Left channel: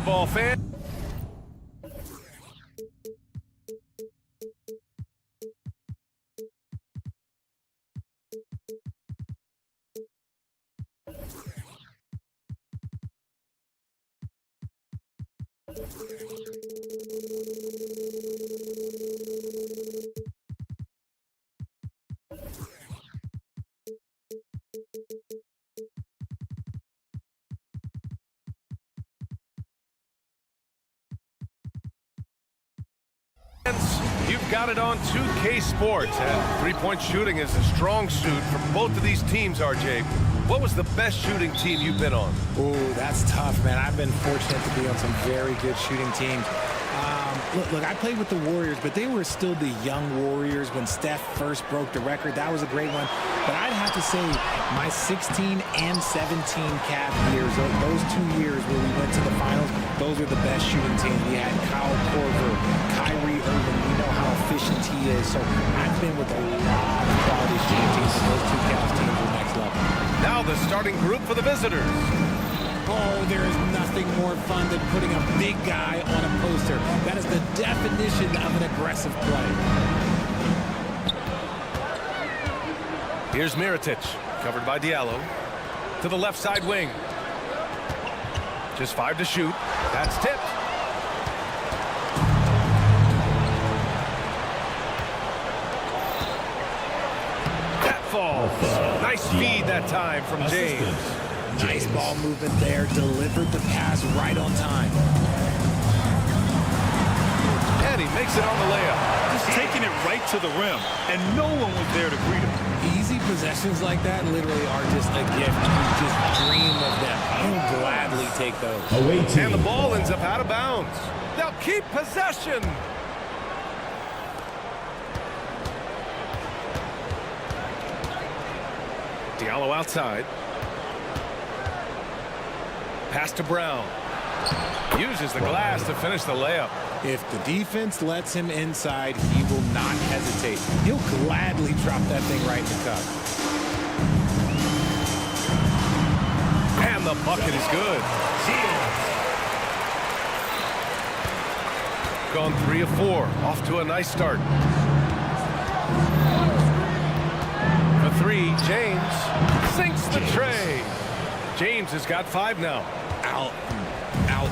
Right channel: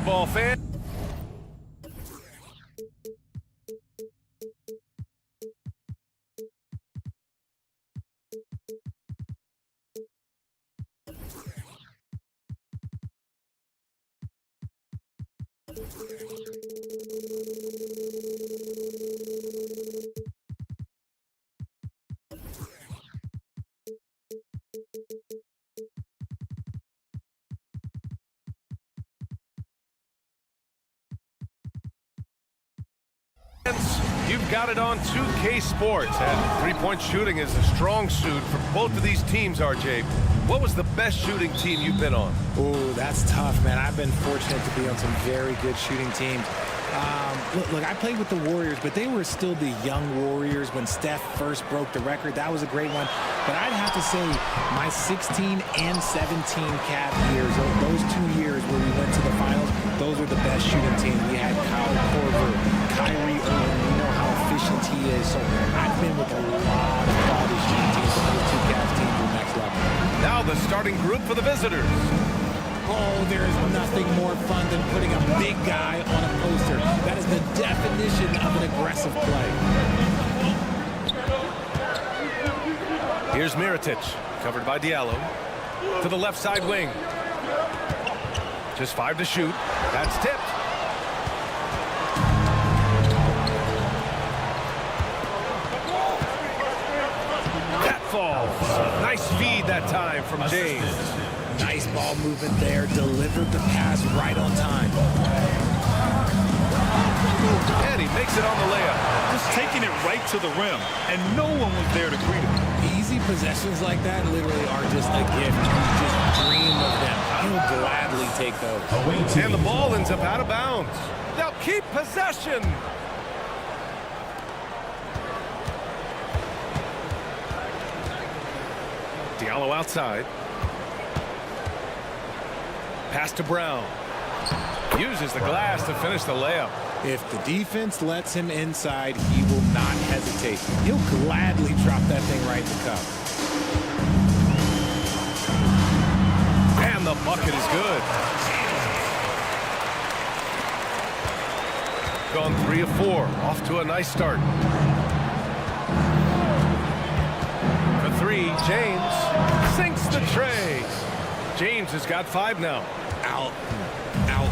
basketball fan. You've got it on 2K Sports, and three-point shooting is a strong suit for both of these teams, RJ. What was the best shooting team you've been on? Oh, that's tough, man. I've been fortunate to be on some very good shooting teams. Look, I played with the Warriors, but they were still the young Warriors when Steph first broke the record. That was a great one. But I'd have to say my 16 and 17 Cavs years, those 2 years where we went to the finals, those were the best shooting teams. We had Kyle Korver, Kyrie Irving. We know how efficient he is. So I've been with a lot of quality shooting teams, but those two Cavs teams were next level. Now the starting group for the visitors. Oh, there is nothing more fun than putting a big guy on a poster. That is the definition of an aggressive play. Here's Mirotic, covered by Diallo. To the left side wing. Just 5 to shoot. That's tipped. That falls. Nice feed that time from James. Nice ball movement there. Delivered the pass right on time. And he makes it on the layup. Just taking it right to the rim, and no one was there to greet him. Easy possessions like that literally are just a gift. You just dream of them. He'll gladly take those. And the ball ends up out of bounds. They'll keep possession. Diallo outside. Pass to Brown. Uses the glass to finish the layup. If the defense lets him inside, he will not hesitate. He'll gladly drop that thing right in the cup. And the bucket is good. Gone 3 of 4. Off to a nice start. For 3, James sinks the tray. James has got 5 now. Out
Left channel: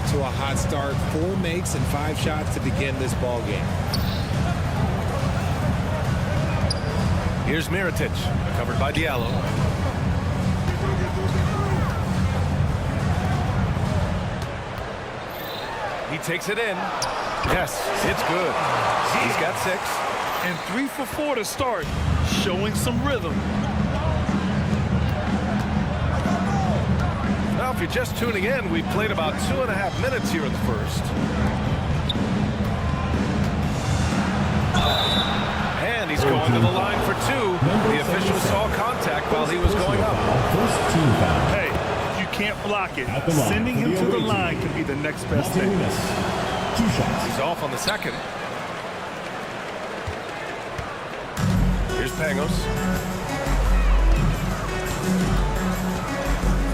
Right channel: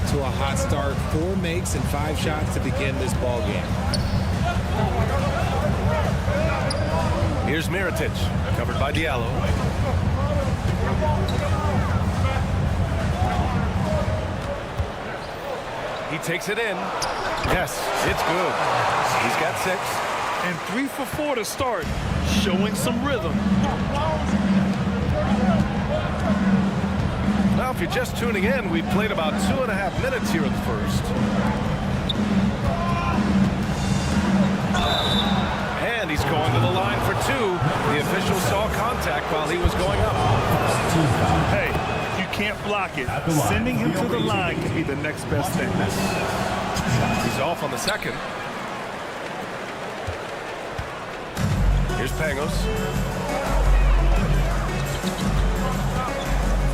to a hot start. 4 makes and 5 shots to begin this ball game. Here's Mirotic, covered by Diallo. He takes it in. Yes, it's good. He's got 6. And 3 for 4 to start, showing some rhythm. Now, if you're just tuning in, we've played about 2.5 minutes here in the first. And he's going to the line for 2. The official saw contact while he was going up. Hey, if you can't block it, sending him to the line can be the next best thing. He's off on the second. Here's Pangos.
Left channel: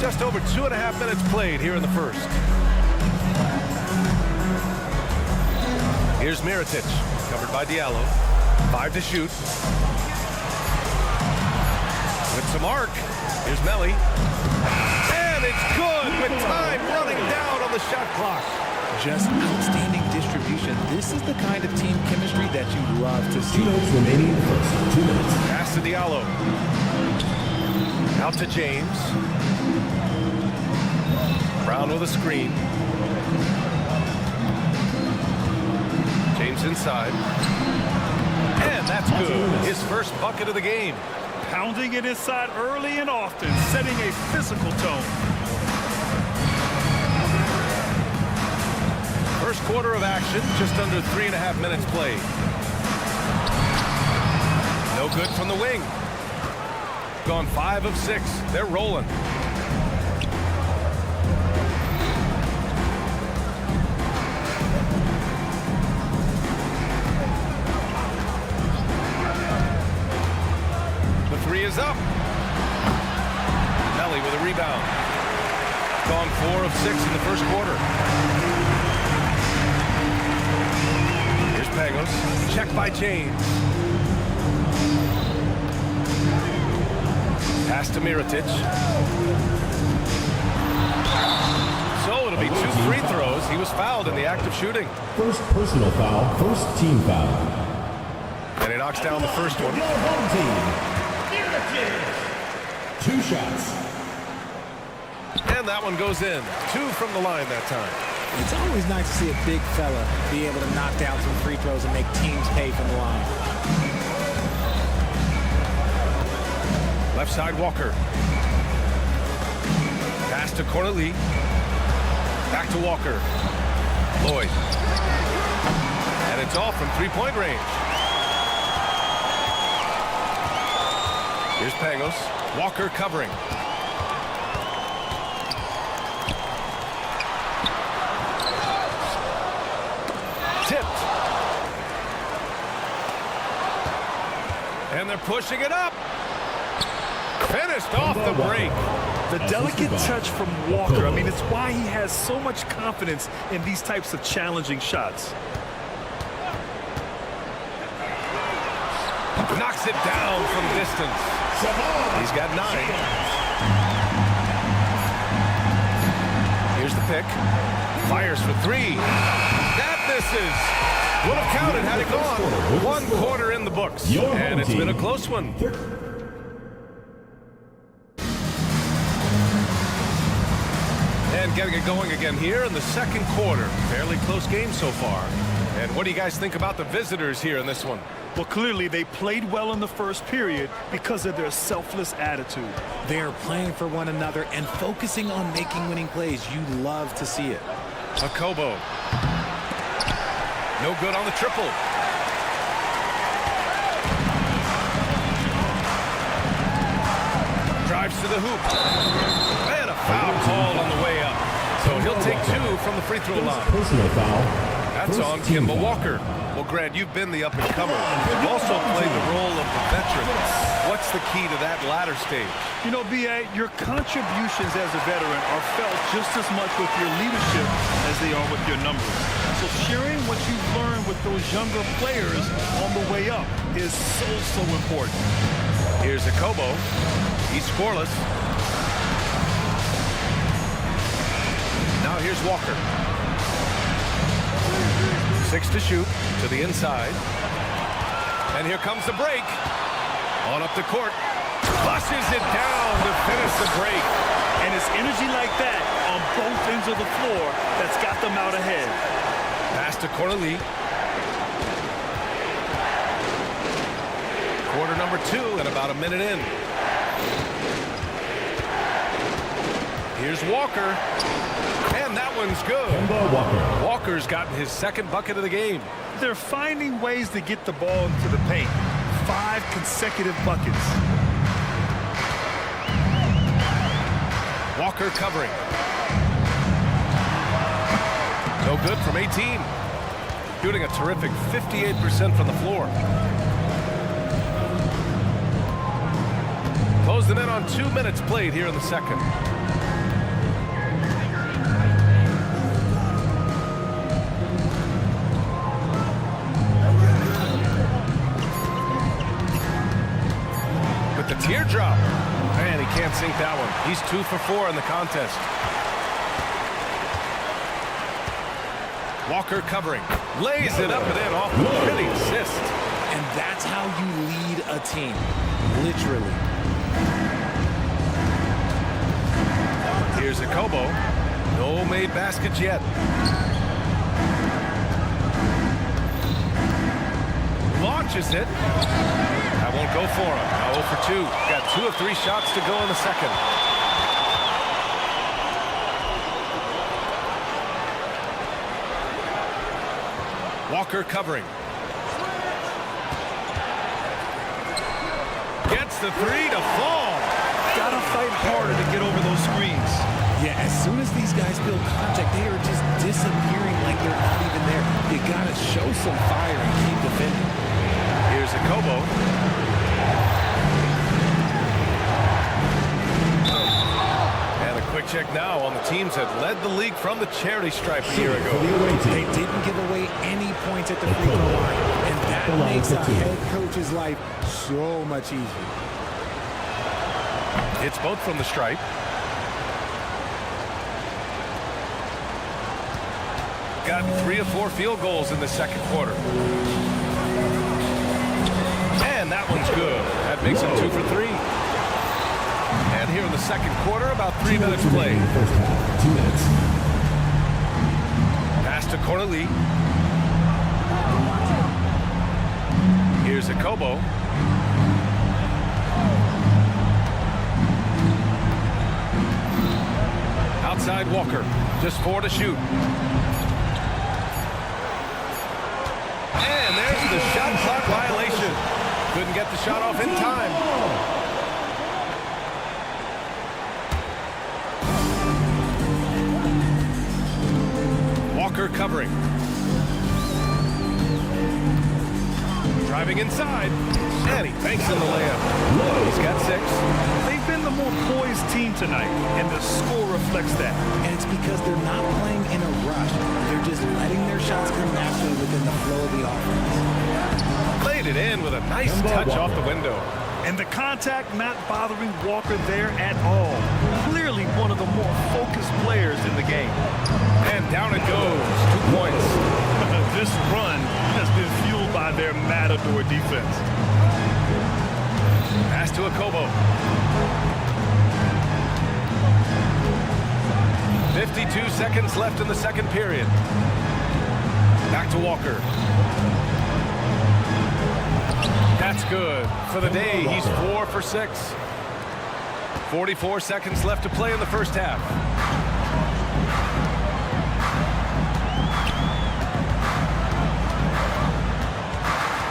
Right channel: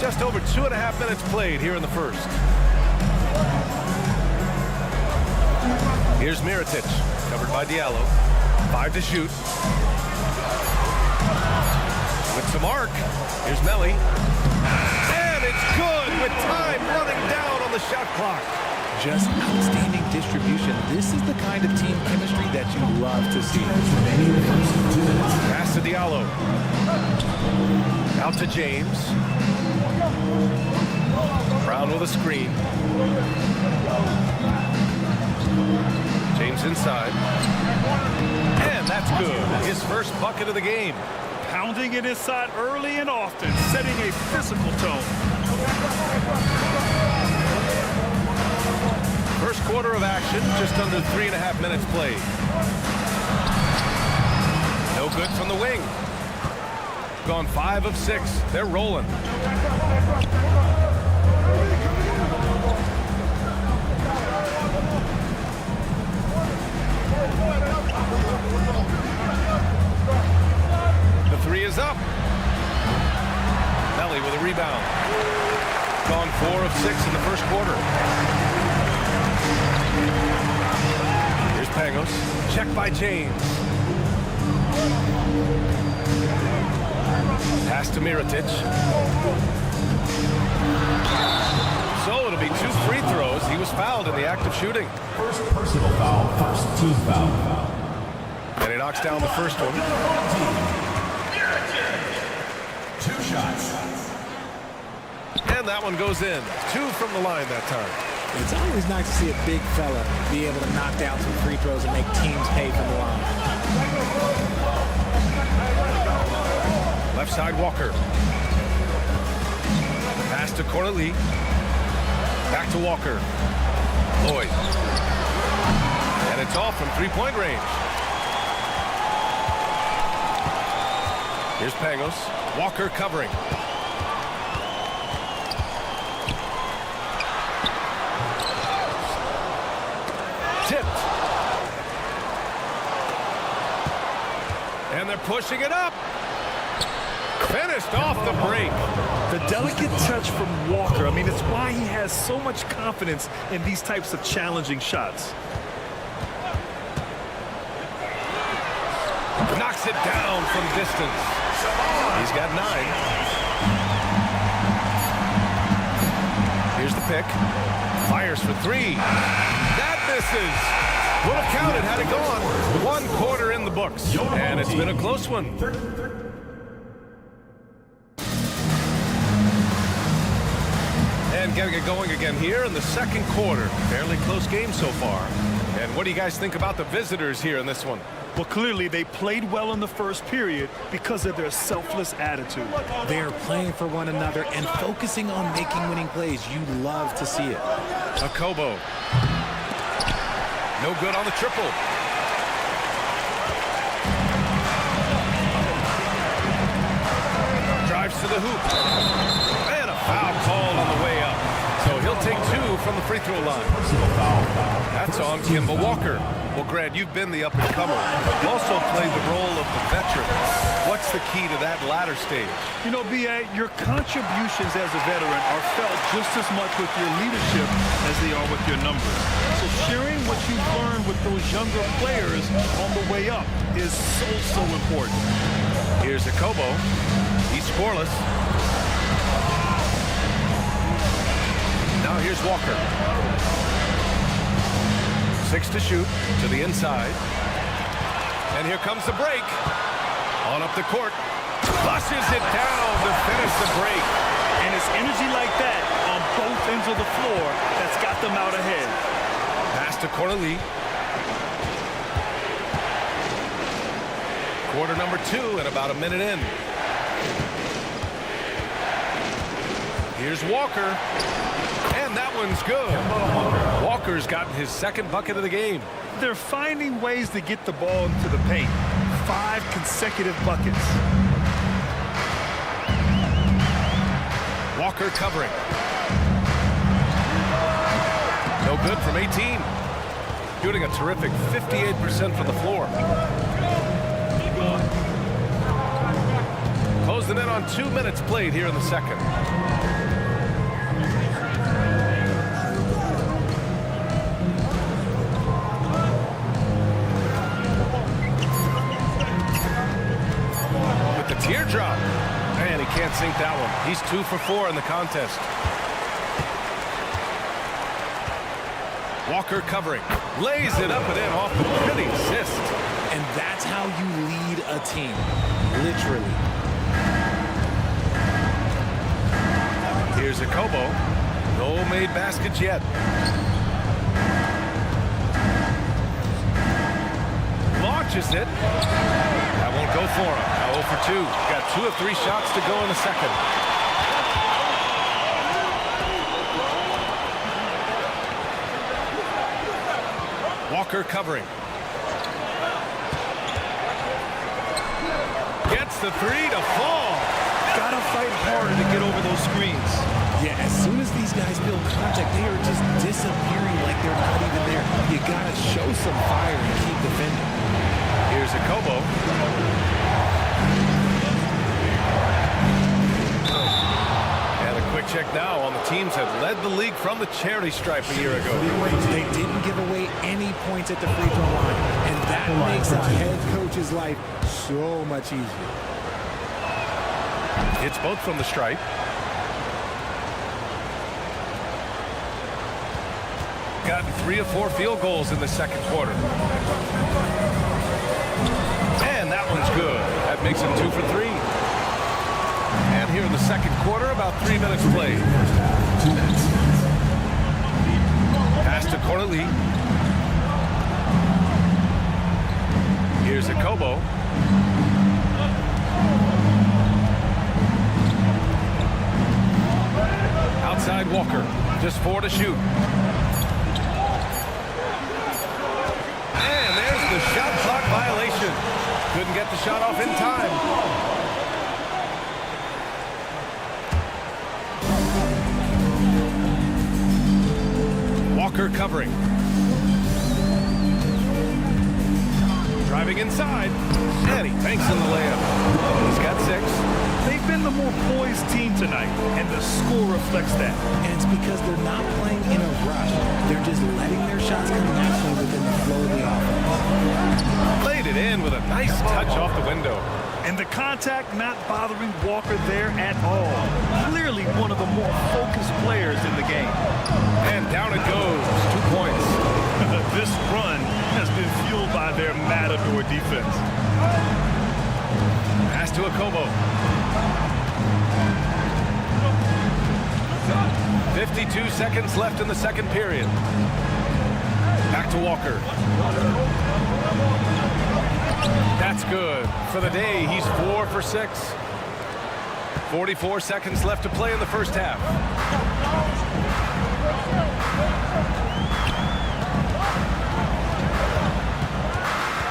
Just over 2.5 minutes played here in the first. Here's Mirotic, covered by Diallo. 5 to shoot. With some arc. Here's Melly. And it's good with time running down on the shot clock. Just outstanding distribution. This is the kind of team chemistry that you love to see. Pass to Diallo. Out to James. Brown with a screen. James inside. And that's good. His first bucket of the game. Pounding it inside early and often, setting a physical tone. First quarter of action, just under 3.5 minutes played. No good from the wing. Gone 5 of 6. They're rolling. The 3 is up. Melly with a rebound. Gone 4 of 6 in the first quarter. Pangos. Check by James. Pass to Mirotic. So it'll be 2 free throws. He was fouled in the act of shooting. First personal foul, first team foul. And he knocks down the first one. Your home team. 2 shots. And that one goes in. 2 from the line that time. It's always nice to see a big fella be able to knock down some free throws and make teams pay from the line. Left side, Walker. Pass to Corneli. Back to Walker. Lloyd. And it's off from 3-point range. Here's Pangos. Walker covering. Tipped. And they're pushing it up. Finished off the break. The delicate touch from Walker. I mean, it's why he has so much confidence in these types of challenging shots. Knocks it down from distance. He's got 9. Here's the pick. Fires for 3. That misses. Would have counted had it gone. 1 quarter in the books. And it's been a close one. And getting it going again here in the second quarter. Fairly close game so far. And what do you guys think about the visitors here in this one? Well, clearly they played well in the first period because of their selfless attitude. They're playing for one another and focusing on making winning plays. You love to see it. Akobo. No good on the triple. Drives to the hoop. And a foul called on the way up. So he'll take 2 from the free throw line. Personal foul. That's on Kemba Walker. Well, Grant, you've been the up-and-comer. You've also played the role of the veteran. What's the key to that latter stage? You know, B.A., your contributions as a veteran are felt just as much with your leadership as they are with your numbers. So sharing what you've learned with those younger players on the way up is so important. Here's Akobo. He's scoreless. Now here's Walker. 6 to shoot to the inside. And here comes the break. On up the court. Flushes it down to finish the break. And it's energy like that on both ends of the floor that's got them out ahead. Pass to Corneli. Quarter number 2 and about a minute in. Here's Walker. And that one's good. Walker's gotten his second bucket of the game. They're finding ways to get the ball into the paint. 5 consecutive buckets. Walker covering. No good from 18. Shooting a terrific 58% from the floor. Closing in on 2 minutes played here in the second. With the teardrop. And he can't sink that one. He's 2 for 4 in the contest. Walker covering. Lays it up and in off the pretty assist. And that's how you lead a team. Literally. Here's Akobo. No made baskets yet. Launches it. That won't go for him. Now 0 for 2. Got 2 of 3 shots to go in the second. Walker covering. Gets the 3 to fall. Gotta fight harder to get over those screens. Yeah, as soon as these guys feel contact, they are just disappearing like they're not even there. You gotta show some fire and keep defending. Here's Akobo. And a quick check now on the teams that led the league from the charity stripe a year ago. They didn't give away any points at the free throw line, and that makes a head coach's life so much easier. It's both from the stripe. Got 3 of 4 field goals in the second quarter. And that one's good. That makes him 2 for 3. And here in the second quarter, about 3 minutes played. First half, 2 minutes. Pass to Corneli. Here's a Kobo. Outside Walker. Just 4 to shoot. And there's the shot clock violation. Couldn't get the shot off in time. Walker covering. Driving inside. And he banks in the layup. He's got 6. They've been the more poised team tonight, and the score reflects that. And it's because they're not playing in a rush. They're just letting their shots come naturally within the flow of the offense. Laid it in with a nice touch off the window. And the contact not bothering Walker there at all. Clearly one of the more focused players in the game. And down it goes. 2 points. This run has been fueled by their Matador defense. Pass to Akobo. 52 seconds left in the second period. Back to Walker. That's good. For the day, he's 4 for 6. 44 seconds left to play in the first half.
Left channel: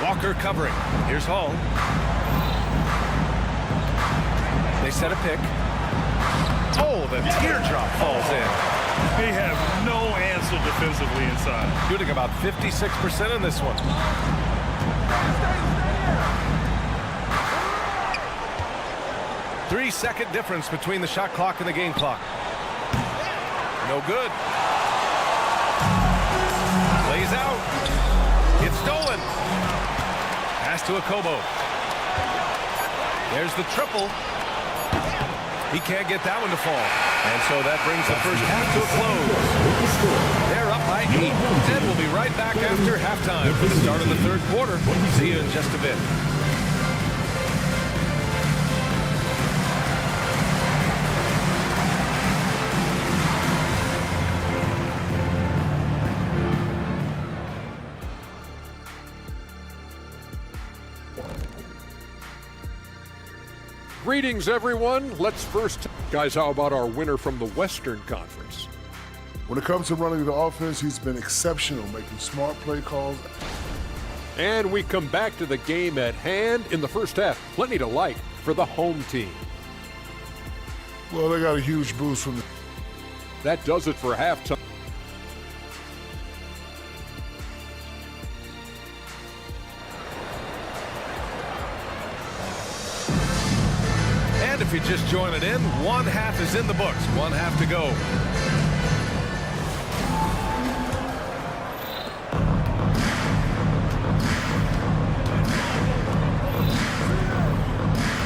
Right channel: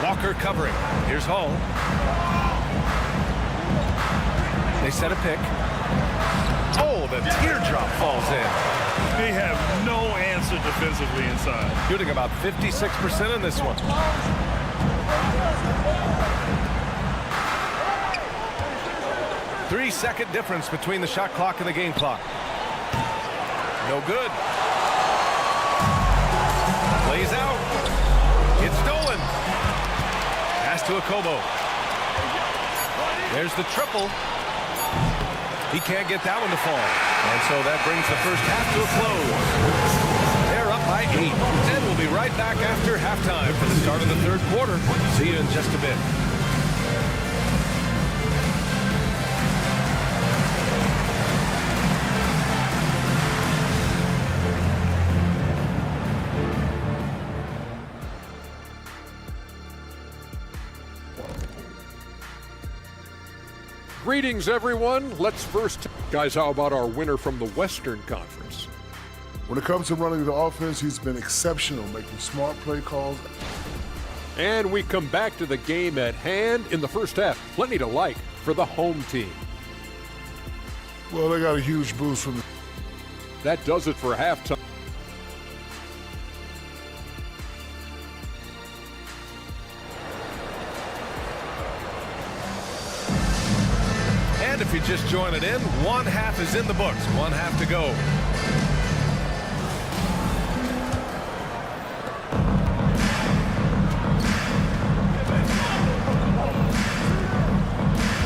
Walker covering. Here's Hall. They set a pick. Oh, the teardrop falls in. They have no answer defensively inside. Shooting about 56% in this one. Three-second difference between the shot clock and the game clock. No good. Lays out. It's stolen. Pass to Akobo. There's the triple. He can't get that one to fall. And so that brings the first half to a close. They're up by 8. And we'll be right back after halftime for the start of the third quarter. See you in just a bit. Greetings, everyone. Let's first, guys, how about our winner from the Western Conference? When it comes to running the offense, he's been exceptional, making smart play calls. And we come back to the game at hand in the first half. Plenty to like for the home team. Well, they got a huge boost from the... That does it for halftime. And if you just join it in, one half is in the books. One half to go.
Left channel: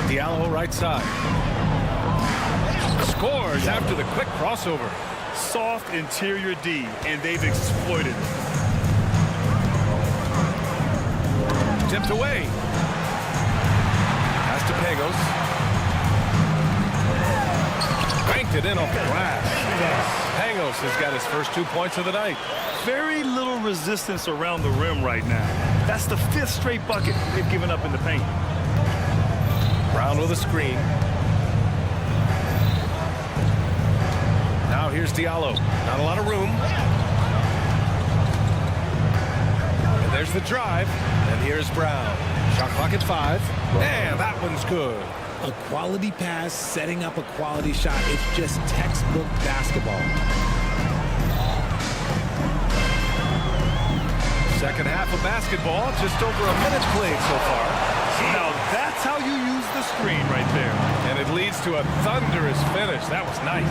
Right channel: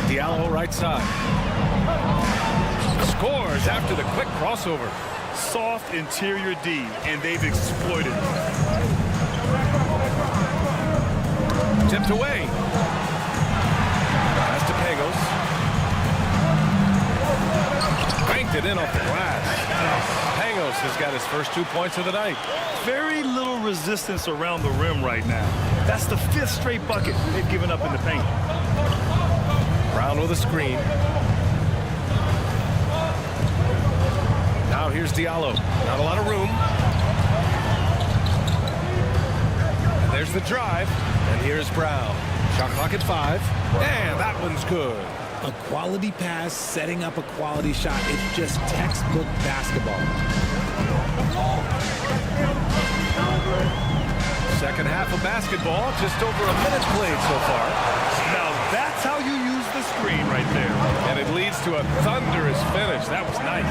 Diallo right side. Scores after the quick crossover. Soft interior D, and they've exploited it. Tipped away. Pass to Pagos. Banked it in off the glass. Pagos has got his first 2 points of the night. Very little resistance around the rim right now. That's the 5th straight bucket they've given up in the paint. Brown with a screen. Now here's Diallo. Not a lot of room. And there's the drive. And here's Brown. Shot clock at 5. And that one's good. A quality pass, setting up a quality shot. It's just textbook basketball. Second half of basketball, just over a minute played so far. Now that's how you use the screen right there. And it leads to a thunderous finish. That was nice.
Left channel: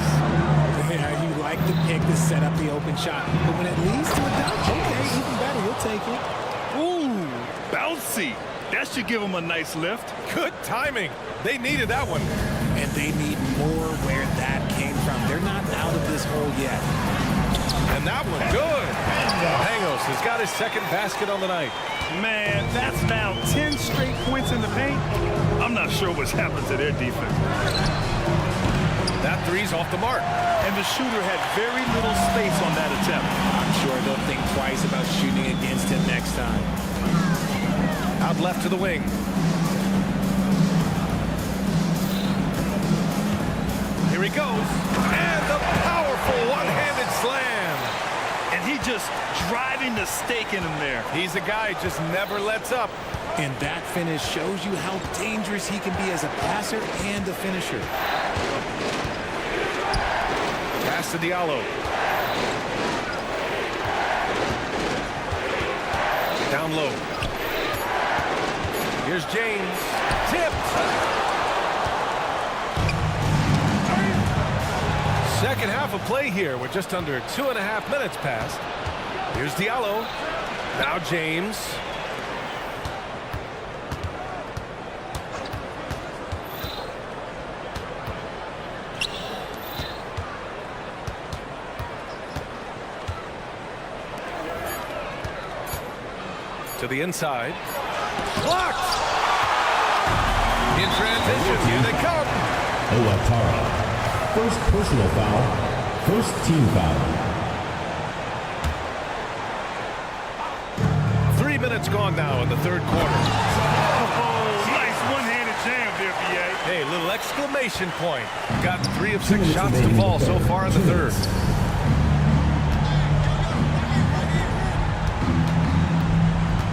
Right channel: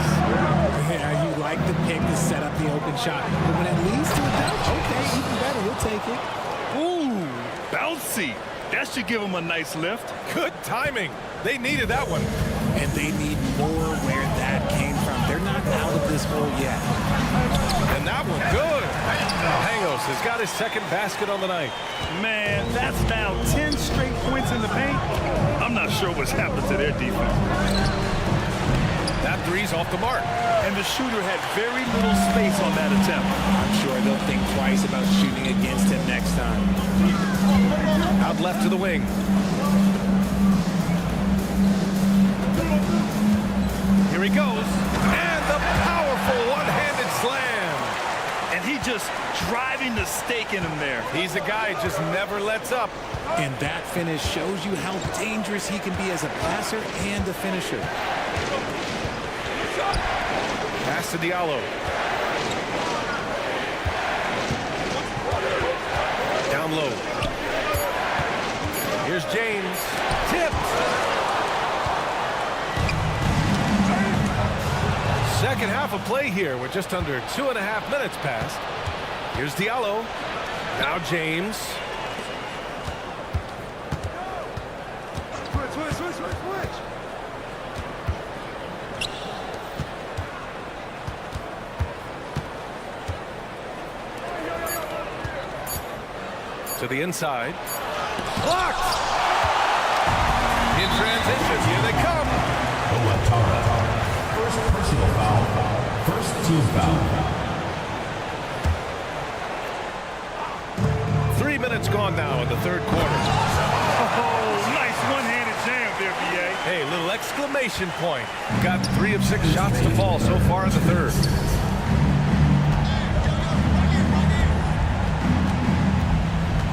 Yeah, you like the pick to set up the open shot. But when it leads to a dunk, okay, even better. You'll take it. Ooh, bouncy. That should give him a nice lift. Good timing. They needed that one. And they need more where that came from. They're not out of this hole yet. And that one, good. Pangos has got his second basket on the night. Man, that's now 10 straight points in the paint. I'm not sure what's happened to their defense. That three's off the mark. And the shooter had very little space on that attempt. I'm sure they'll think twice about shooting against him next time. Out left to the wing. Here he goes. And the powerful one-handed slam. And he just driving the stake in him there. He's a guy who just never lets up. And that finish shows you how dangerous he can be as a passer and a finisher. Pass to Diallo. Down low. Here's James. Tipped. Second half of play here with just under 2.5 minutes passed. Here's Diallo. Now James. To the inside. Blocked! In transition, here they come. Owatara. First personal foul. First team foul. 3 minutes gone now in the third quarter. Oh, nice one-handed jam there, B.A. Hey, little exclamation point. Got 3 of 6 shots to fall so far in the third.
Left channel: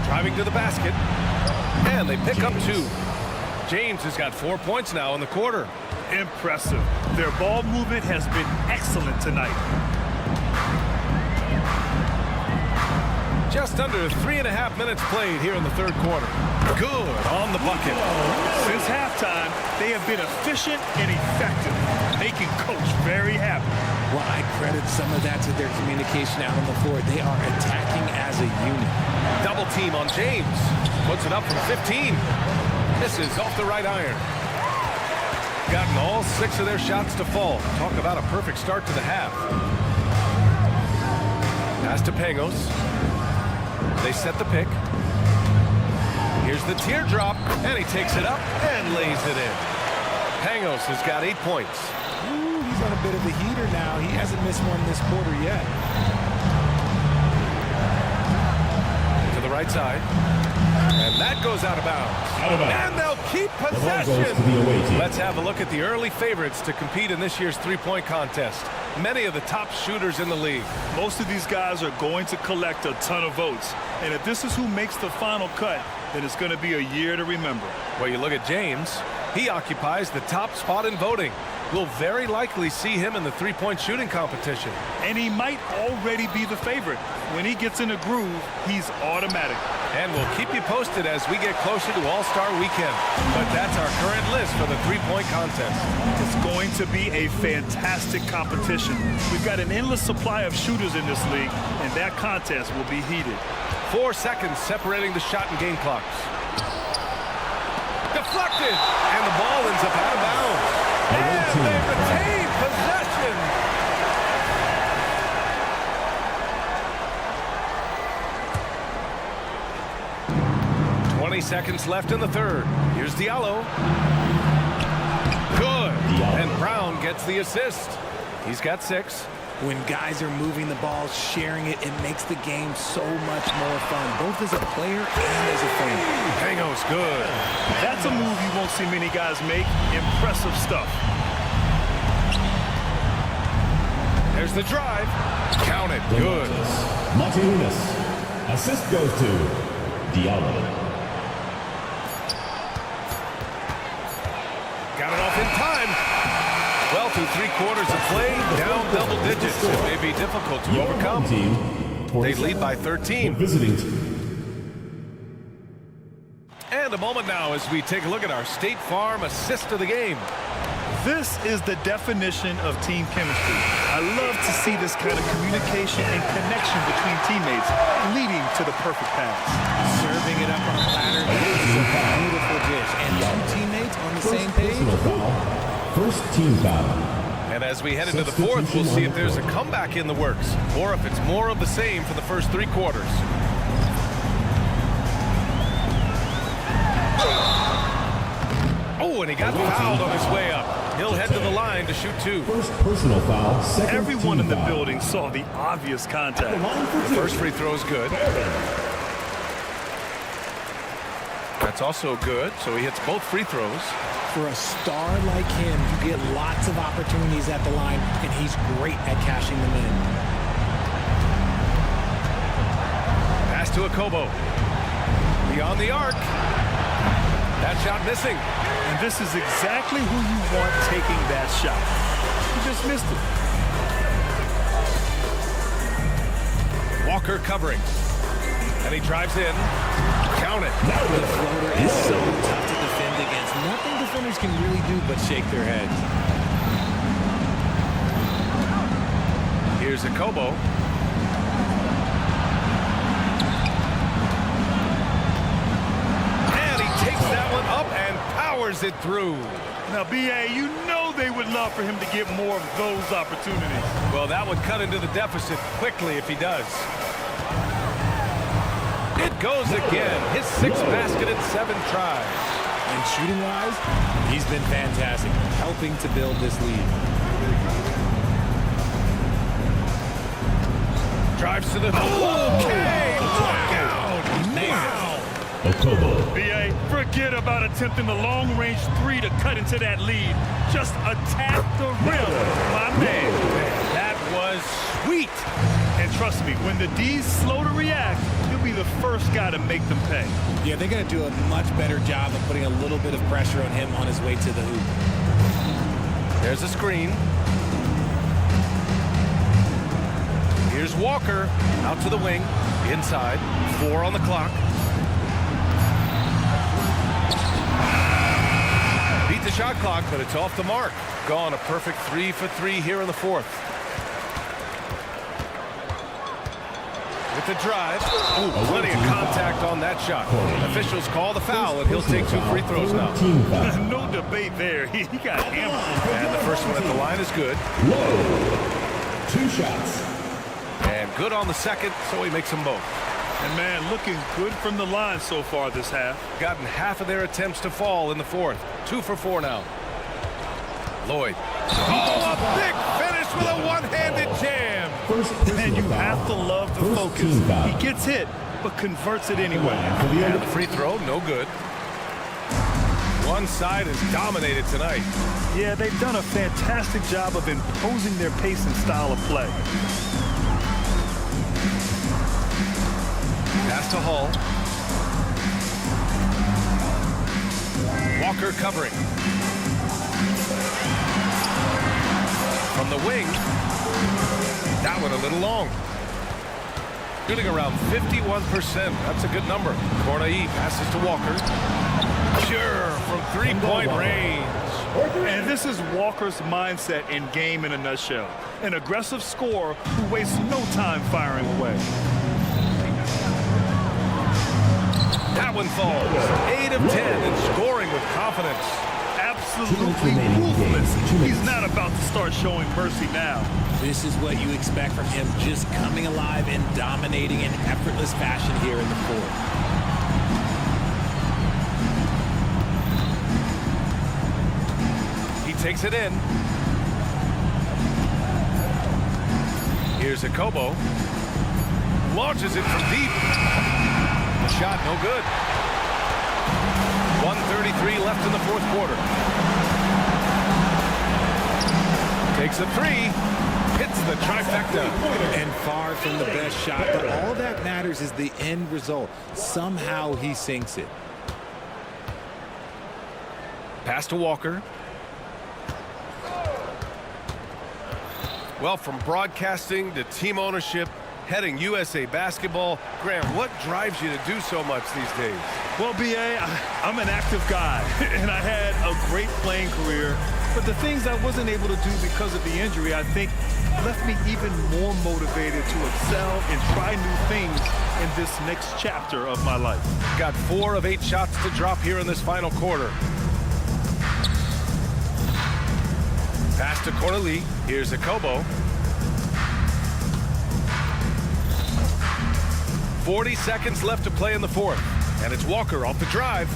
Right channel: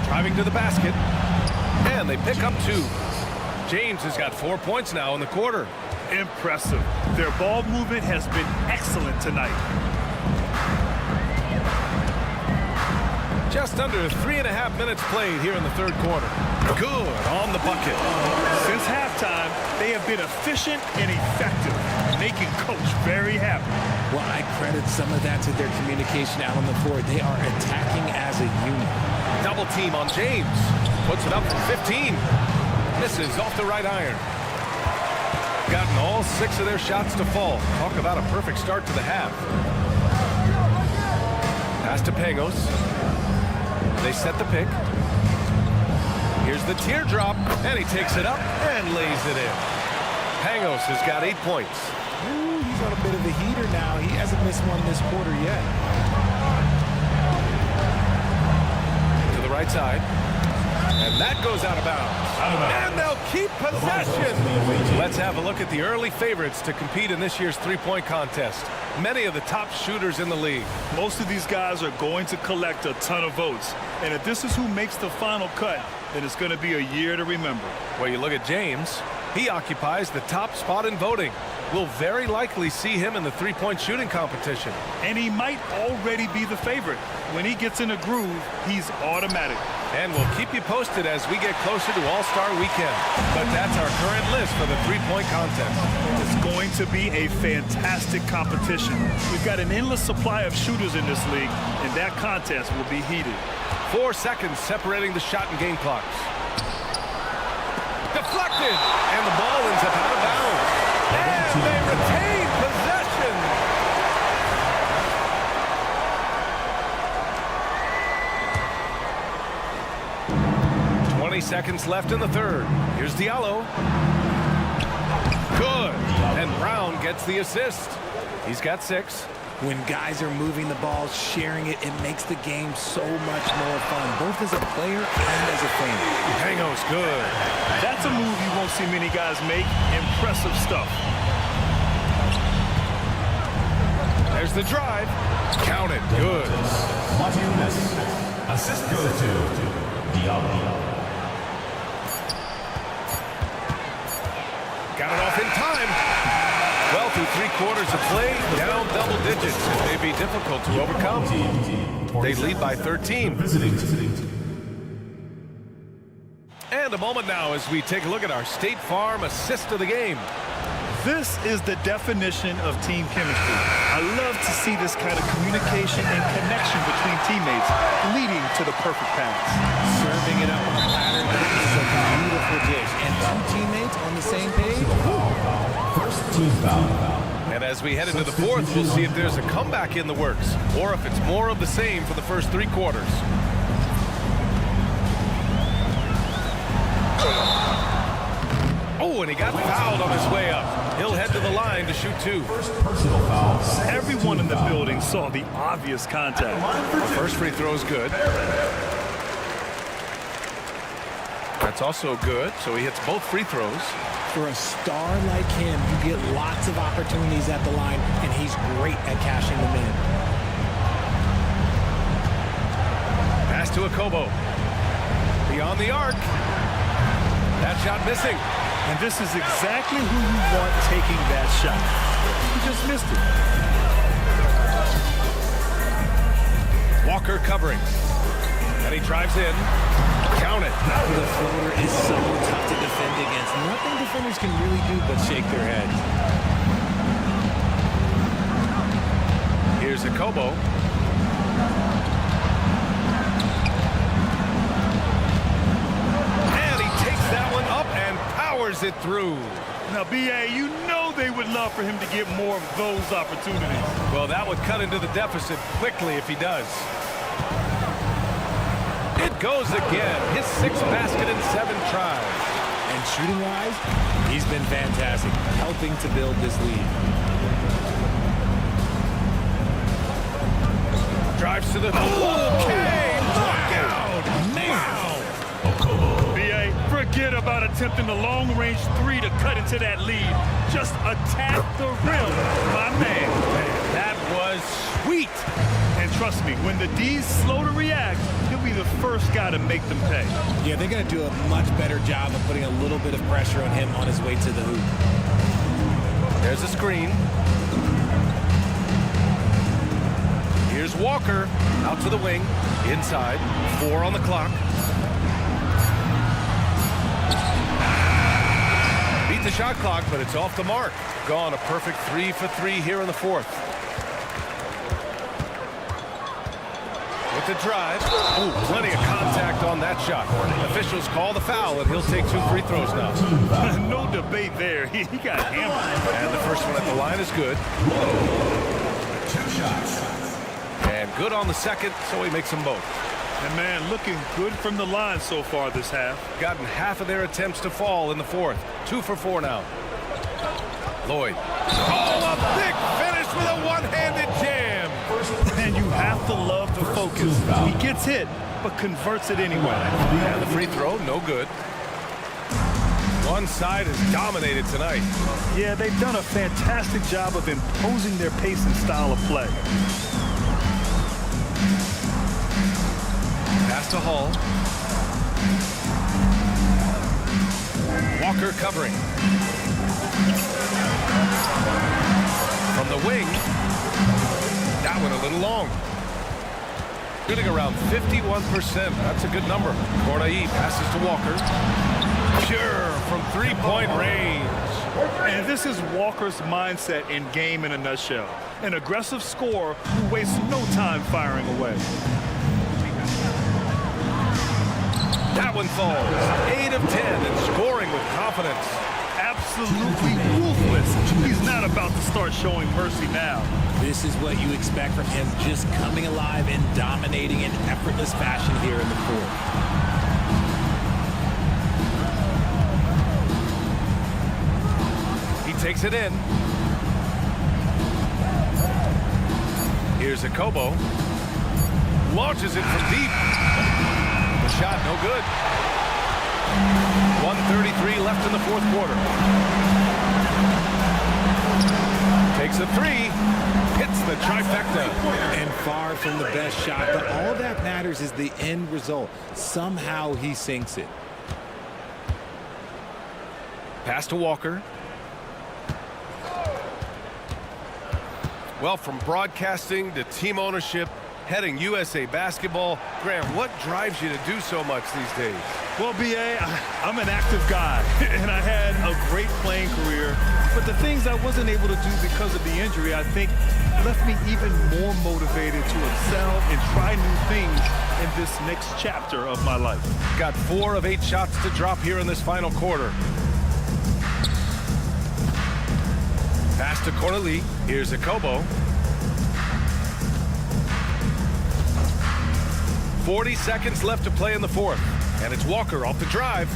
Driving to the basket. And they pick up 2. James has got 4 points now in the quarter. Impressive. Their ball movement has been excellent tonight. Just under 3.5 minutes played here in the third quarter. Good on the bucket. Since halftime, they have been efficient and effective, making Coach very happy. Well, I credit some of that to their communication out on the floor. They are attacking as a unit. Double team on James. Puts it up from 15. Misses off the right iron. Gotten all 6 of their shots to fall. Talk about a perfect start to the half. Pass to Pangos. They set the pick. Here's the teardrop, and he takes it up and lays it in. Pangos has got 8 points. Ooh, he's on a bit of a heater now. He hasn't missed one this quarter yet. To the right side. And that goes out of bounds. And they'll keep possession. Let's have a look at the early favorites to compete in this year's three-point contest. Many of the top shooters in the league. Most of these guys are going to collect a ton of votes. And if this is who makes the final cut, then it's going to be a year to remember. Well, you look at James. He occupies the top spot in voting. We'll very likely see him in the three-point shooting competition. And he might already be the favorite. When he gets in a groove, he's automatic. And we'll keep you posted as we get closer to All-Star Weekend. But that's our current list for the three-point contest. It's going to be a fantastic competition. We've got an endless supply of shooters in this league, and that contest will be heated. 4 seconds separating the shot and game clocks. Deflected, and the ball ends up out of bounds. And they retain possession. Seconds left in the third. Here's Diallo. Good. And Brown gets the assist. He's got 6. When guys are moving the ball, sharing it, it makes the game so much more fun, both as a player and as a fan. Pangos good. That's a move you won't see many guys make. Impressive stuff. There's the drive. Count it. Good. Martinez. Assist goes to Diallo. Got it off in time. Well, through 3 quarters of play, down double digits. It may be difficult to overcome. They lead by 13. Visiting team. And a moment now as we take a look at our State Farm assist of the game. This is the definition of team chemistry. I love to see this kind of communication and connection between teammates leading to the perfect pass. Serving it up on a platter, that is a beautiful dish. And two teammates on the same page. Personal foul. First team foul. And as we head into the fourth, we'll see if there's a comeback in the works or if it's more of the same for the first 3 quarters. Oh, and he got fouled on his way up. He'll head to the line to shoot 2. First personal foul. Second Everyone in the foul. building saw the obvious contact. The first free throw is good. That's also good, so he hits both free throws. For a star like him, you get lots of opportunities at the line, and he's great at cashing them in. Pass to Akobo. Beyond the arc. That shot missing. And this is exactly who you want taking that shot. He just missed it. Walker covering. And he drives in. Count it. The floater is so tough to defend against. Nothing defenders can really do but shake their heads. Here's Akobo. And he takes that one up and powers it through. Now, B.A., you know they would love for him to get more of those opportunities. Well, that would cut into the deficit quickly if he does. It goes again. His 6th basket in 7 tries. And shooting-wise, he's been fantastic, helping to build this lead. Drives to the... Okay! Look out! Wow! Okobo. B.A., forget about attempting the long-range 3 to cut into that lead. Just attack the rim, my man. Man, that was sweet. And trust me, when the D's slow to react, he'll be the first guy to make them pay. Yeah, they're going to do a much better job of putting a little bit of pressure on him on his way to the hoop. There's a screen. Here's Walker out to the wing, inside, 4 on the clock. Beat the shot clock, but it's off the mark. Gone a perfect 3 for 3 here in the 4th. With the drive. Ooh, plenty of contact on that shot. Officials call the foul, and he'll take 2 free throws now. No debate there. He got hammered. And the first one at the line is good. Whoa. 2 shots. And good on the second, so he makes them both. And, man, looking good from the line so far this half. Gotten half of their attempts to fall in the 4th. 2 for 4 now. Lloyd. Oh, a big finish with a one-handed jam. And you have to love the focus. He gets hit, but converts it anyway. And the free throw, no good. One side is dominated tonight. Yeah, they've done a fantastic job of imposing their pace and style of play. Pass to Hall. Walker covering. From the wing. That one a little long. Shooting around 51%. That's a good number. Cornai passes to Walker. Sure, from 3-point range. And this is Walker's mindset in game in a nutshell. An aggressive scorer who wastes no time firing away. That one falls. 8 of 10 and scoring with confidence. Absolutely ruthless. He's not about to start showing mercy now. This is what you expect from him, just coming alive and dominating in effortless fashion here in the 4th. He takes it in. Here's Akobo. Launches it from deep. The shot no good. 1:33 left in the 4th quarter. Takes a 3. Hits the trifecta. And far from the best shot, but all that matters is the end result. Somehow he sinks it. Pass to Walker. Well, from broadcasting to team ownership, heading USA Basketball. Graham, what drives you to do so much these days? Well, B.A., I'm an active guy, and I had a great playing career. But the things I wasn't able to do because of the injury, I think, left me even more motivated to excel and try new things in this next chapter of my life. Got 4 of 8 shots to drop here in this final quarter. Pass to Corneli. Here's Akobo. 40 seconds left to play in the fourth. And it's Walker off the drive.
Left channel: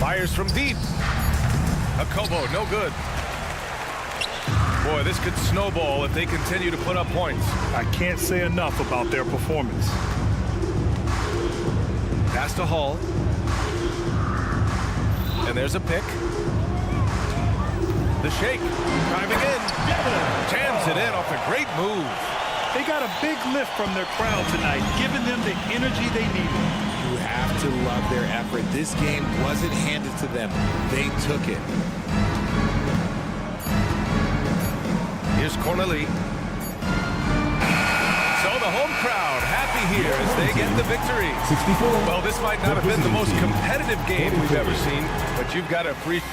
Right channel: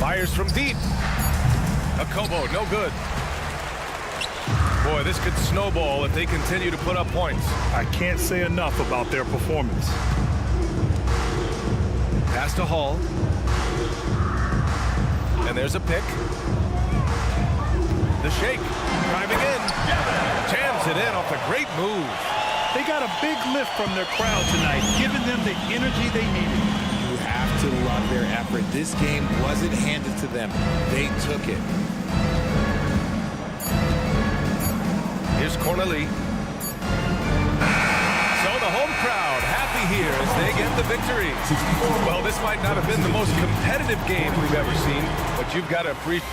Fires from deep. Akobo, no good. Boy, this could snowball if they continue to put up points. I can't say enough about their performance. Pass to Hall. And there's a pick. The shake. Driving in. Jams it in off a great move. They got a big lift from their crowd tonight, giving them the energy they needed. You have to love their effort. This game wasn't handed to them. They took it. Here's Corneli. So the home crowd happy here as they get the victory. 64. Well, this might not have been the most competitive game we've ever seen, but you've got to appreciate.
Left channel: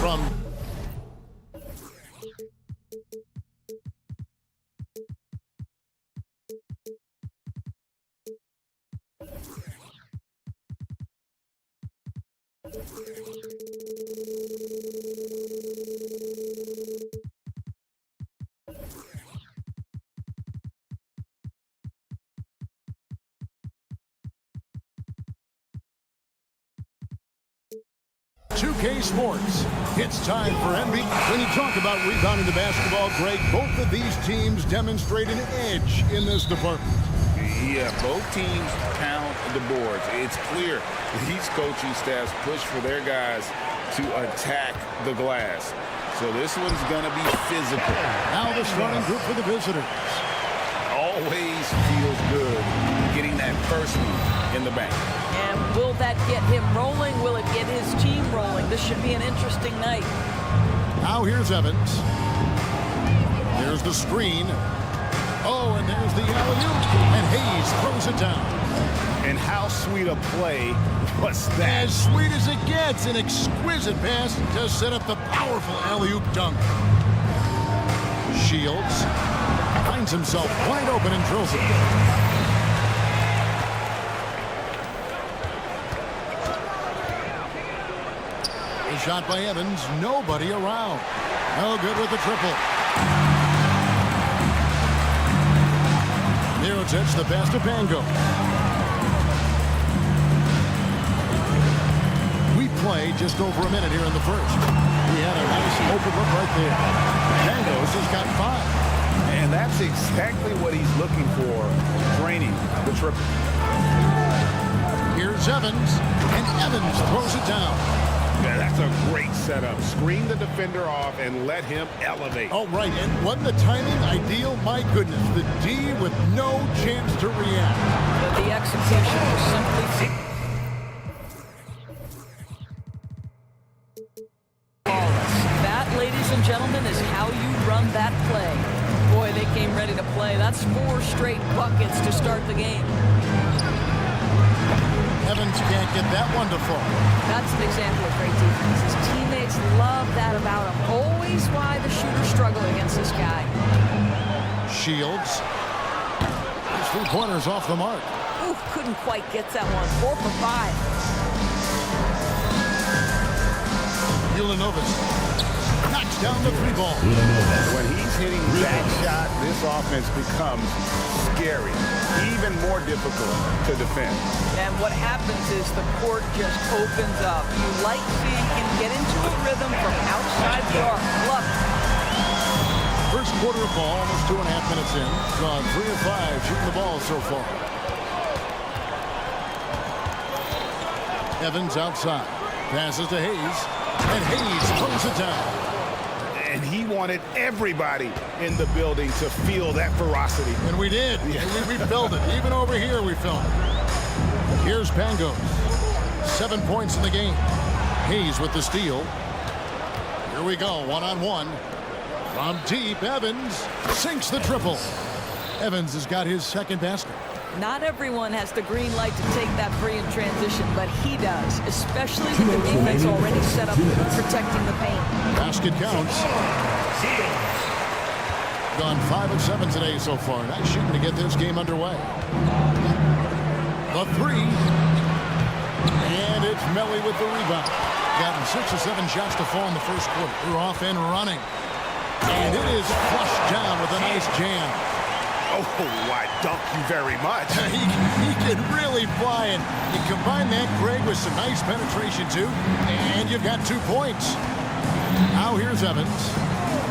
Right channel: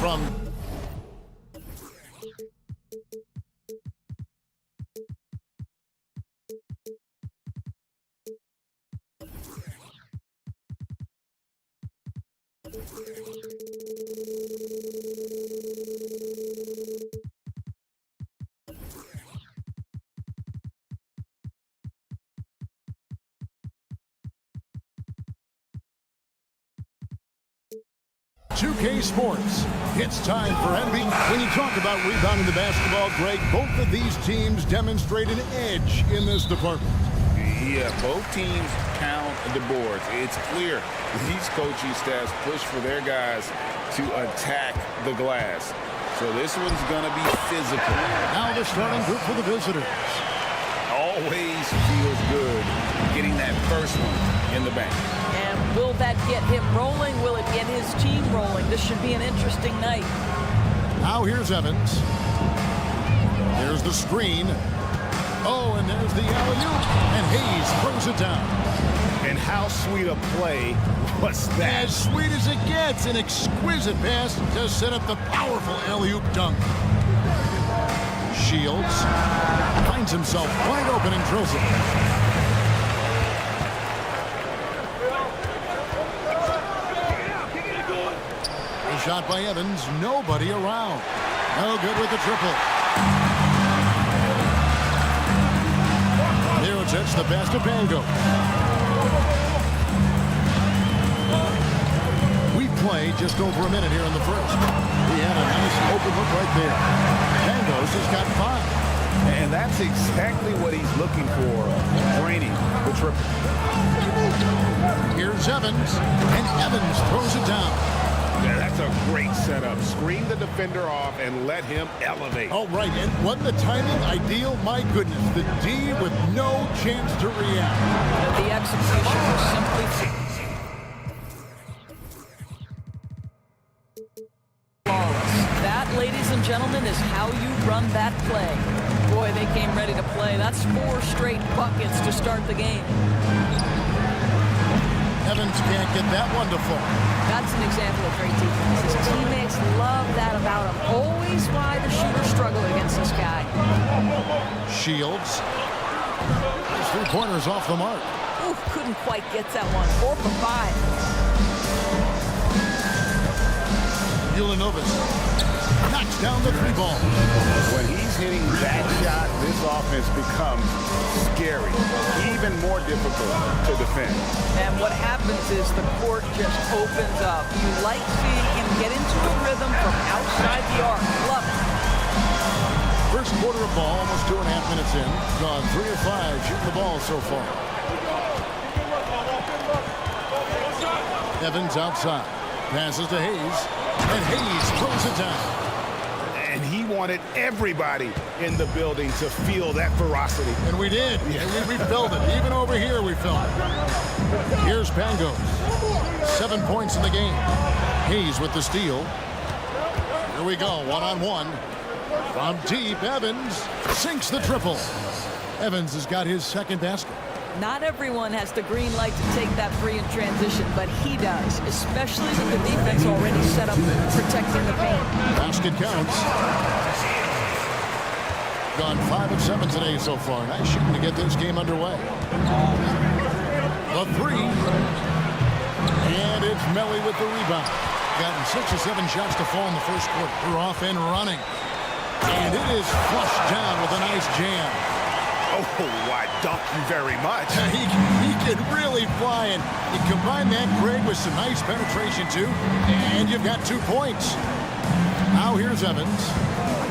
From K Sports. It's time for NBA. When you talk about rebounding the basketball, Greg, both of these teams demonstrate an edge in this department. Yeah, both teams pound the boards. It's clear these coaching staffs push for their guys to attack the glass. So this one's going to be physical. Now the starting group for the visitors. Always feels good getting that first one in the bank. And will that get him rolling? Will it get his team rolling? This should be an interesting night. Now here's Evans. There's the screen. Oh, and there's the alley-oop. And Hayes throws it down. And how sweet a play was that? As sweet as it gets. An exquisite pass to set up the powerful alley-oop dunk. Shields finds himself wide open and drills it. A shot by Evans. Nobody around. No good with the triple. Mirotic, the pass to Bango. We play just over a minute here in the first. He had a nice open look right there. Bangos has got 5. And that's exactly what he's looking for, draining the triple. Here's Evans, and Evans throws it down. Yeah, that's a great setup. Screen the defender off and let him elevate. Oh, right, and wasn't the timing ideal? My goodness, the D with no chance to react. The execution was simply flawless. That, ladies and gentlemen, is how you run that play. Boy, they came ready to play. That's 4 straight buckets to start the game. Evans can't get that one to fall. That's an example of great defense. His teammates love that about him. Always why the shooters struggle against this guy. Shields. His 3-pointers off the mark. Ooh, couldn't quite get that one. 4 for 5. Ulanovas knocks down the 3-ball. When he's hitting that shot, this offense becomes scary, even more difficult to defend. And what happens is the court just opens up. You like seeing him get into a rhythm from outside the arc. Love it. First quarter of ball, almost 2.5 minutes in. Gone 3 of 5 shooting the ball so far. Evans outside. Passes to Hayes. And Hayes throws it down. And he wanted everybody in the building to feel that ferocity. And we did. Yeah. We felt it. Even over here, we felt it. Here's Pangos. 7 points in the game. Hayes with the steal. Here we go, one-on-one. From deep, Evans sinks the triple. Evans has got his second basket. Not everyone has the green light to take that free in transition, but he does, especially with the defense already set up protecting the paint. Basket counts. Gone 5 of 7 today so far. Nice shooting to get this game underway. The 3. And it's Melly with the rebound. Gotten 6 or 7 shots to fall in the first quarter. They're off and running. And it is flushed down with a nice jam. Oh, I dunk you very much. he can really fly, and you combine that, Greg, with some nice penetration, too, and you've got 2 points. Now here's Evans.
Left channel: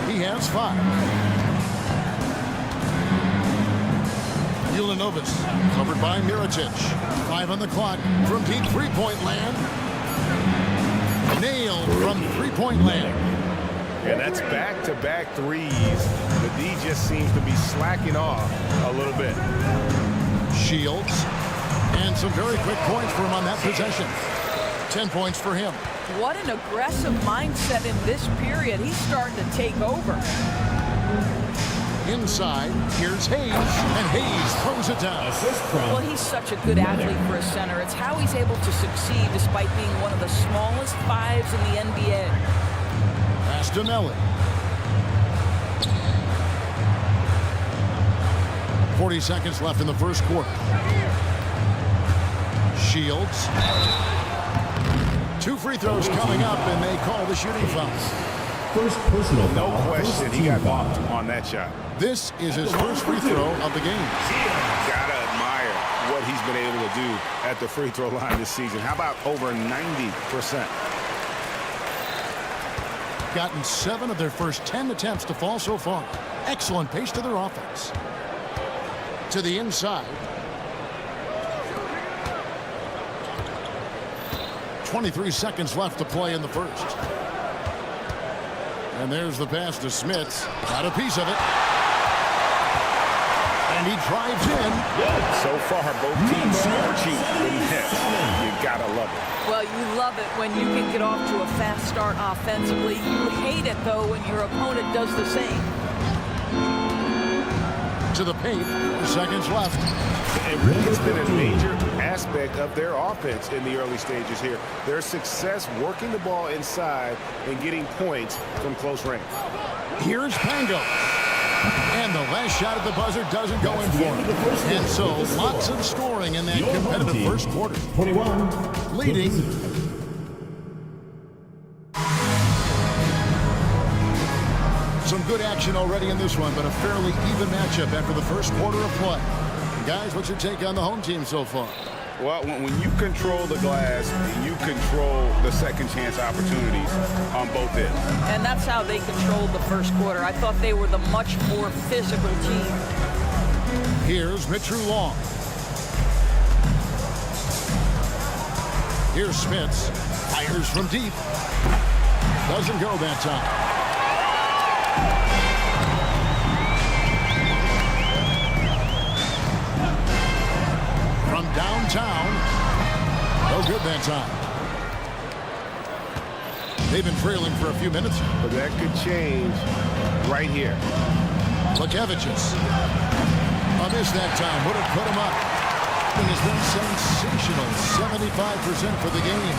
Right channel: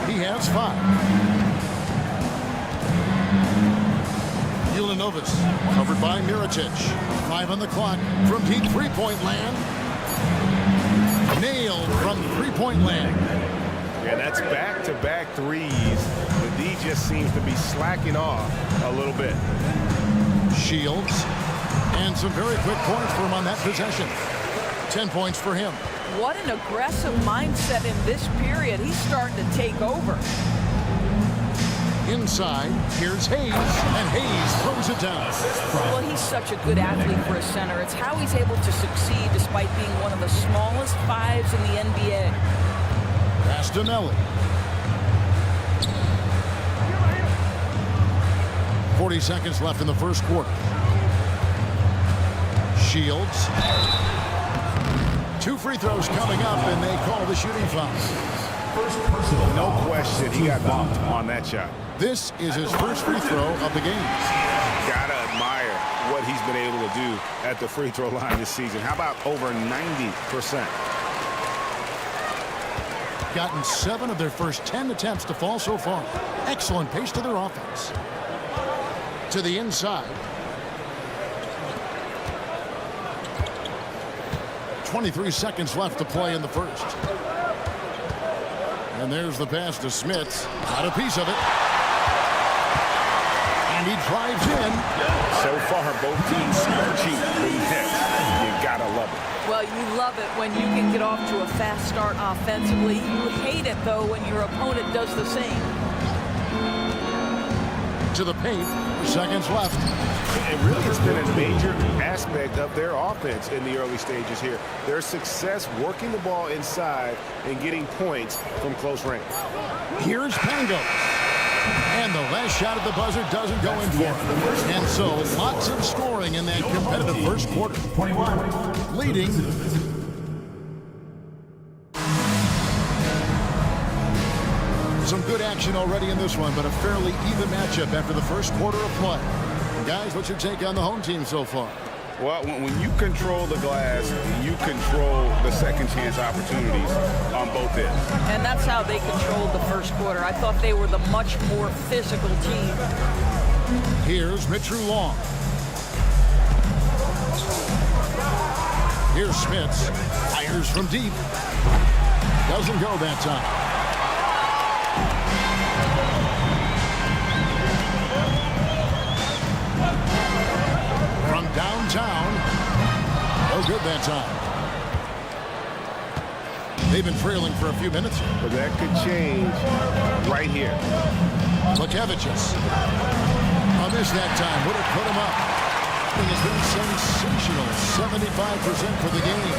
He has 5. Ulanovas, covered by Mirotic. 5 on the clock from deep 3-point land. Nailed from 3-point land. Yeah, that's back-to-back threes. The D just seems to be slacking off a little bit. Shields. And some very quick points for him on that possession. 10 points for him. What an aggressive mindset in this period. He's starting to take over. Inside, here's Hayes, and Hayes throws it down. Well, he's such a good athlete for a center. It's how he's able to succeed despite being one of the smallest 5s in the NBA. Pass to Melly. 40 seconds left in the first quarter. Shields. 2 free throws coming up, and they call the shooting foul. First personal No foul. question, he got bumped on that shot. This is his first free throw of the game. Gotta admire what he's been able to do at the free throw line this season. How about over 90%? Gotten 7 of their first 10 attempts to fall so far. Excellent pace to their offense. To the inside. 23 seconds left to play in the first. And there's the pass to Smith. Got a piece of it. And he drives in. So far, both teams scorching the net. You gotta love it. Well, you love it when you can get off to a fast start offensively. You hate it, though, when your opponent does the same. To the paint. 4 seconds left. And really, it's been a major aspect of their offense in the early stages here. Their success working the ball inside and getting points from close range. Here's Pangos. And the last shot at the buzzer doesn't go in for him. And so lots of scoring in that competitive first quarter. 21. Leading. Some good action already in this one, but a fairly even matchup after the first quarter of play. And guys, what's your take on the home team so far? Well, when you control the glass, you control the second chance opportunities on both ends. And that's how they controlled the first quarter. I thought they were the much more physical team. Here's Mitru Long. Here's Smits. Fires from deep. Doesn't go that time. From downtown. No good that time. They've been trailing for a few minutes. But that could change right here. Lekevicius. A miss that time. Would have put him up. He has been sensational. 75% for the game.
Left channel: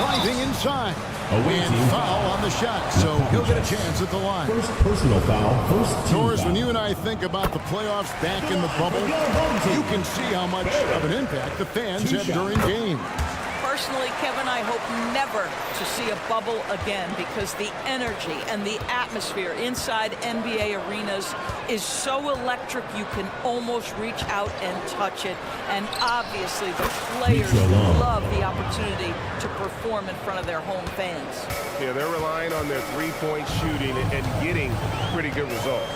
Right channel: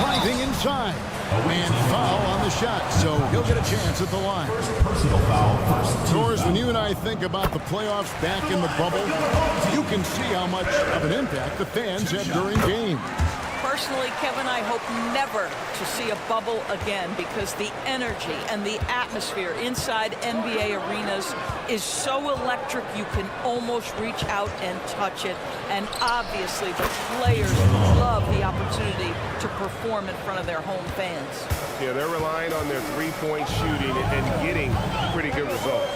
Driving inside. And foul on the shot. So he'll get a chance at the line. First personal foul. First team Norris, foul. when you and I think about the playoffs back in the bubble, you can see how much of an impact the fans have during games. Personally, Kevin, I hope never to see a bubble again because the energy and the atmosphere inside NBA arenas is so electric you can almost reach out and touch it. And obviously, the players love the opportunity to perform in front of their home fans. Yeah, they're relying on their three-point shooting and getting pretty good results.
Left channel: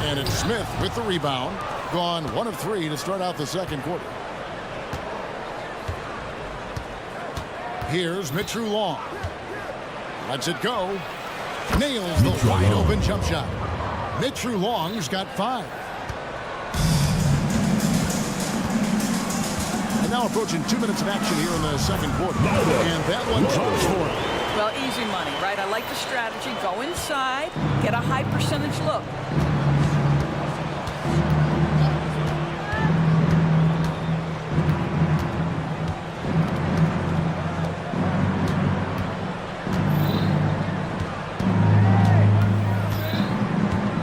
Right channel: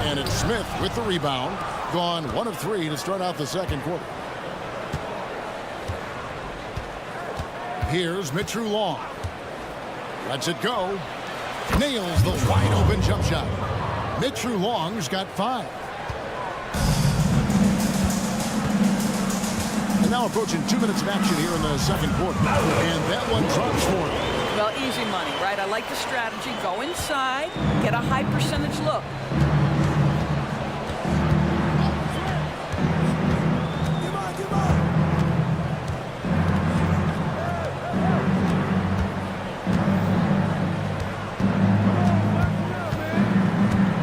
And it's Smith with the rebound. Gone 1 of 3 to start out the second quarter. Here's Mitru Long. Lets it go. Nails the wide open jump shot. Mitru Long's got 5. And now approaching 2 minutes of action here in the second quarter. And that one drops for him. Well, easy money, right? I like the strategy. Go inside, get a high percentage look.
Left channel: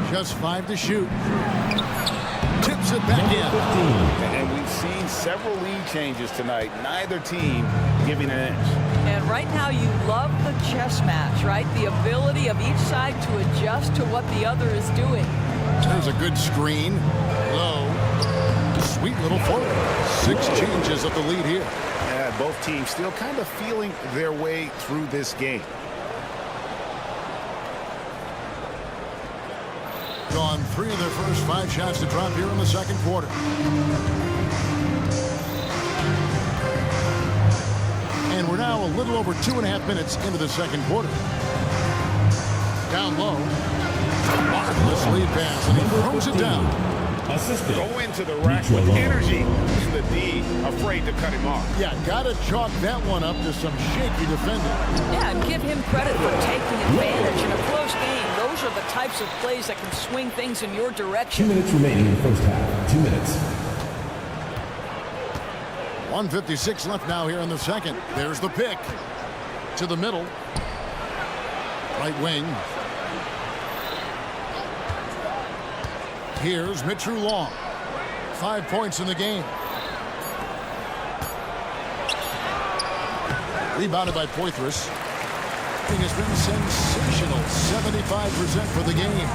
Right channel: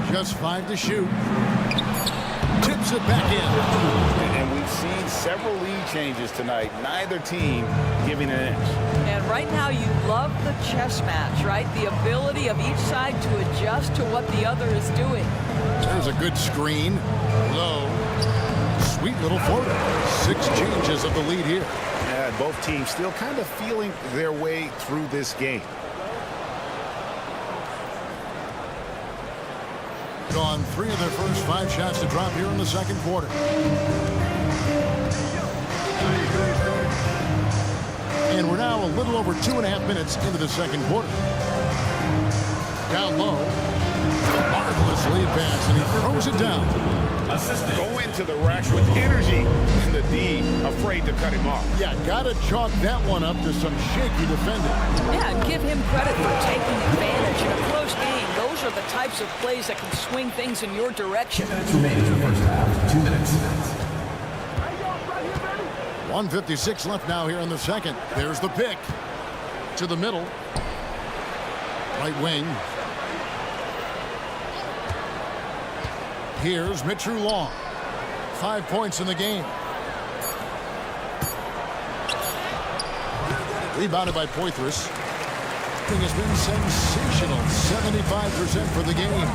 Just 5 to shoot. Tips it back in. And we've seen several lead changes tonight. Neither team giving an inch. And right now you love the chess match, right? The ability of each side to adjust to what the other is doing. There's a good screen. Low. Sweet little floater. 6 changes of the lead here. Yeah, both teams still kind of feeling their way through this game. On 3 of their first 5 shots to drop here in the second quarter. And we're now a little over 2.5 minutes into the second quarter. Down low. Marvelous lead pass, and he throws it down. Go into the rack with energy. And the D afraid to cut him off. Yeah, gotta chalk that one up to some shaky defending. Yeah, and give him credit for taking advantage in a close game. Those are the types of plays that can swing things in your 2 direction. minutes remaining in the first half. 2 minutes. 1:56 left now here in the second. There's the pick. To the middle. Right wing. Here's Mitru Long. 5 points in the game. Rebounded by Poitras. Thing has been sensational. 75% for the game.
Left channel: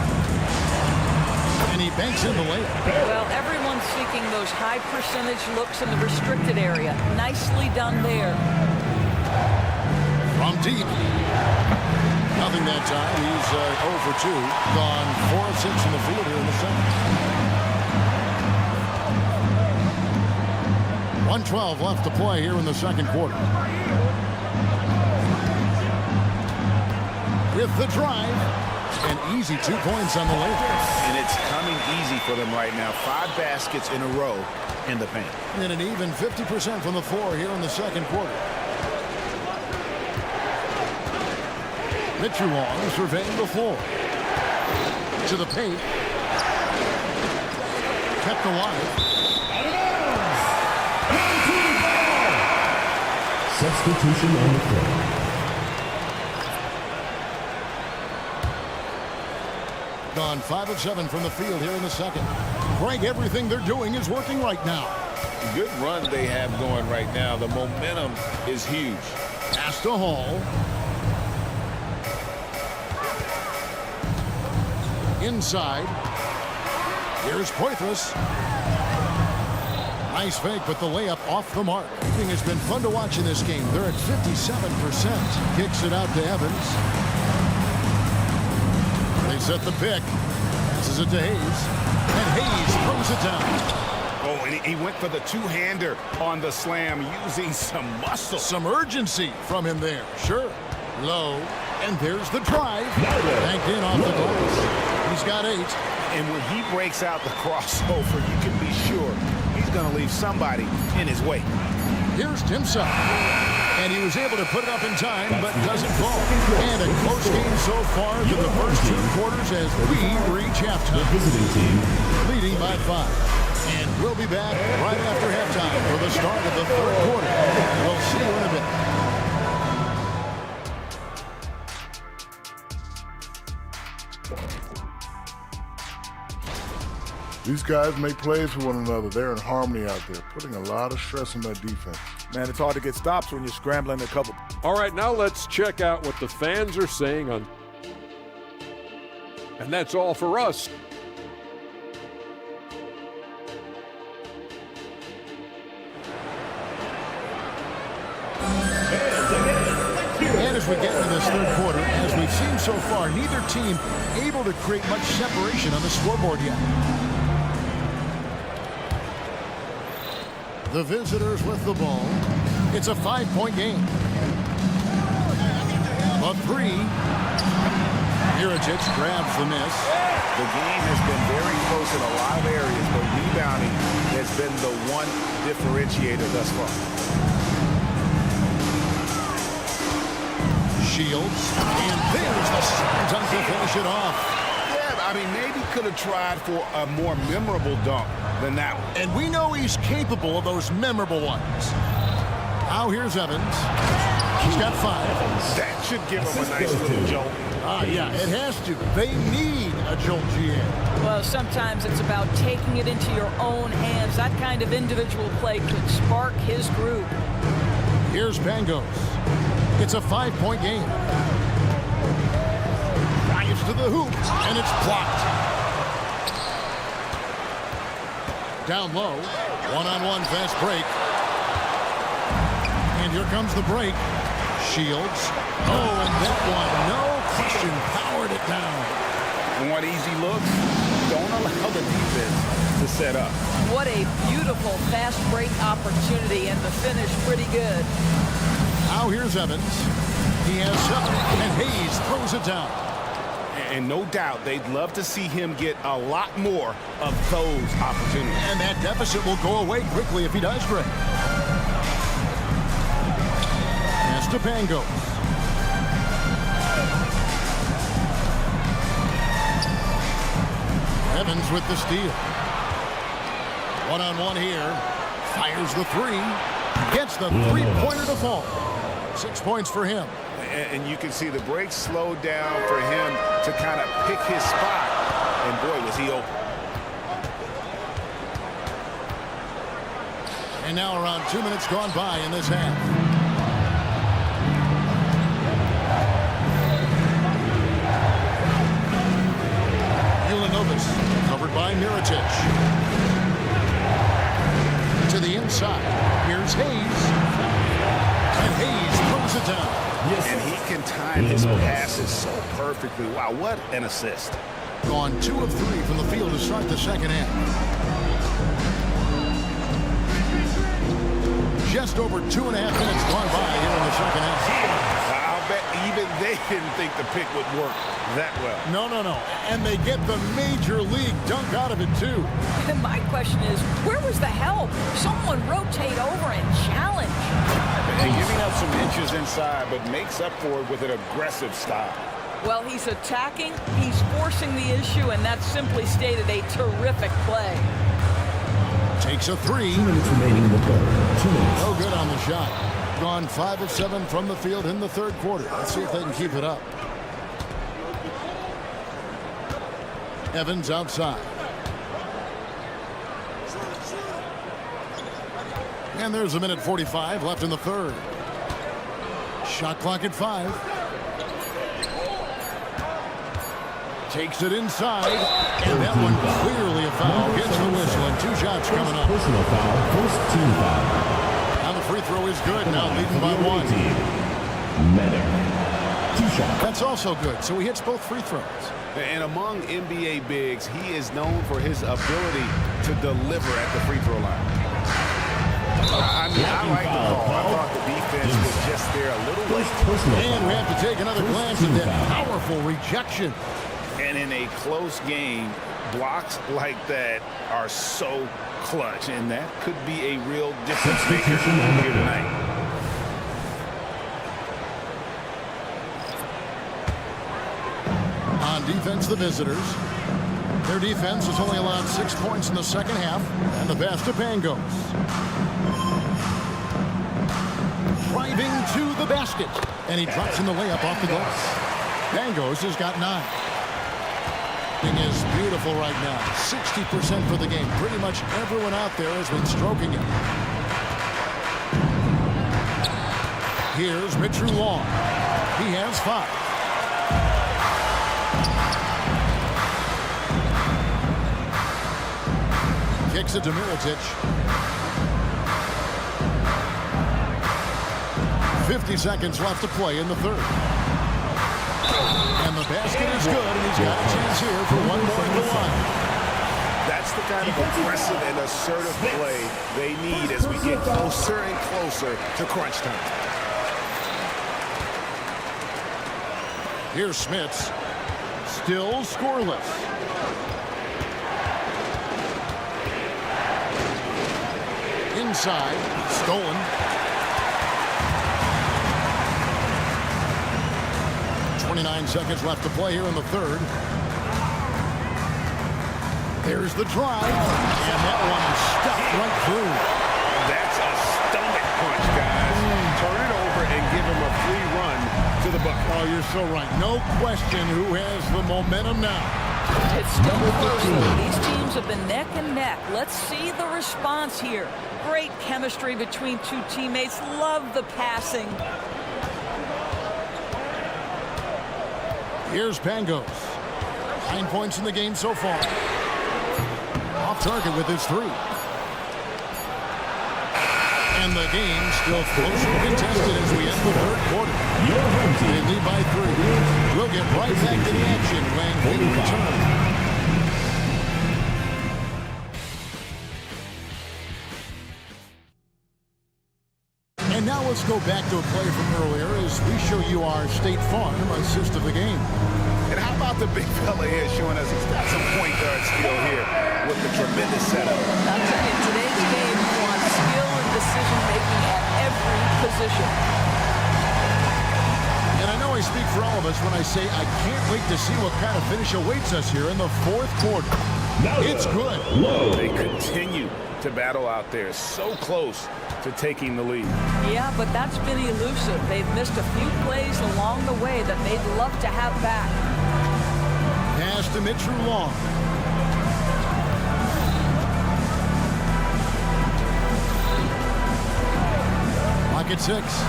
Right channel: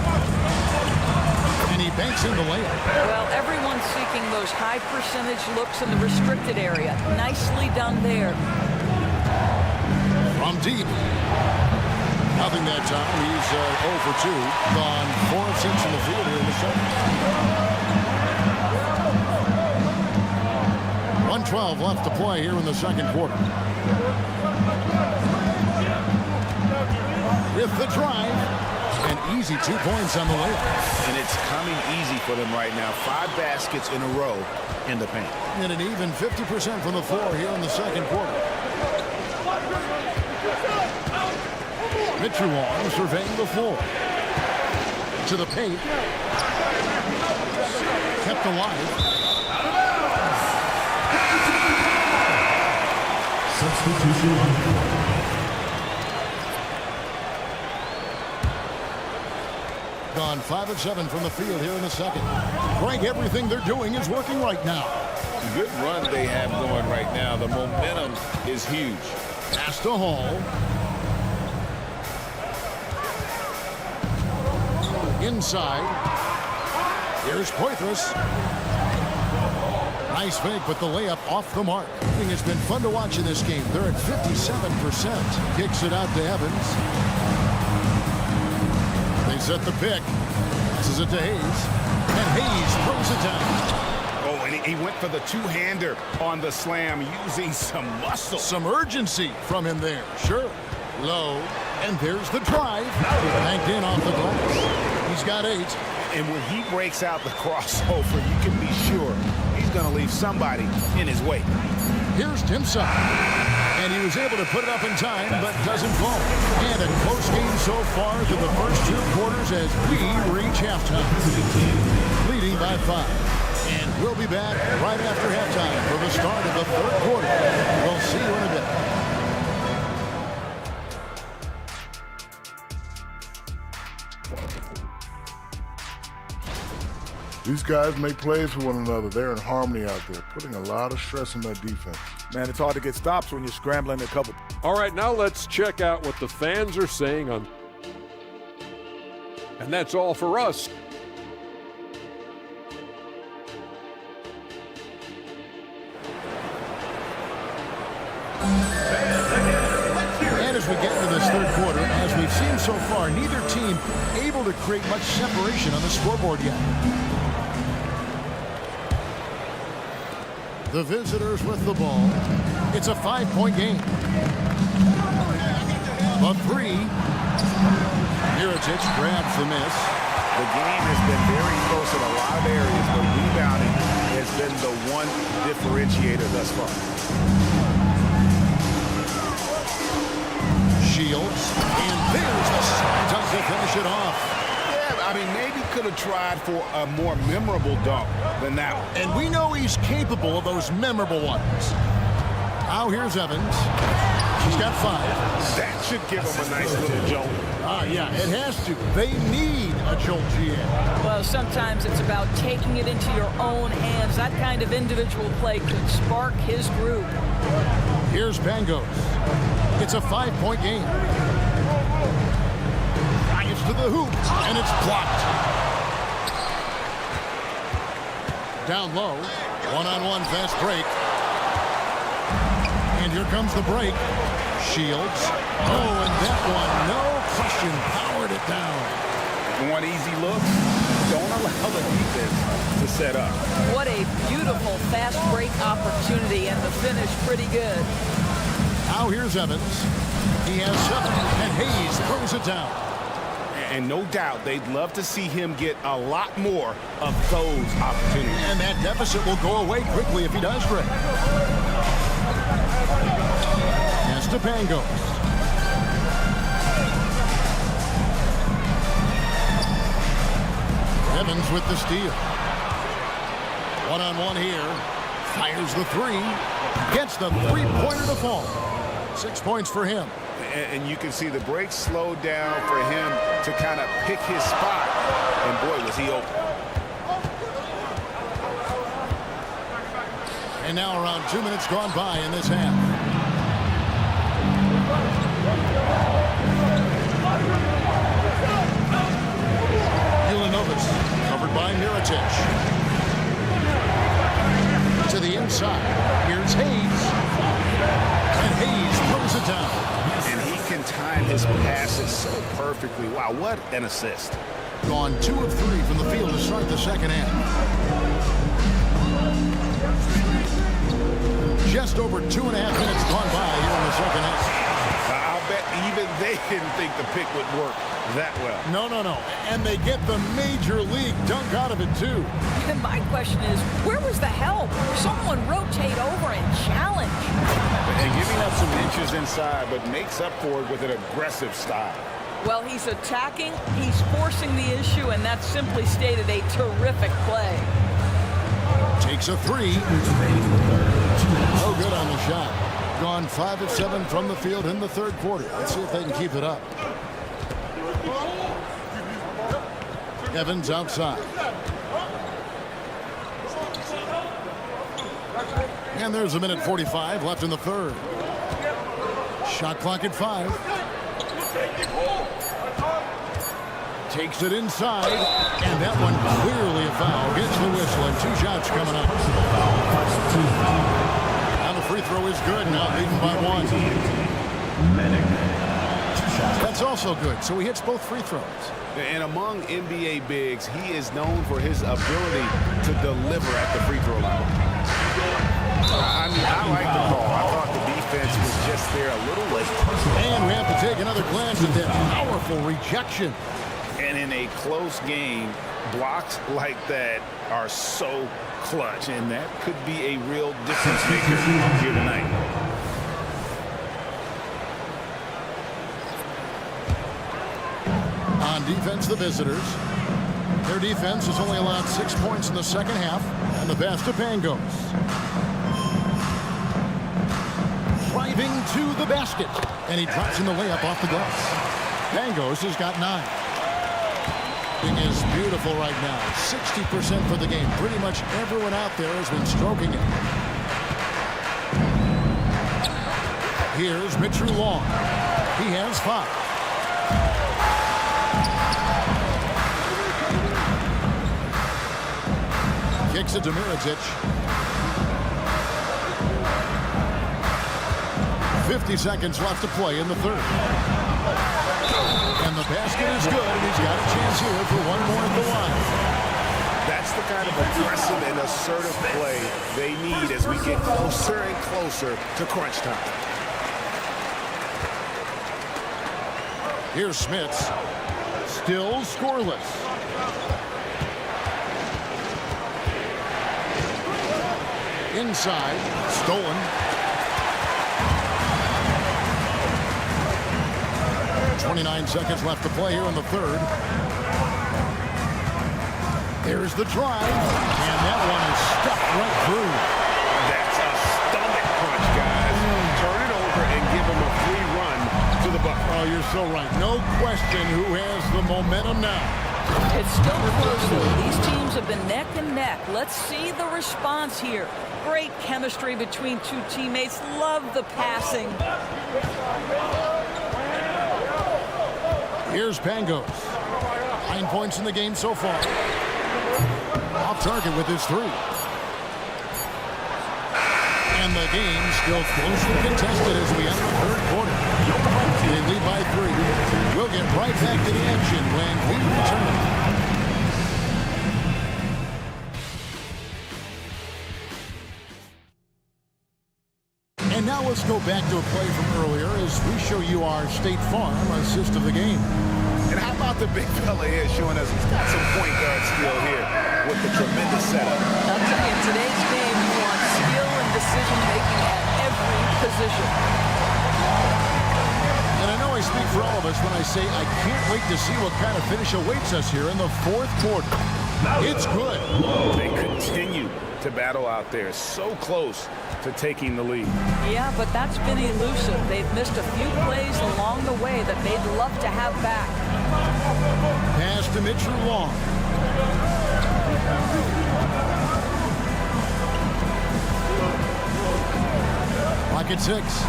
And he banks in the layup. Well, everyone's seeking those high percentage looks in the restricted area. Nicely done there. From deep. Nothing that time. He's 0 for 2. Gone 4 of 6 from the field here in the second. 1:12 left to play here in the second quarter. With the drive, and easy 2 points on the layup. And it's coming easy for them right now. 5 baskets in a row in the paint. And an even 50% from the floor here in the second quarter. Mitchell surveying the floor. To the paint. Kept alive. Substitution on the court. Gone 5 of 7 from the field here in the second. Frank, everything they're doing is working right now. Good run they have going right now. The momentum is huge. Pass to Hall. Inside. Here's Poitras. Nice fake, but the layup off the mark. I think it's been fun to watch in this game. They're at 57%. Kicks it out to Evans. They set the pick. Passes it to Hayes. And Hayes throws it down. Oh, and he went for the two-hander on the slam, using some muscle. Some urgency from him there. Sure. Low. And there's the drive. Banked in off the glass. He's got 8. And when he breaks out the crossover, you can be sure he's going to leave somebody in his wake. Here's Timsah. And he was able to put it up in time, but doesn't fall. And a close game so far through the first 2 quarters as we reach halftime. Visiting team. Leading by 5. And we'll be back right after halftime for the start of the third quarter. We'll see you in a bit. These guys make plays for one another. They're in harmony out there, putting a lot of stress on that defense. Man, it's hard to get stops when you're scrambling a couple. All right, now let's check out what the fans are saying on. And that's all for us. And as we get into this third quarter, as we've seen so far, neither team able to create much separation on the scoreboard yet. The visitors with the ball. It's a 5-point game. The 3. Mirotic grabs the miss. The game has been very close in a lot of areas, but rebounding has been the one differentiator thus far. Shields, and there's the slam dunk to finish it off. Yeah, I mean, maybe could have tried for a more memorable dunk than that one. And we know he's capable of those memorable ones. Now here's Evans. He's got 5. That should give him a nice little jolt. Yeah, it has to. They need a jolt, GM. Well, sometimes it's about taking it into your own hands. That kind of individual play could spark his group. Here's Pangos. It's a 5-point game. Drives to the hoop, and it's blocked. Down low, one-on-one fast break. And here comes the break. Shields. Oh, and that one, no question, powered it down. Want easy looks? Don't allow the defense to set up. What a beautiful fast break opportunity, and the finish pretty good. Now here's Evans. He has 7, and Hayes throws it down. And no doubt they'd love to see him get a lot more of those opportunities. And that deficit will go away quickly if he does great. Pass to Pangos. Evans with the steal. One-on-one here. Fires the 3. Gets the 3-pointer to fall. 6 points for him. And you can see the break slowed down for him to kind of pick his spot. And boy, was he open. And now around 2 minutes gone by in this half. Ulanovas covered by Mirotic. To the inside. Here's Hayes. And Hayes throws it down. And he can time his passes so perfectly. Wow, what an assist. Gone 2 of 3 from the field to start the second half. Just over 2.5 minutes gone by here in the second half. I'll bet even they didn't think the pick would work that well. No. And they get the major league dunk out of it, too. And my question is, where was the help? Someone rotate over and challenge. And giving up some inches inside, but makes up for it with an aggressive style. Well, he's attacking, he's forcing the issue, and that simply stated a terrific play. Takes a three. 2 minutes remaining in the third. No good on the shot. Gone 5 of 7 from the field in the third quarter. Let's see if they can keep it up. Evans outside. And there's 1:45 left in the third. Shot clock at 5. Takes it inside, and that one clearly a foul. Gets the whistle, and 2 shots coming up. Personal foul, first team foul. And the free throw is good, now leading by 1. Medic. 2 shots. That's also good, so he hits both free throws. And among NBA bigs, he is known for his ability to deliver at the free throw line. I mean, I like the call. I thought the defense was just there a little late. And we have to take another glance at that powerful rejection. And in a close game, blocks like that are so clutch, and that could be a real difference maker here tonight. On defense, the visitors. Their defense has only allowed 6 points in the second half, and the pass to Pangos. Driving to the basket, and he drops in the layup off the glass. Pangos has got 9. Is beautiful right now. 60% for the game. Pretty much everyone out there has been stroking him. Here's Mitchell Long. He has 5. Kicks it to Mirotic. 50 seconds left to play in the third. And the basket is good, and he's got a chance here for one more at the line. That's the kind of aggressive and assertive play they need as we get closer and closer to crunch time. Here's Smits. Still scoreless. Inside. Stolen. 29 seconds left to play here in the third. There's the drive, and that one is stuffed right through. That's a stomach punch, guys. Turn it over and give him a free run to the bucket. Oh, you're so right. No question who has the momentum now. It's still close, though. These teams have been neck and neck. Let's see the response here. Great chemistry between 2 teammates. Love the passing. Here's Pangos. 9 points in the game so far. Off target with his 3. And the game still closely contested as we end the third quarter. They lead by 3. We'll get right back to the action when we return. And now let's go back to a play from earlier as we show you our State Farm assist of the game. And how about the big fella here showing us he's got some point guard skill here with the tremendous setup. I'll tell you, in today's game, you want skill and decision-making at every position. And I know I speak for all of us when I say I can't wait to see what kind of finish awaits us here in the fourth quarter. It's good. They continue to battle out there, so close to taking the lead. Yeah, but that's been elusive. They've missed a few plays along the way that they'd love to have back. Pass to Mitchell Long. Clock at 6.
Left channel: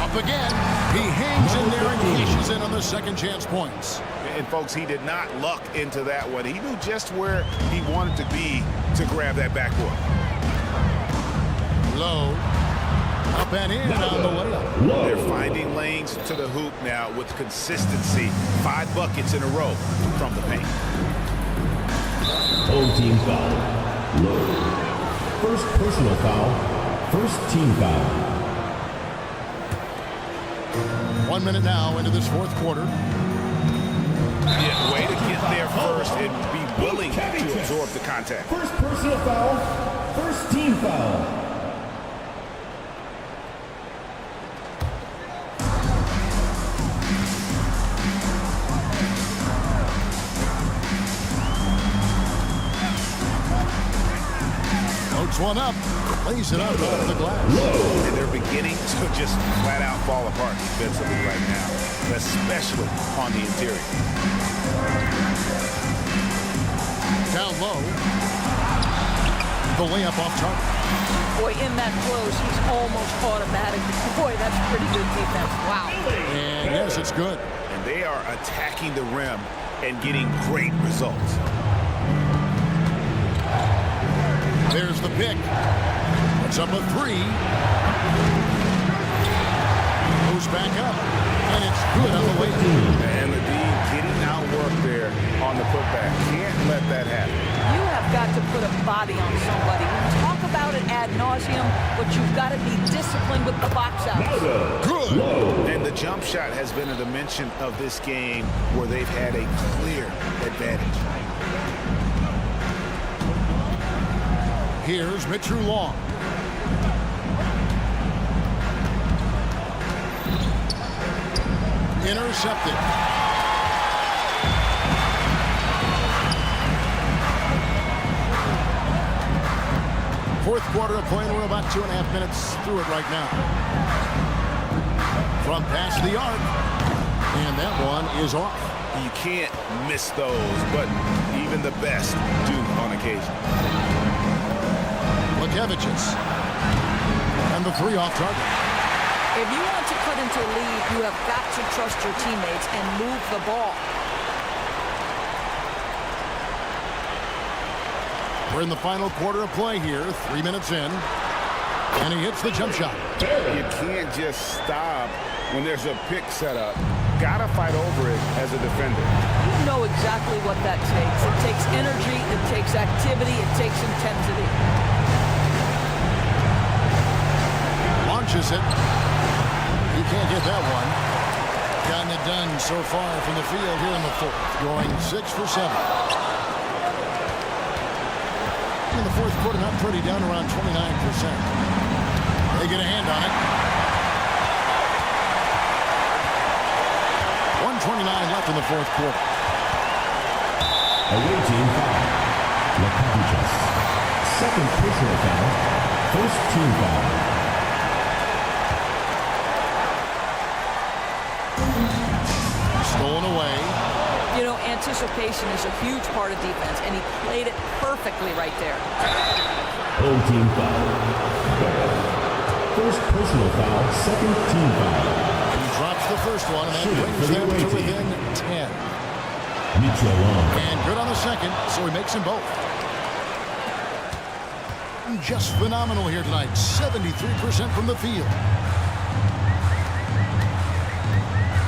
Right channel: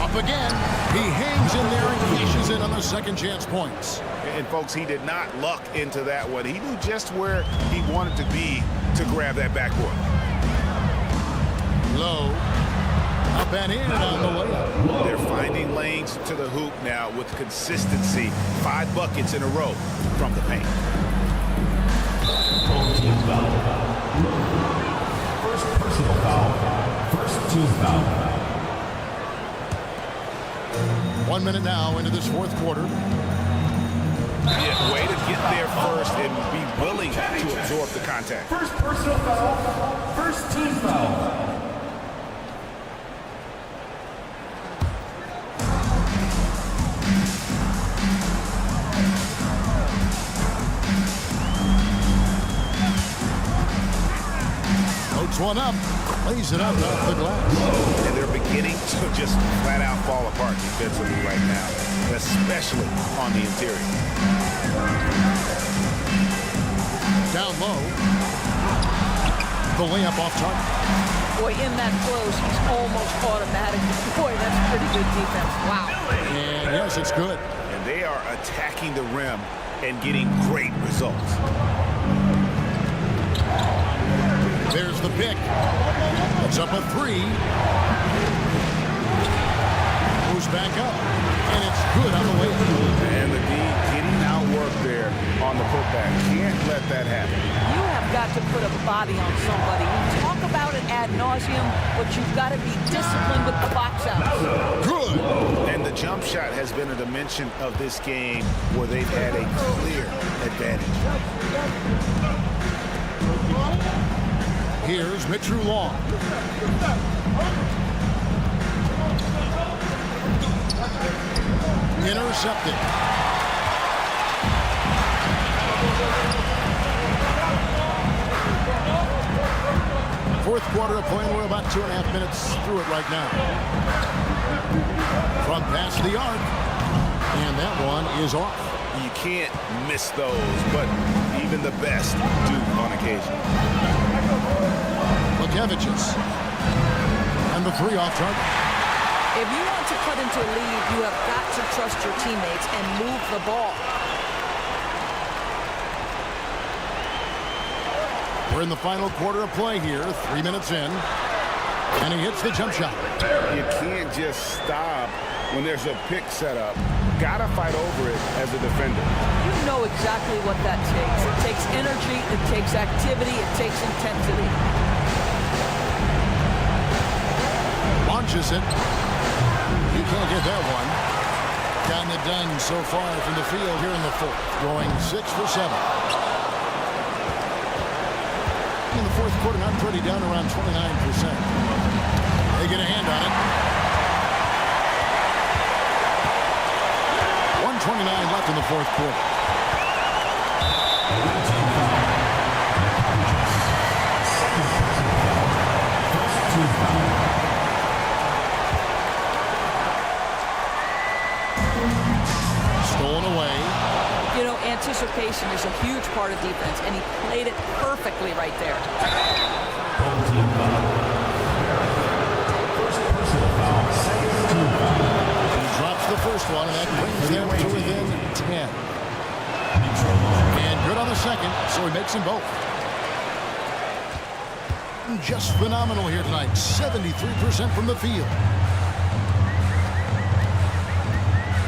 Up again. He hangs in there and cashes in on the second chance points. And folks, he did not luck into that one. He knew just where he wanted to be to grab that backboard. Low. Up and in on the layup. They're finding lanes to the hoop now with consistency. 5 buckets in a row from the paint. Home team foul. First personal foul First team foul. 1 minute now into this fourth quarter. Yeah, way to get there first and be willing to absorb the contact. First personal foul. First team foul. Floats one up, lays it up off the glass. And they're beginning to just flat out fall apart defensively right now, especially on the interior. Down low. The layup off target. Boy, in that close, he's almost automatic. Boy, that's pretty good defense. Wow. And yes, it's good. And they are attacking the rim and getting great results. There's the pick. Puts up a three. Moves back up. And it's good on the way up. And the D getting outworked there on the putback. Can't let that happen. You have got to put a body on somebody. We talk about it ad nauseum, but you've got to be disciplined with the box outs. Good. And the jump shot has been a dimension of this game where they've had a clear advantage. Here's Mitchell Long. Intercepted. Fourth quarter of play, and we're about 2.5 minutes through it right now. From past the arc, and that one is off. You can't miss those, but even the best do on occasion. Lukevicius. And the three off target. If you want to cut into a lead, you have got to trust your teammates and move the ball. We're in the final quarter of play here, 3 minutes in. And he hits the jump shot. You can't just stop when there's a pick set up. Gotta fight over it as a defender. You know exactly what that takes. It takes energy, it takes activity, it takes intensity. Launches it. He can't get that one. Gotten it done so far from the field here in the fourth. Going 6 for 7. In the fourth quarter, not pretty, down around 29%. They get a hand on it. 1:29 left in the fourth quarter. Away team foul. Lukevicius. Second personal foul. First team foul. Stolen away. You know, anticipation is a huge part of defense, and he played it perfectly right there. Home team foul. First personal foul. Second team foul. He drops the first one, and that brings them to within 10. Mitchell Long. And good on the second, so he makes them both. Just phenomenal here tonight. 73% from the field.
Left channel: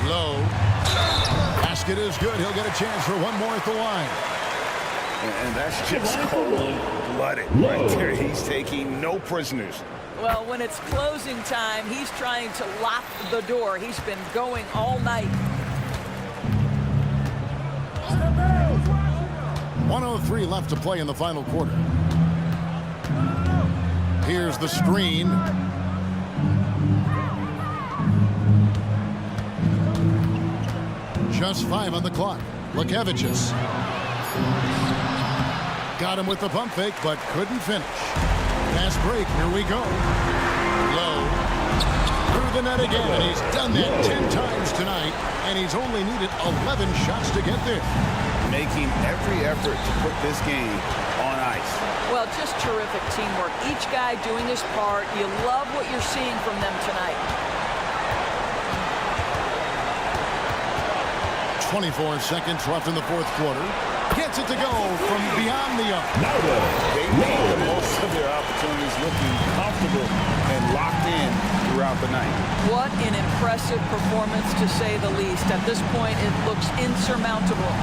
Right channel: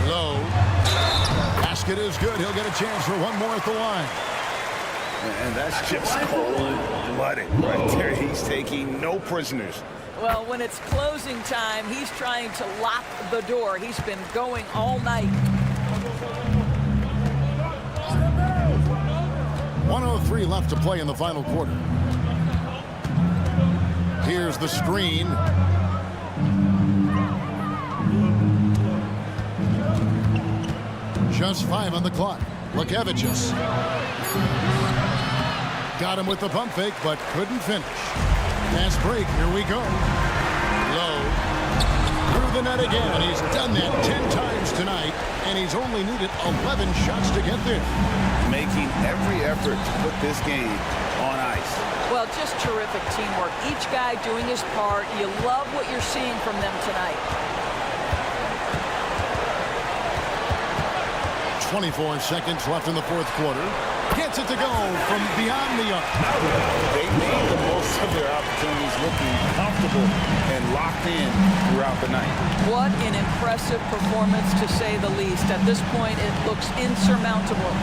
Low. Basket is good. He'll get a chance for one more at the line. And that's just cold-blooded right there. He's taking no prisoners. Well, when it's closing time, he's trying to lock the door. He's been going all night. 1:03 left to play in the final quarter. Here's the screen. Just 5 on the clock. Lukevicius. Got him with the pump fake, but couldn't finish. Pass break. Here we go. Low. Through the net again. He's done that 10 times tonight, and he's only needed 11 shots to get there. Making every effort to put this game on ice. Well, just terrific teamwork. Each guy doing his part. You love what you're seeing from them tonight. 24 seconds left in the fourth quarter. Gets it to go from beyond the arc. They made the most of their opportunities, looking comfortable and locked in throughout the night. What an impressive performance, to say the least. At this point, it looks insurmountable.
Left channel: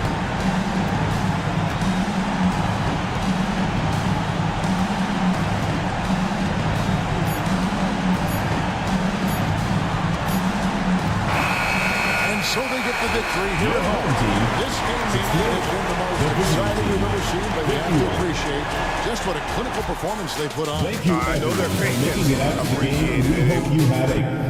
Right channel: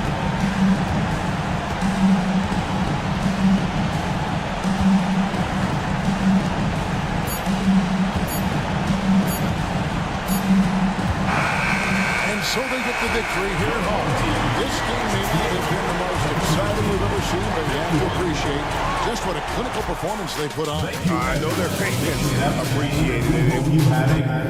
So they get the victory here at home. This game may not have been the most exciting we've ever seen, but you have to appreciate just what a clinical performance they put on. I know their fans appreciated We it. hope you had a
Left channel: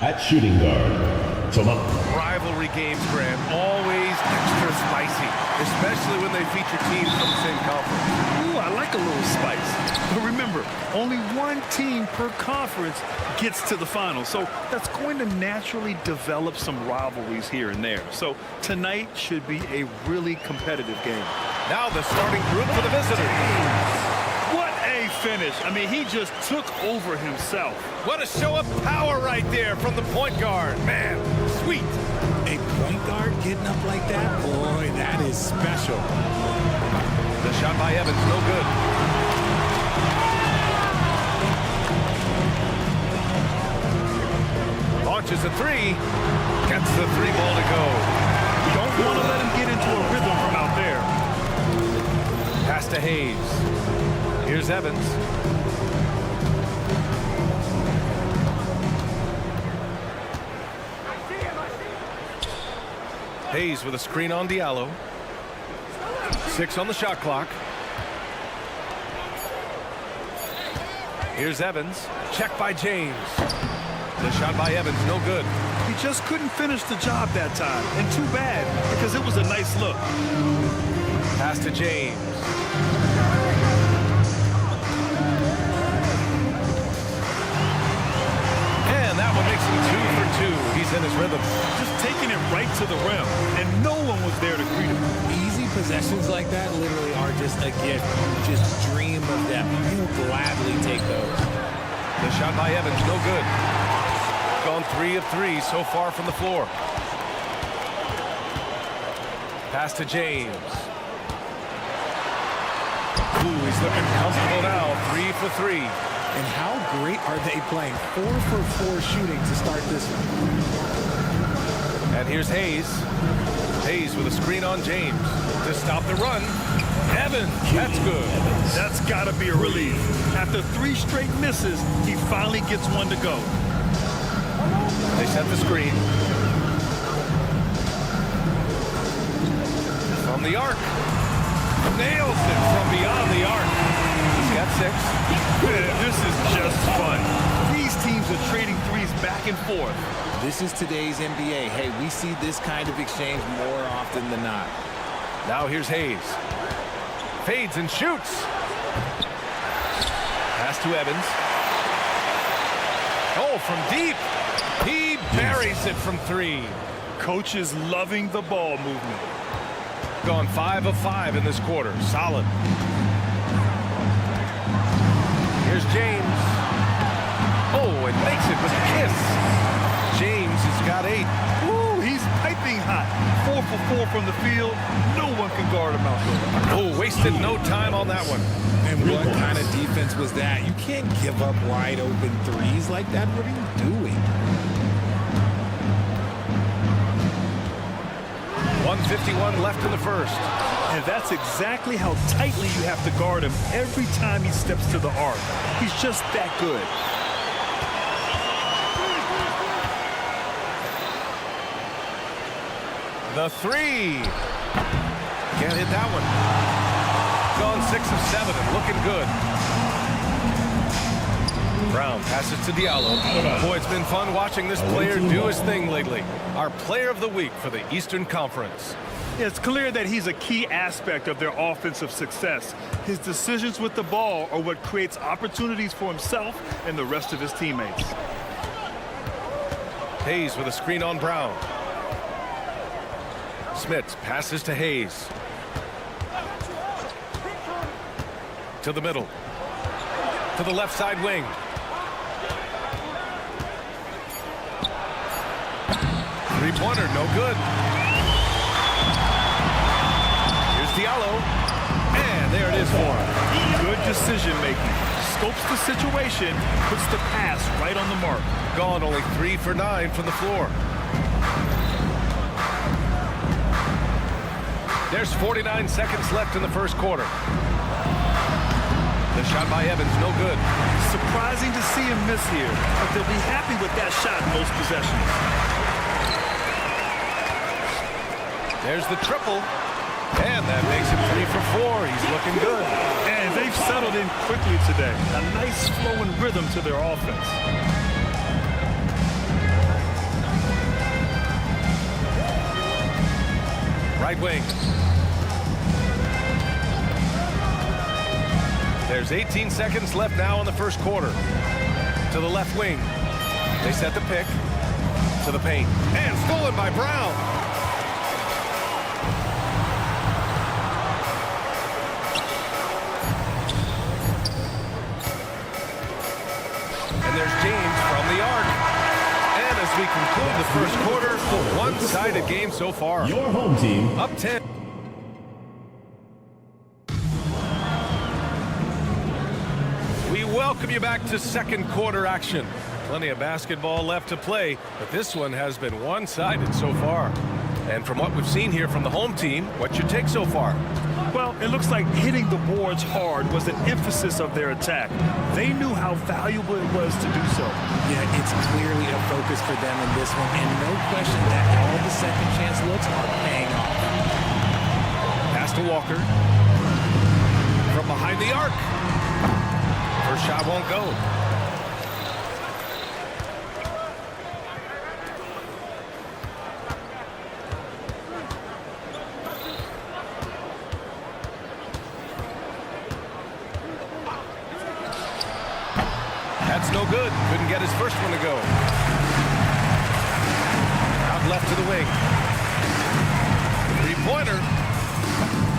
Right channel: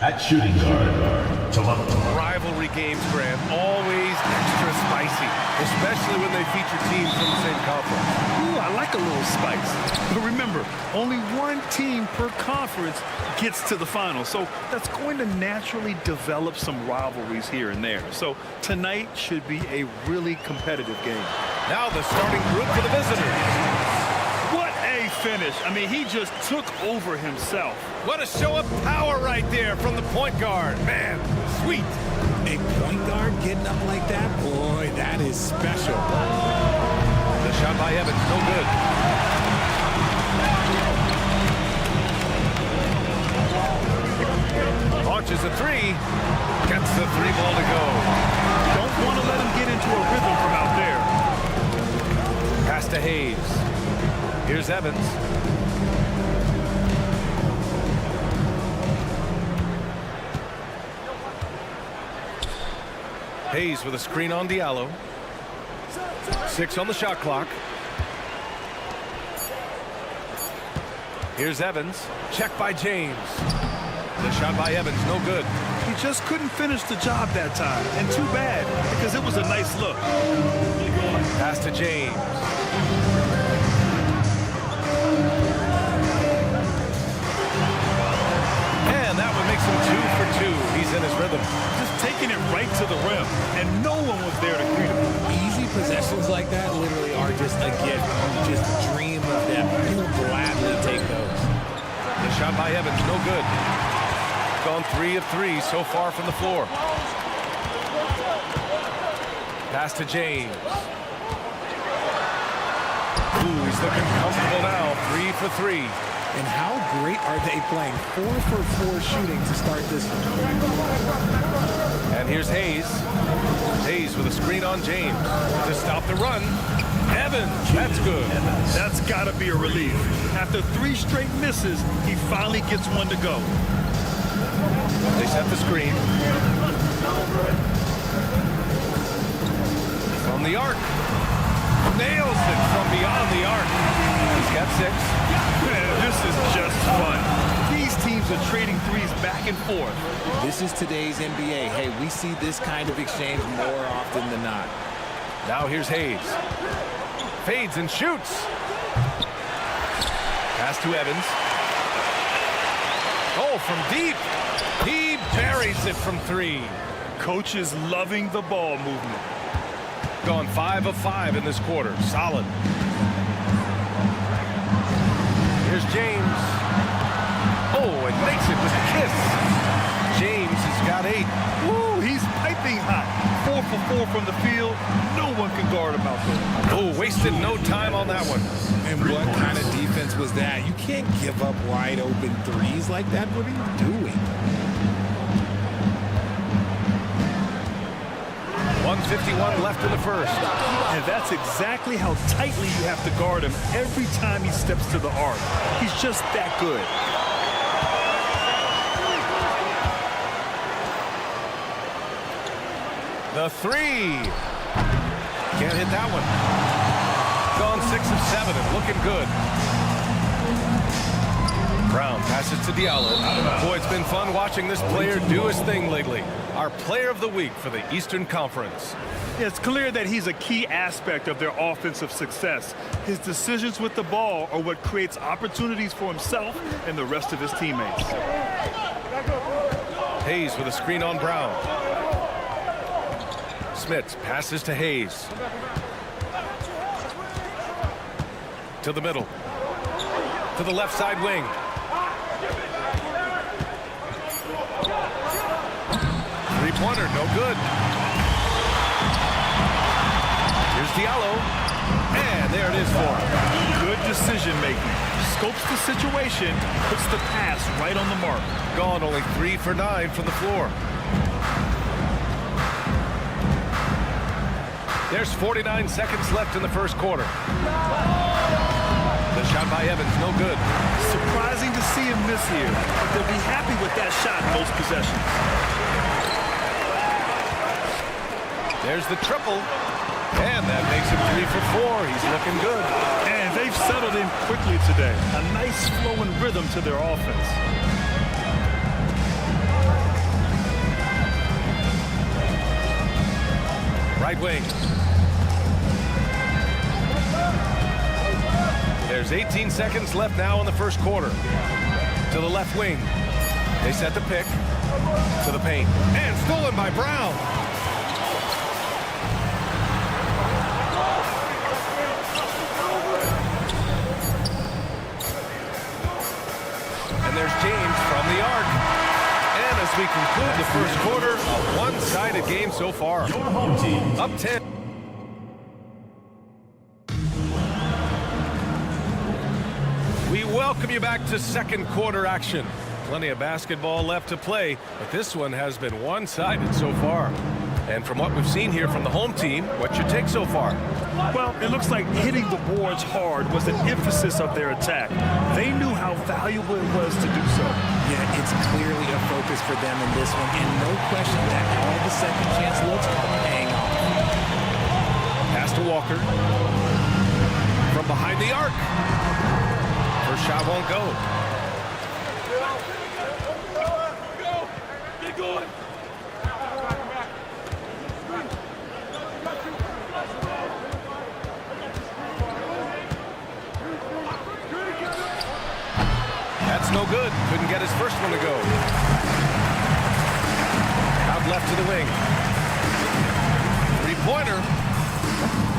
At shooting guard, Thomas. Rivalry games, Grant, always extra spicy, especially when they feature teams from the same conference. Ooh, I like a little spice. But remember, only one team per conference gets to the final. So that's going to naturally develop some rivalries here and there. So tonight should be a really competitive game. Now the starting group for the visitors. What a finish. I mean, he just took over himself. What a show of power right there from the point guard. Man, sweet. A point guard getting up like that? Boy, that is special. The shot by Evans, no good. Launches a three. Gets the three ball to go. Don't want to let him get into a rhythm from out there. Pass to Hayes. Here's Evans. Hayes with a screen on Diallo. 6 on the shot clock. Here's Evans. Check by James. The shot by Evans, no good. He just couldn't finish the job that time. And too bad, because it was a nice look. Pass to James. And that one makes him 2 for 2. He's in his rhythm. Just taking it right to the rim, and no one was there to greet him. Easy possessions like that literally are just a gift. You just dream of them. You gladly take those. The shot by Evans, no good. Gone 3 of 3 so far from the floor. Pass to James. Ooh, he's looking comfortable now. 3 for 3. And how great are they playing? 4 for 4 shooting to start this one. And here's Hayes. Hayes with a screen on James to stop the run. Evans, that's good. That's got to be a relief. After 3 straight misses, he finally gets one to go. They set the screen. From the arc. Nails it from beyond the arc. He's got 6. This is just fun. These teams are trading threes back and forth. This is today's NBA. Hey, we see this kind of exchange more often than not. Now here's Hayes. Fades and shoots. Pass to Evans. Oh, from deep. He buries it from 3. Coach is loving the ball movement. Gone 5 of 5 in this quarter. Solid. Here's James. Oh, and makes it with the kiss. James has got 8. Ooh, he's piping hot. 4 for 4 from the field. No one can guard him out there. Oh, wasted no time on that one. And what kind of defense was that? You can't give up wide open threes like that. What are you doing? 1:51 left in the first. And that's exactly how tightly you have to guard him every time he steps to the arc. He's just that good. The 3. Can't hit that one. Gone 6 of 7 and looking good. Brown passes to Diallo. Boy, it's been fun watching this player do his thing lately. Our player of the week for the Eastern Conference. It's clear that he's a key aspect of their offensive success. His decisions with the ball are what creates opportunities for himself and the rest of his teammates. Hayes with a screen on Brown. Smits passes to Hayes. To the middle. To the left side wing. Three-pointer, no good. Here's Diallo. And there it is for him. Good decision-making. Scopes the situation, puts the pass right on the mark. Gone only 3 for 9 from the floor. There's 49 seconds left in the first quarter. The shot by Evans, no good. Surprising to see him miss here, but they'll be happy with that shot in most possessions. There's the triple. And that makes him 3 for 4. He's looking good. And they've settled in quickly today. A nice flow and rhythm to their offense. Right wing. There's 18 seconds left now in the first quarter. To the left wing. They set the pick. To the paint. And stolen by Brown. And there's James from the arc. And as we conclude the first quarter, a one-sided game so far. Your home team Up 10. We welcome you back to second quarter action. Plenty of basketball left to play, but this one has been one-sided so far. And from what we've seen here from the home team, what's your take so far? Well, it looks like hitting the boards hard was an emphasis of their attack. They knew how valuable it was to do so. Yeah, it's clearly a focus for them in this one, and no question that all the second chance looks are paying off. Pass to Walker. From behind the arc. First shot won't go. That's no good. Couldn't get his first one to go. Out left to the wing. Three-pointer.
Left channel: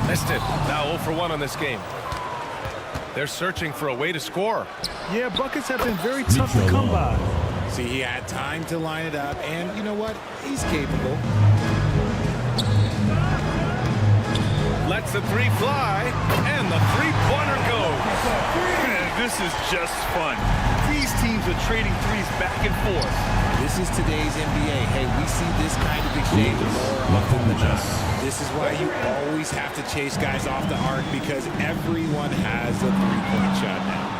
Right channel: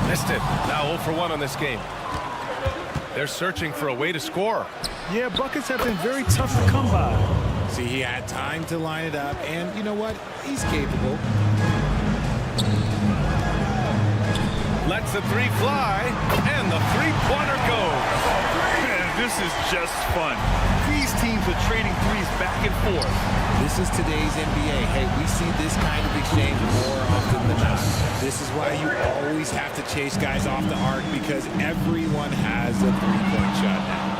Missed it. Now 0 for 1 on this game. They're searching for a way to score. Yeah, buckets have been very tough to come by. See, he had time to line it up, and you know what? He's capable. Lets the three fly, and the three-pointer goes. This is just fun. These teams are trading threes back and forth. This is today's NBA. Hey, we see this kind of exchange more often than not. This is why you always have to chase guys off the arc, because everyone has a three-point shot now.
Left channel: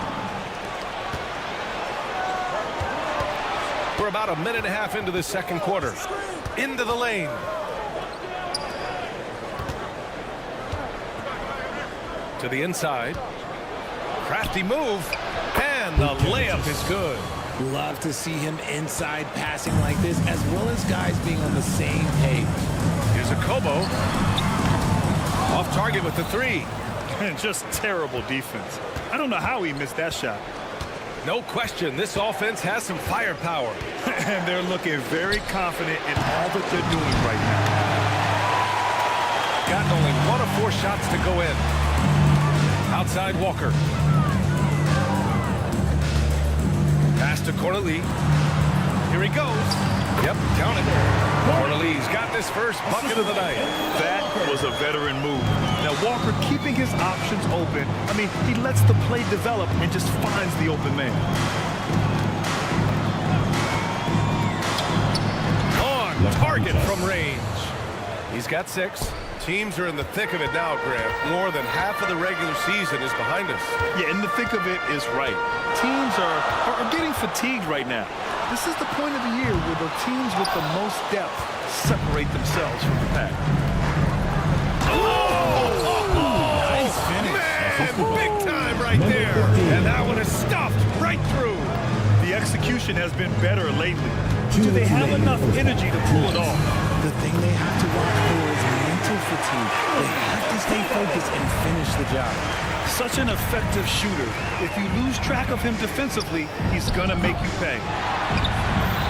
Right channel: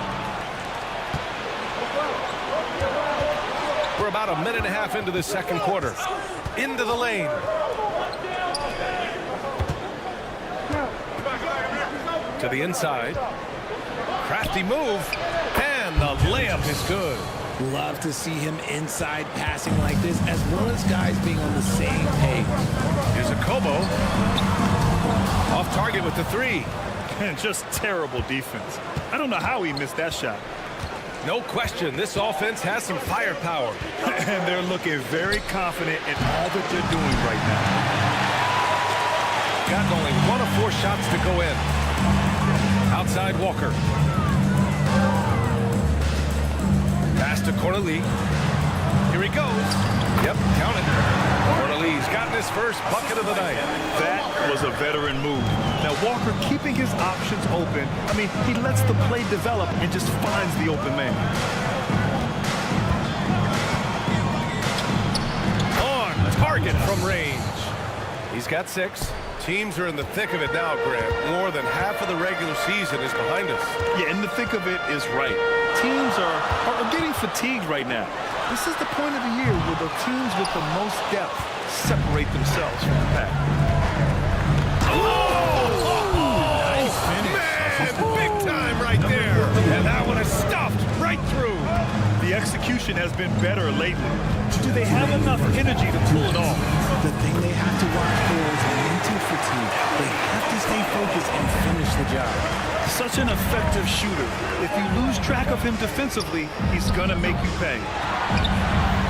We're about a minute and a half into the second quarter. Into the lane. To the inside. Crafty move. And the layup is good. Love to see him inside passing like this, as well as guys being on the same page. Here's a Kobo. Off target with the three. And just terrible defense. I don't know how he missed that shot. No question, this offense has some firepower. And they're looking very confident in all that they're doing right now. Gotten only 1 of 4 shots to go in. Outside Walker. Pass to Cornelie. Here he goes. Yep, count it. Cornelie's gotten his first bucket of the night. That was a veteran move. Now Walker keeping his options open. I mean, he lets the play develop and just finds the open man. On target from range. He's got 6. Teams are in the thick of it now, Grant. More than half of the regular season is behind us. Yeah, in the thick of it is right. Teams are getting fatigued right now. This is the point of the year where the teams with the most depth separate themselves from the pack. Oh! Nice finish. Man, big time right there. And that one is stuffed right through. The execution has been better lately. Do they have enough energy to pull it off? The thing they have to watch for is mental fatigue. They have to stay focused and finish the job. Such an effective shooter. If you lose track of him defensively, he's going to make you pay.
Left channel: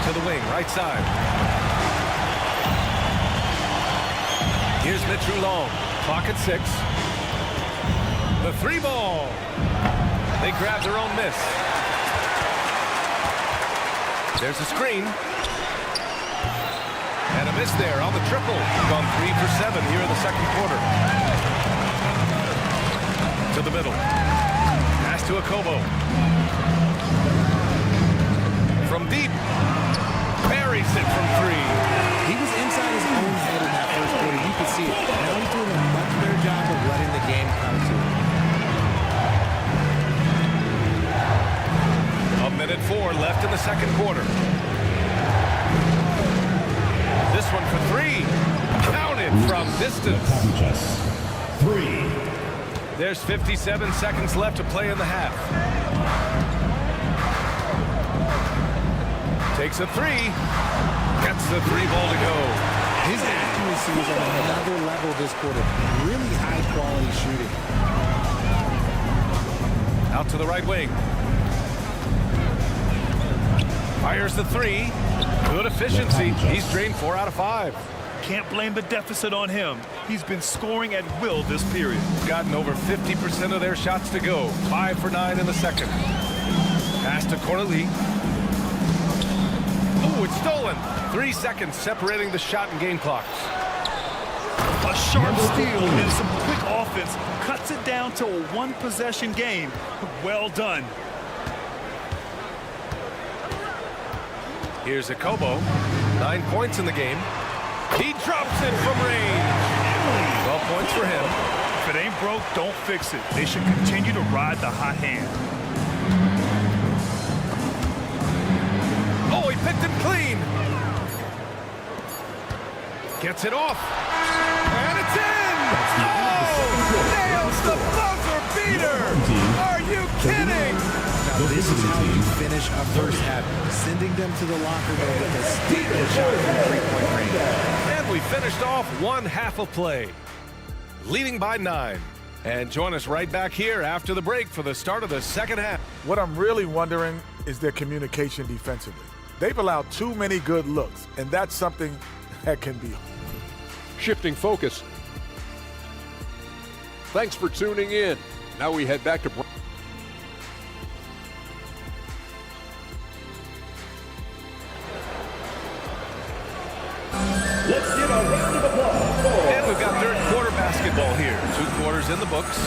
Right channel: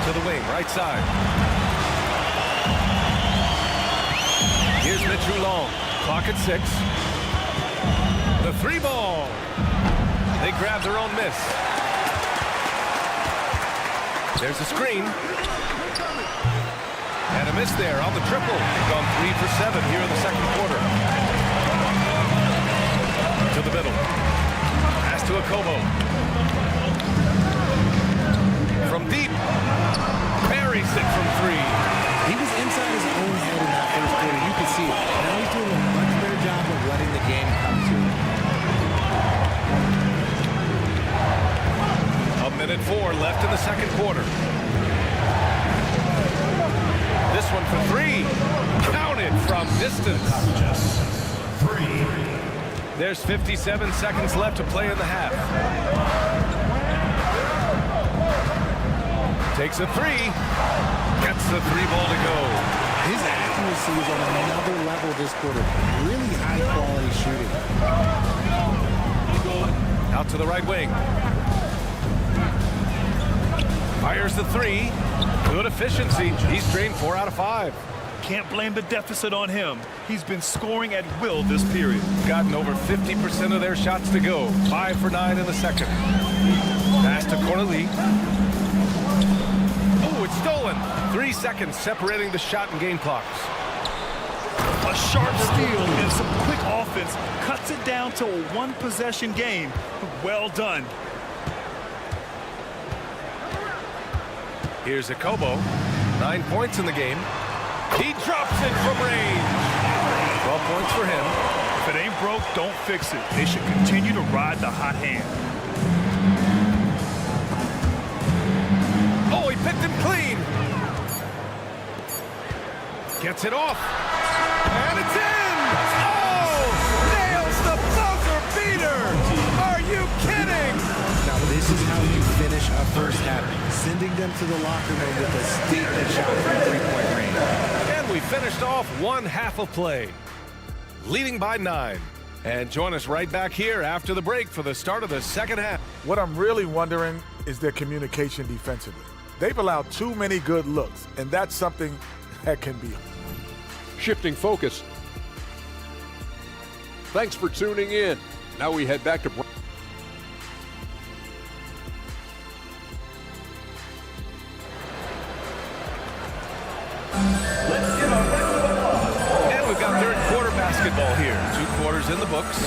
To the wing, right side. Here's Mitch Long. Clock at 6. The 3 ball. They grab their own miss. There's a screen. And a miss there on the triple. Gone 3 for 7 here in the second quarter. To the middle. Pass to Akobo. From deep. Buries it from 3. He was inside his own head in that first quarter. You could see it. Now he's doing a much better job of letting the game come to him. 1:04 left in the second quarter. This one for 3. Counted from distance. 3. There's 57 seconds left to play in the half. Takes a 3. Gets the 3 ball to go. His accuracy is on another level this quarter. Really high quality shooting. Out to the right wing. Fires the 3. Good efficiency. He's drained 4 out of 5. Can't blame the deficit on him. He's been scoring at will this period. Gotten over 50% of their shots to go. 5 for 9 in the second. Pass to Corneli. Oh, it's stolen. 3 seconds separating the shot and game clocks. A sharp steal and some quick offense cuts it down to a 1-possession game. Well done. Here's Akobo. 9 points in the game. He drops it from range. 12 points for him. If it ain't broke, don't fix it. They should continue to ride the hot hand. Oh, he picked him clean. Gets it off. And it's in. Oh, nails the buzzer beater. Are you kidding? Now this is how you finish a first half, sending them to the locker room with a statement shot from 3-point range. And we finished off one half of play, leading by 9. And join us right back here after the break for the start of the second half. What I'm really wondering is their communication defensively. They've allowed too many good looks, and that's something that can be. Shifting focus. Thanks for tuning in. Now we head back to And we've got third quarter basketball here. 2 quarters in the books.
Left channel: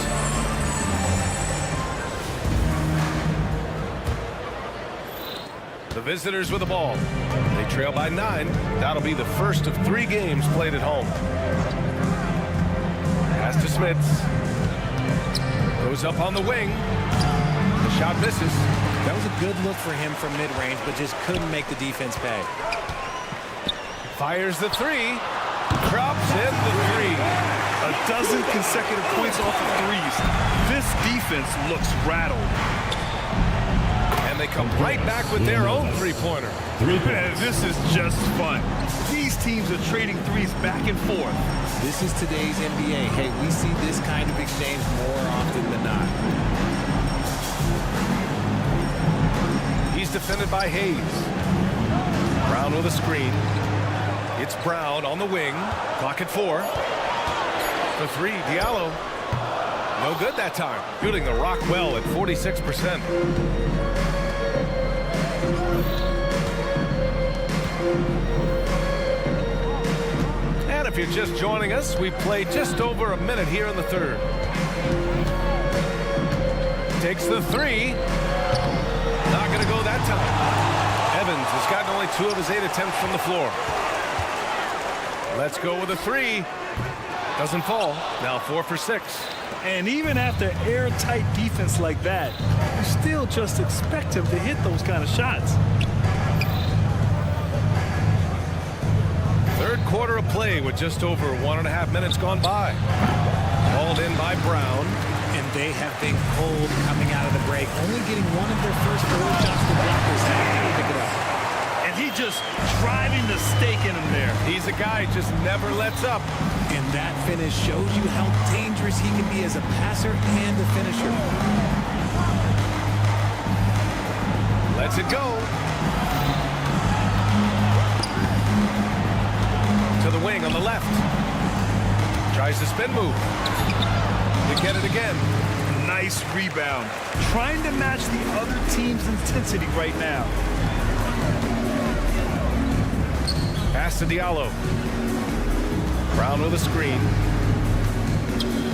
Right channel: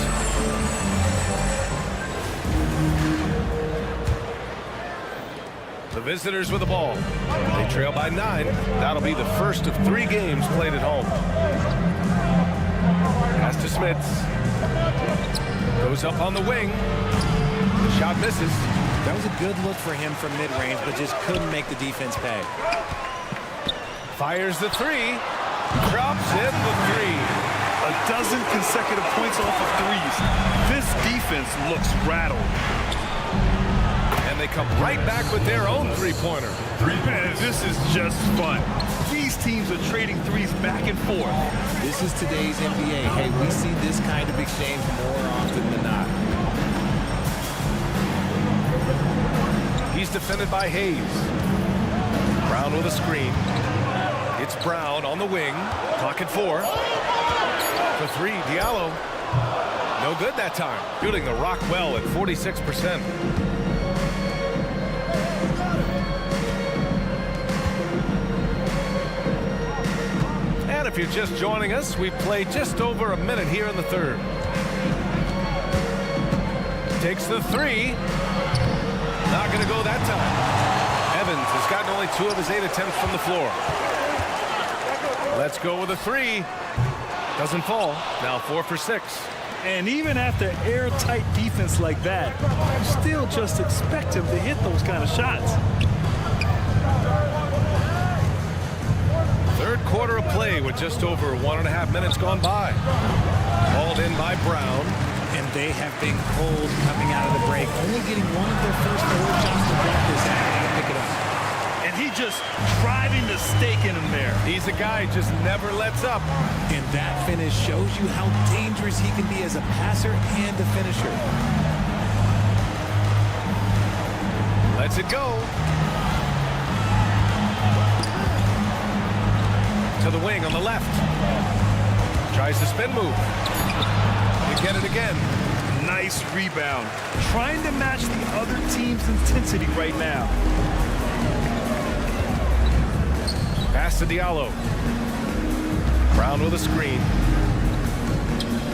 The visitors with the ball. They trail by 9. That'll be the first of 3 games played at home. Pass to Smits. Goes up on the wing. The shot misses. That was a good look for him from mid-range, but just couldn't make the defense pay. Fires the 3. Drops in the 3. A dozen consecutive points off of threes. This defense looks rattled. And they come right back with their own 3-pointer. Man, this is just fun. These teams are trading threes back and forth. This is today's NBA. Hey, we see this kind of exchange more often than not. He's defended by Hayes. Brown with a screen. It's Brown on the wing. Clock at 4. For 3, Diallo. No good that time. Shooting the rock well at 46%. And if you're just joining us, we've played just over a minute here in the third. Takes the 3. Not going to go that time. Evans has gotten only 2 of his 8 attempts from the floor. Let's go with a 3. Doesn't fall. Now 4 for 6. And even after airtight defense like that, you still just expect him to hit those kind of shots. Third quarter of play with just over 1.5 minutes gone by. Hauled in by Brown. And they have been cold coming out of the break, only getting one of their first 4 shots to drop this half. Got to pick it up. And he just driving the stake in him there. He's a guy just never lets up. And that finish shows you how dangerous he can be as a passer and a finisher. Lets it go. To the wing on the left. Tries the spin move. You get it again. Nice rebound. Trying to match the other team's intensity right now. Pass to Diallo. Brown with a screen.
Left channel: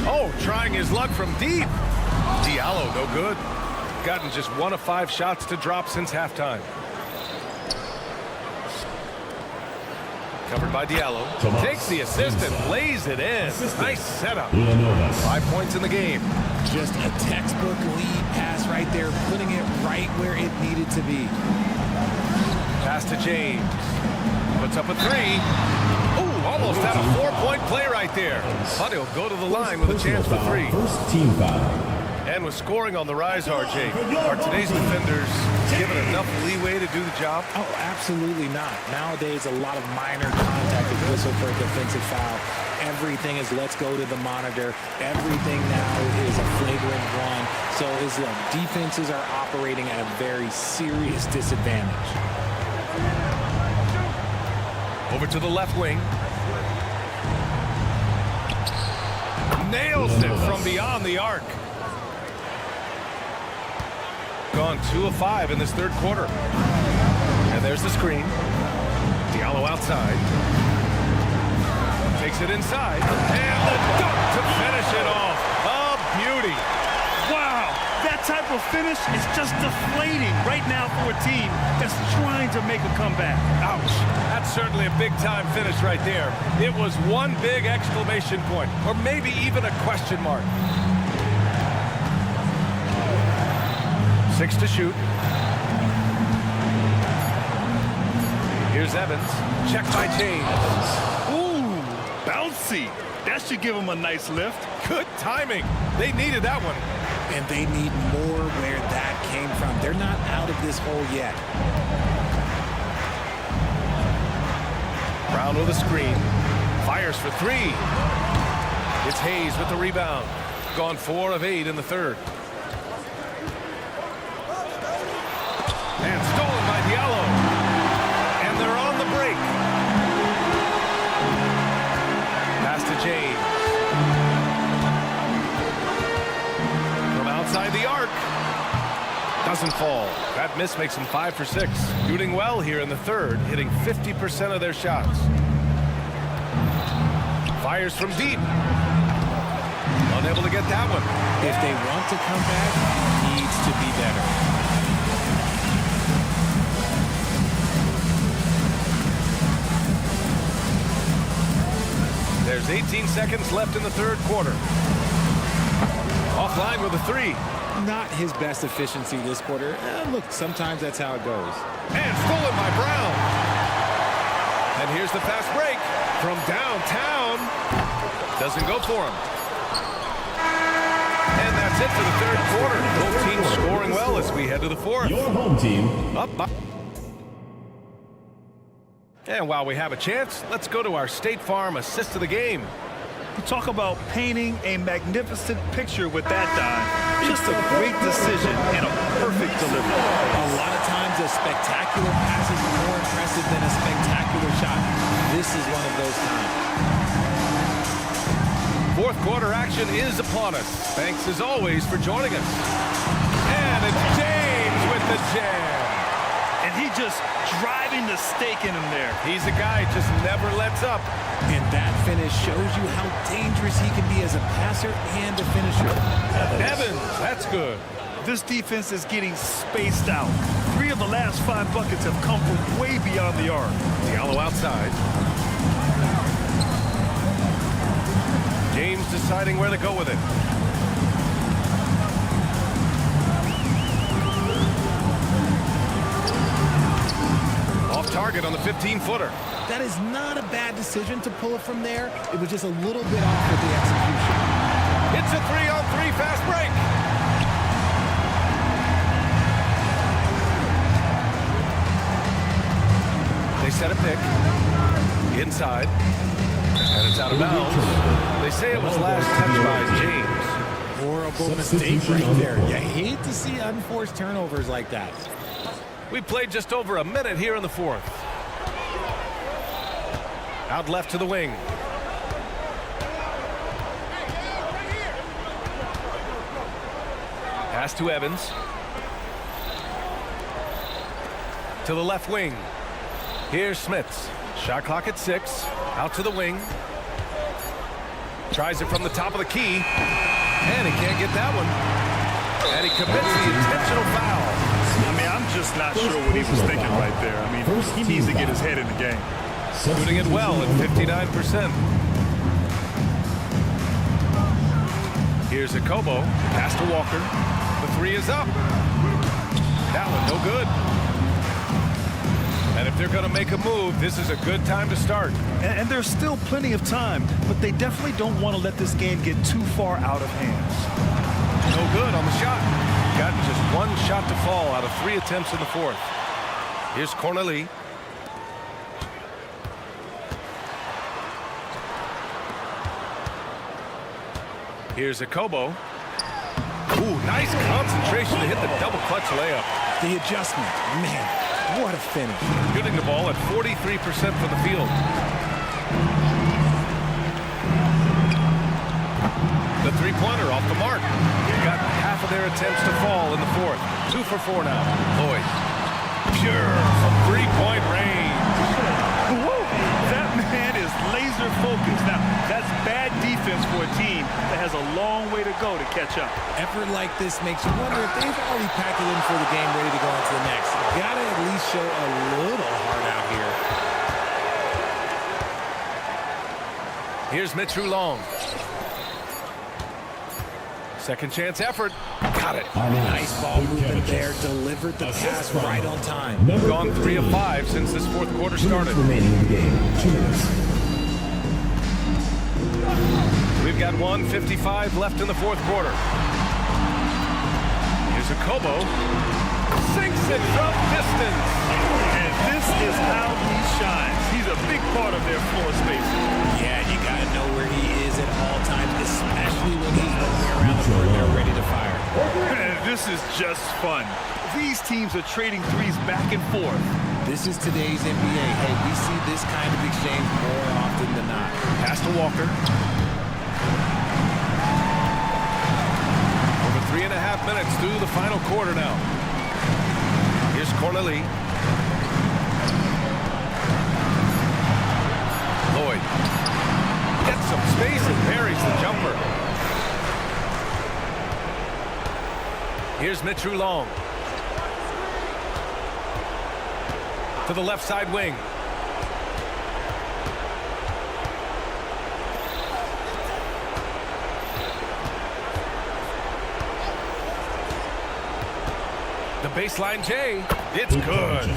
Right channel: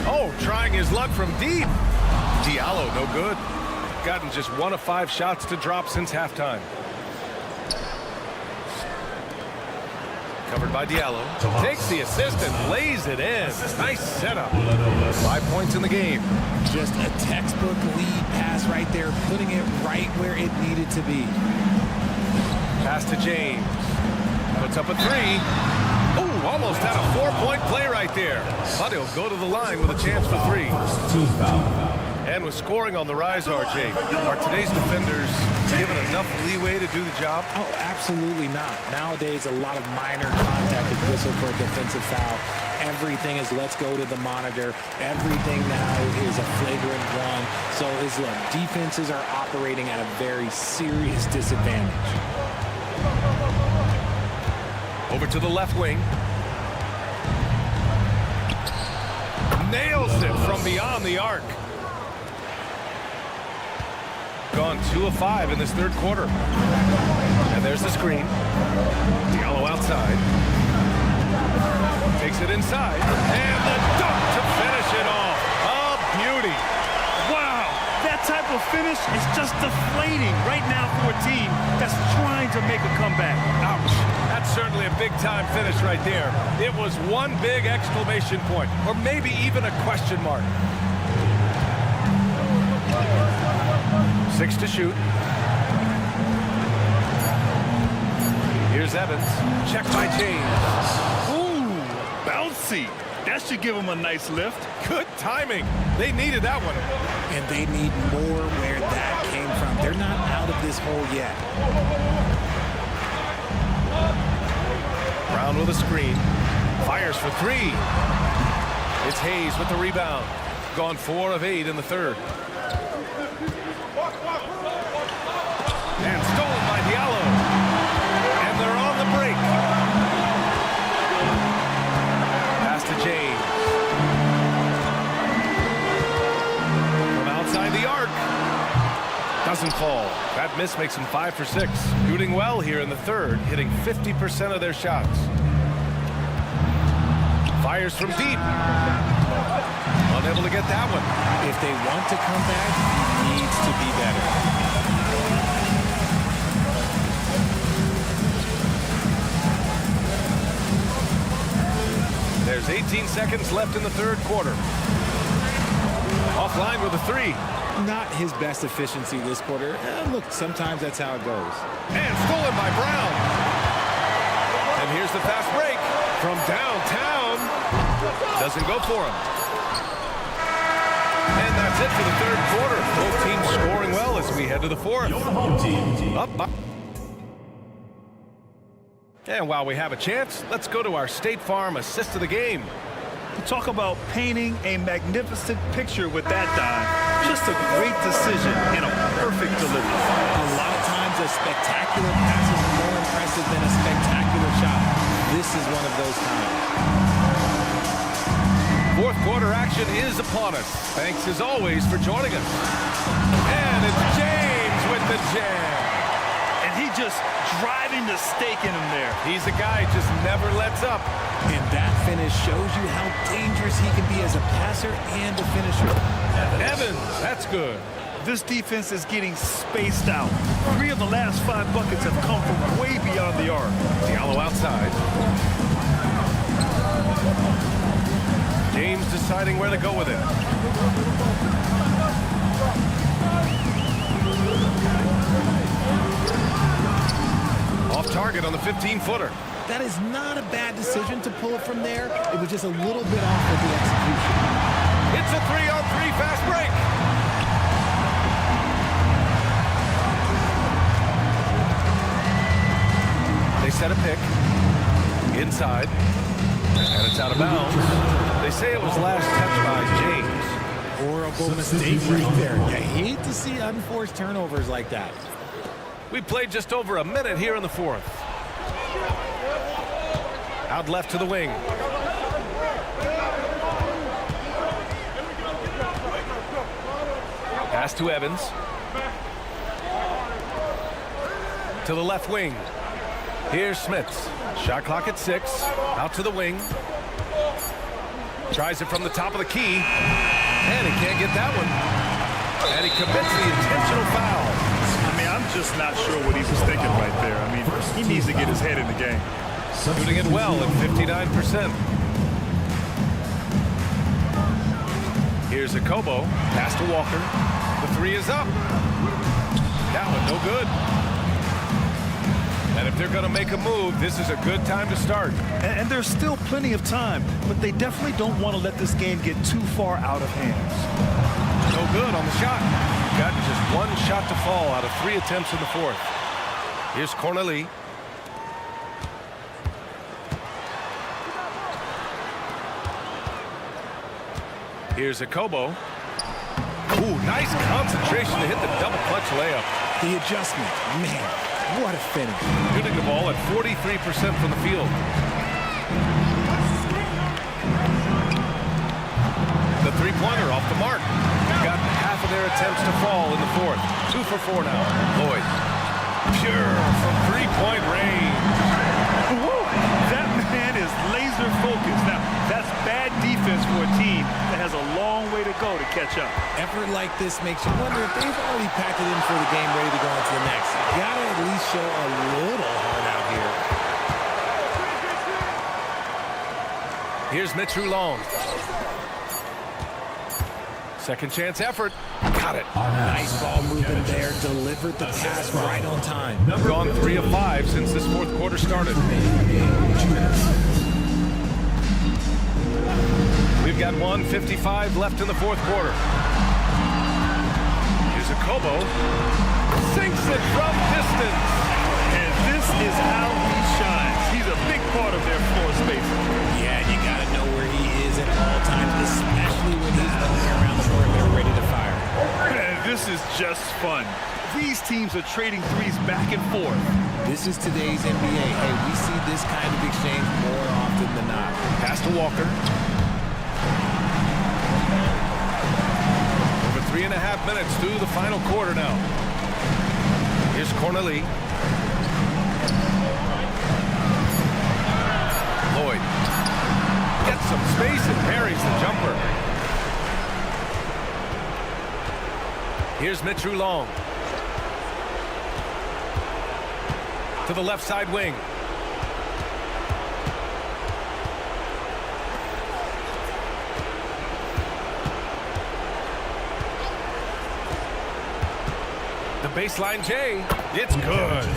Oh, trying his luck from deep. Diallo, no good. Gotten just 1 of 5 shots to drop since halftime. Covered by Diallo. Takes the assist and lays it in. Nice setup. 5 points in the game. Just a textbook lead pass right there, putting it right where it needed to be. Pass to James. Puts up a 3. Ooh, almost had a 4-point play right there. But he'll go to the line with a chance for 3. First team foul. And with scoring on the rise, RJ, are today's defenders given enough leeway to do the job? Oh, absolutely not. Nowadays, a lot of minor contact is whistled for a defensive foul. Everything is let's go to the monitor. Everything now is a flagrant one. So, look, defenses are operating at a very serious disadvantage. Over to the left wing. Nails it from beyond the arc. Gone 2 of 5 in this third quarter. And there's the screen. Diallo outside. Takes it inside. And the dunk to finish it off. A beauty. Wow, that type of finish is just deflating right now for a team that's trying to make a comeback. Ouch. That's certainly a big-time finish right there. It was one big exclamation point, or maybe even a question mark. 6 to shoot. Here's Evans. Checked by James. Ooh, bouncy. That should give him a nice lift. Good timing. They needed that one. And they need more where that came from. They're not out of this hole yet. Brown with a screen. Fires for 3. It's Hayes with the rebound. Gone 4 of 8 in the third. And stolen by Diallo. And they're on the break. Pass to James. From outside the arc. Doesn't fall. That miss makes him 5 for 6. Shooting well here in the third, hitting 50% of their shots. Fires from deep. Unable to get that one. If they want to come back, he needs to be better. There's 18 seconds left in the third quarter. Offline with a 3. Not his best efficiency this quarter. Look, sometimes that's how it goes. And stolen by Brown. And here's the fast break from downtown. Doesn't go for him. And that's it for the third quarter. Both teams scoring well as we head to the fourth. Your home team. Up by. And while we have a chance, let's go to our State Farm assist of the game. You talk about painting a magnificent picture with that dime. Just a great decision and a perfect delivery. A lot of times a spectacular pass is more impressive than a spectacular shot. This is one of those times. Fourth quarter action is upon us. Thanks as always for joining us. And it's James with the jam. And he just driving the stake in him there. He's a guy just never lets up. And that finish shows you how dangerous he can be as a passer and a finisher. Evans, that's good. This defense is getting spaced out. 3 of the last 5 buckets have come from way beyond the arc. Diallo outside. James deciding where to go with it. Off target on the 15-footer. That is not a bad decision to pull it from there. It was just a little bit off with the execution. It's a 3-on-3 fast break. set a pick. Inside. And it's out of bounds. They say it was last touched by James. Horrible mistake right there. You hate to see unforced turnovers like that. We played just over a minute here in the fourth. Out left to the wing. Pass to Evans. To the left wing. Here's Smits. Shot clock at 6. Out to the wing. Tries it from the top of the key. And he can't get that one. And he commits the intentional foul. I mean, I'm just not sure what he was thinking right there. I mean, he needs to get his head in the game. Shooting it well at 59%. Here's Akobo. Pass to Walker. The 3 is up. That one no good. And if they're going to make a move, this is a good time to start. And there's still plenty of time, but they definitely don't want to let this game get too far out of hands. No good on the shot. Got just one shot to fall out of 3 attempts in the fourth. Here's Corneli. Here's Akobo. Ooh, nice concentration to hit the double clutch layup. The adjustment, man, what a finish. Shooting the ball at 43% from the field. The three-pointer off the mark. Got half of their attempts to fall in the fourth. 2 for 4 now. Lloyd. Pure from three-point range. Woo! That man is laser focused. Now, that's bad defense for a team that has a long way to go to catch up. Effort like this makes you wonder if they've already packed it in for the game, ready to go on to the next. You gotta at least show a little heart out here. Here's Mitch Long. Second chance effort. Got it. Nice ball movement there. Delivered the pass right on time. Gone 3 of 5 since this fourth quarter started. We've got 1:55 left in the fourth quarter. Here's Akobo. Sinks it from distance. And this is how he shines. He's a big part of their floor spacing. Yeah, you got to know where he is at all times, especially when he's roaming around the perimeter ready to fire. And this is just fun. These teams are trading threes back and forth. This is today's NBA. Hey, we see this kind of exchange more often than not. Pass to Walker. Over 3.5 minutes through the final quarter now. Here's Corneli. Lloyd gets some space and parries the jumper. Here's Mitch Long. To the left side wing. The baseline J. It's good.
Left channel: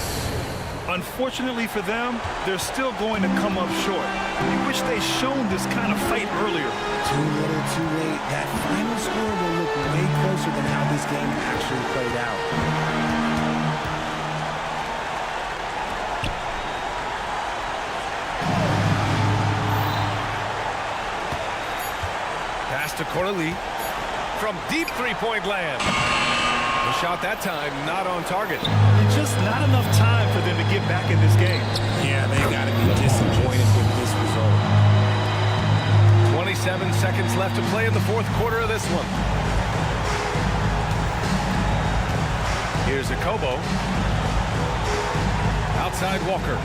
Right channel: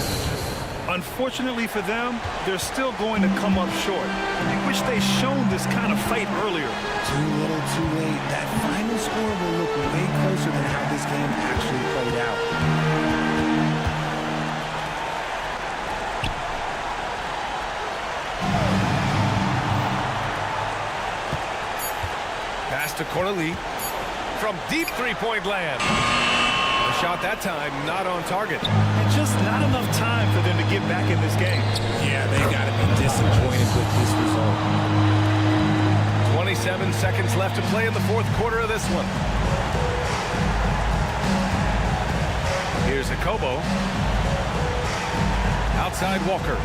Unfortunately for them, they're still going to come up short. I wish they'd shown this kind of fight earlier. Too little, too late. That final score will look way closer than how this game actually played out. Pass to Corneli from deep three-point land. The shot that time not on target. And just not enough time for them to get back in this game. Yeah, they got to be disappointed with this result. 27 seconds left to play in the fourth quarter of this one. Here's Akobo. Outside Walker.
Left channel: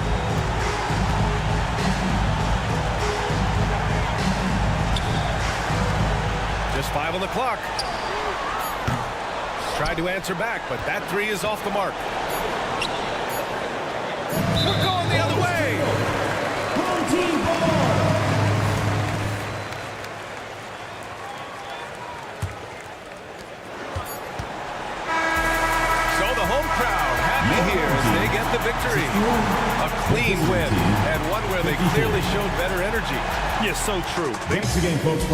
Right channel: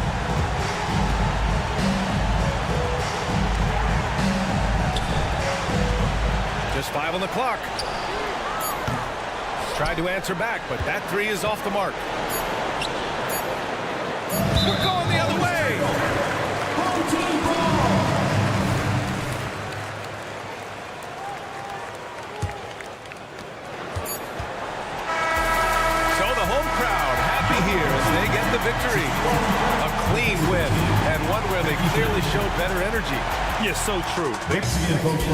Just 5 on the clock. Tried to answer back, but that 3 is off the mark. We're going the other way. So the home crowd happy here as they get the victory. A clean win, and one where they clearly showed better energy. Yes, so true. Thanks again, folks.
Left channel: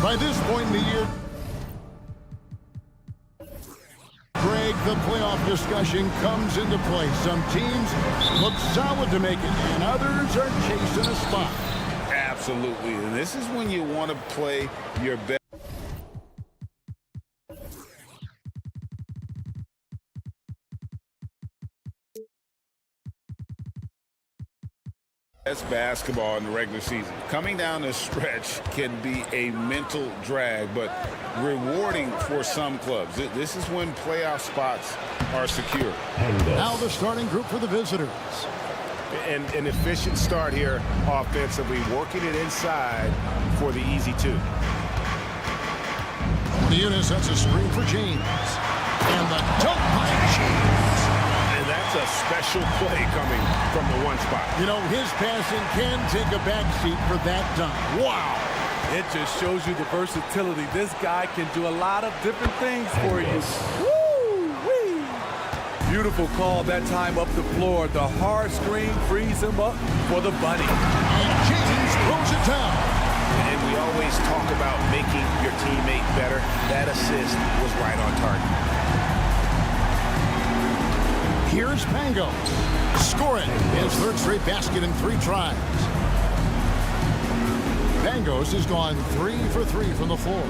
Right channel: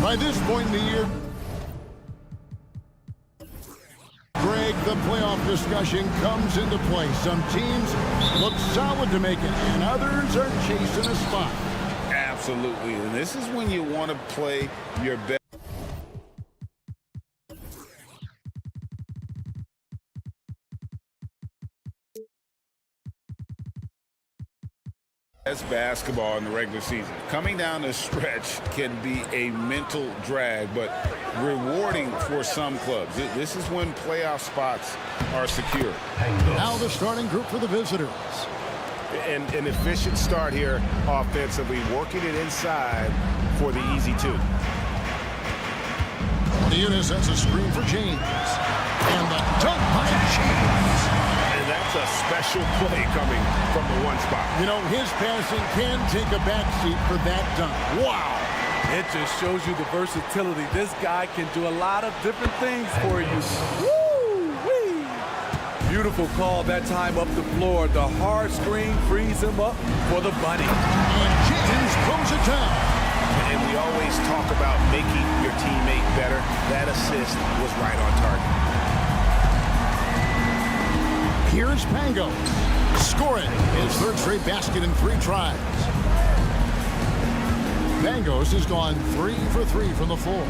By this point in the year, Greg, the playoff discussion comes into play. Some teams look solid to make it, and others are chasing a spot. Absolutely. And this is when you want to play your best. Best basketball in the regular season. Coming down the stretch can be a mental drag, but rewarding for some clubs. This is when playoff spots are secure. Now the starting group for the visitors. And an efficient start here offensively, working it inside for the easy two. Kaunas sets a screen for James. And the dunk by James. And that's a special play coming from the one spot. You know, his passing can take a backseat for that dunk. Wow. It just shows you the versatility. This guy can do a lot of different things for you. Woo-wee. Beautiful call that time up the floor. The hard screen frees him up for the bunny. And James throws it down. And we always talk about making your teammate better. That assist was right on target. Here's Pangos, scoring his third straight basket in 3 tries. Pangos has gone 3 for 3 from the floor.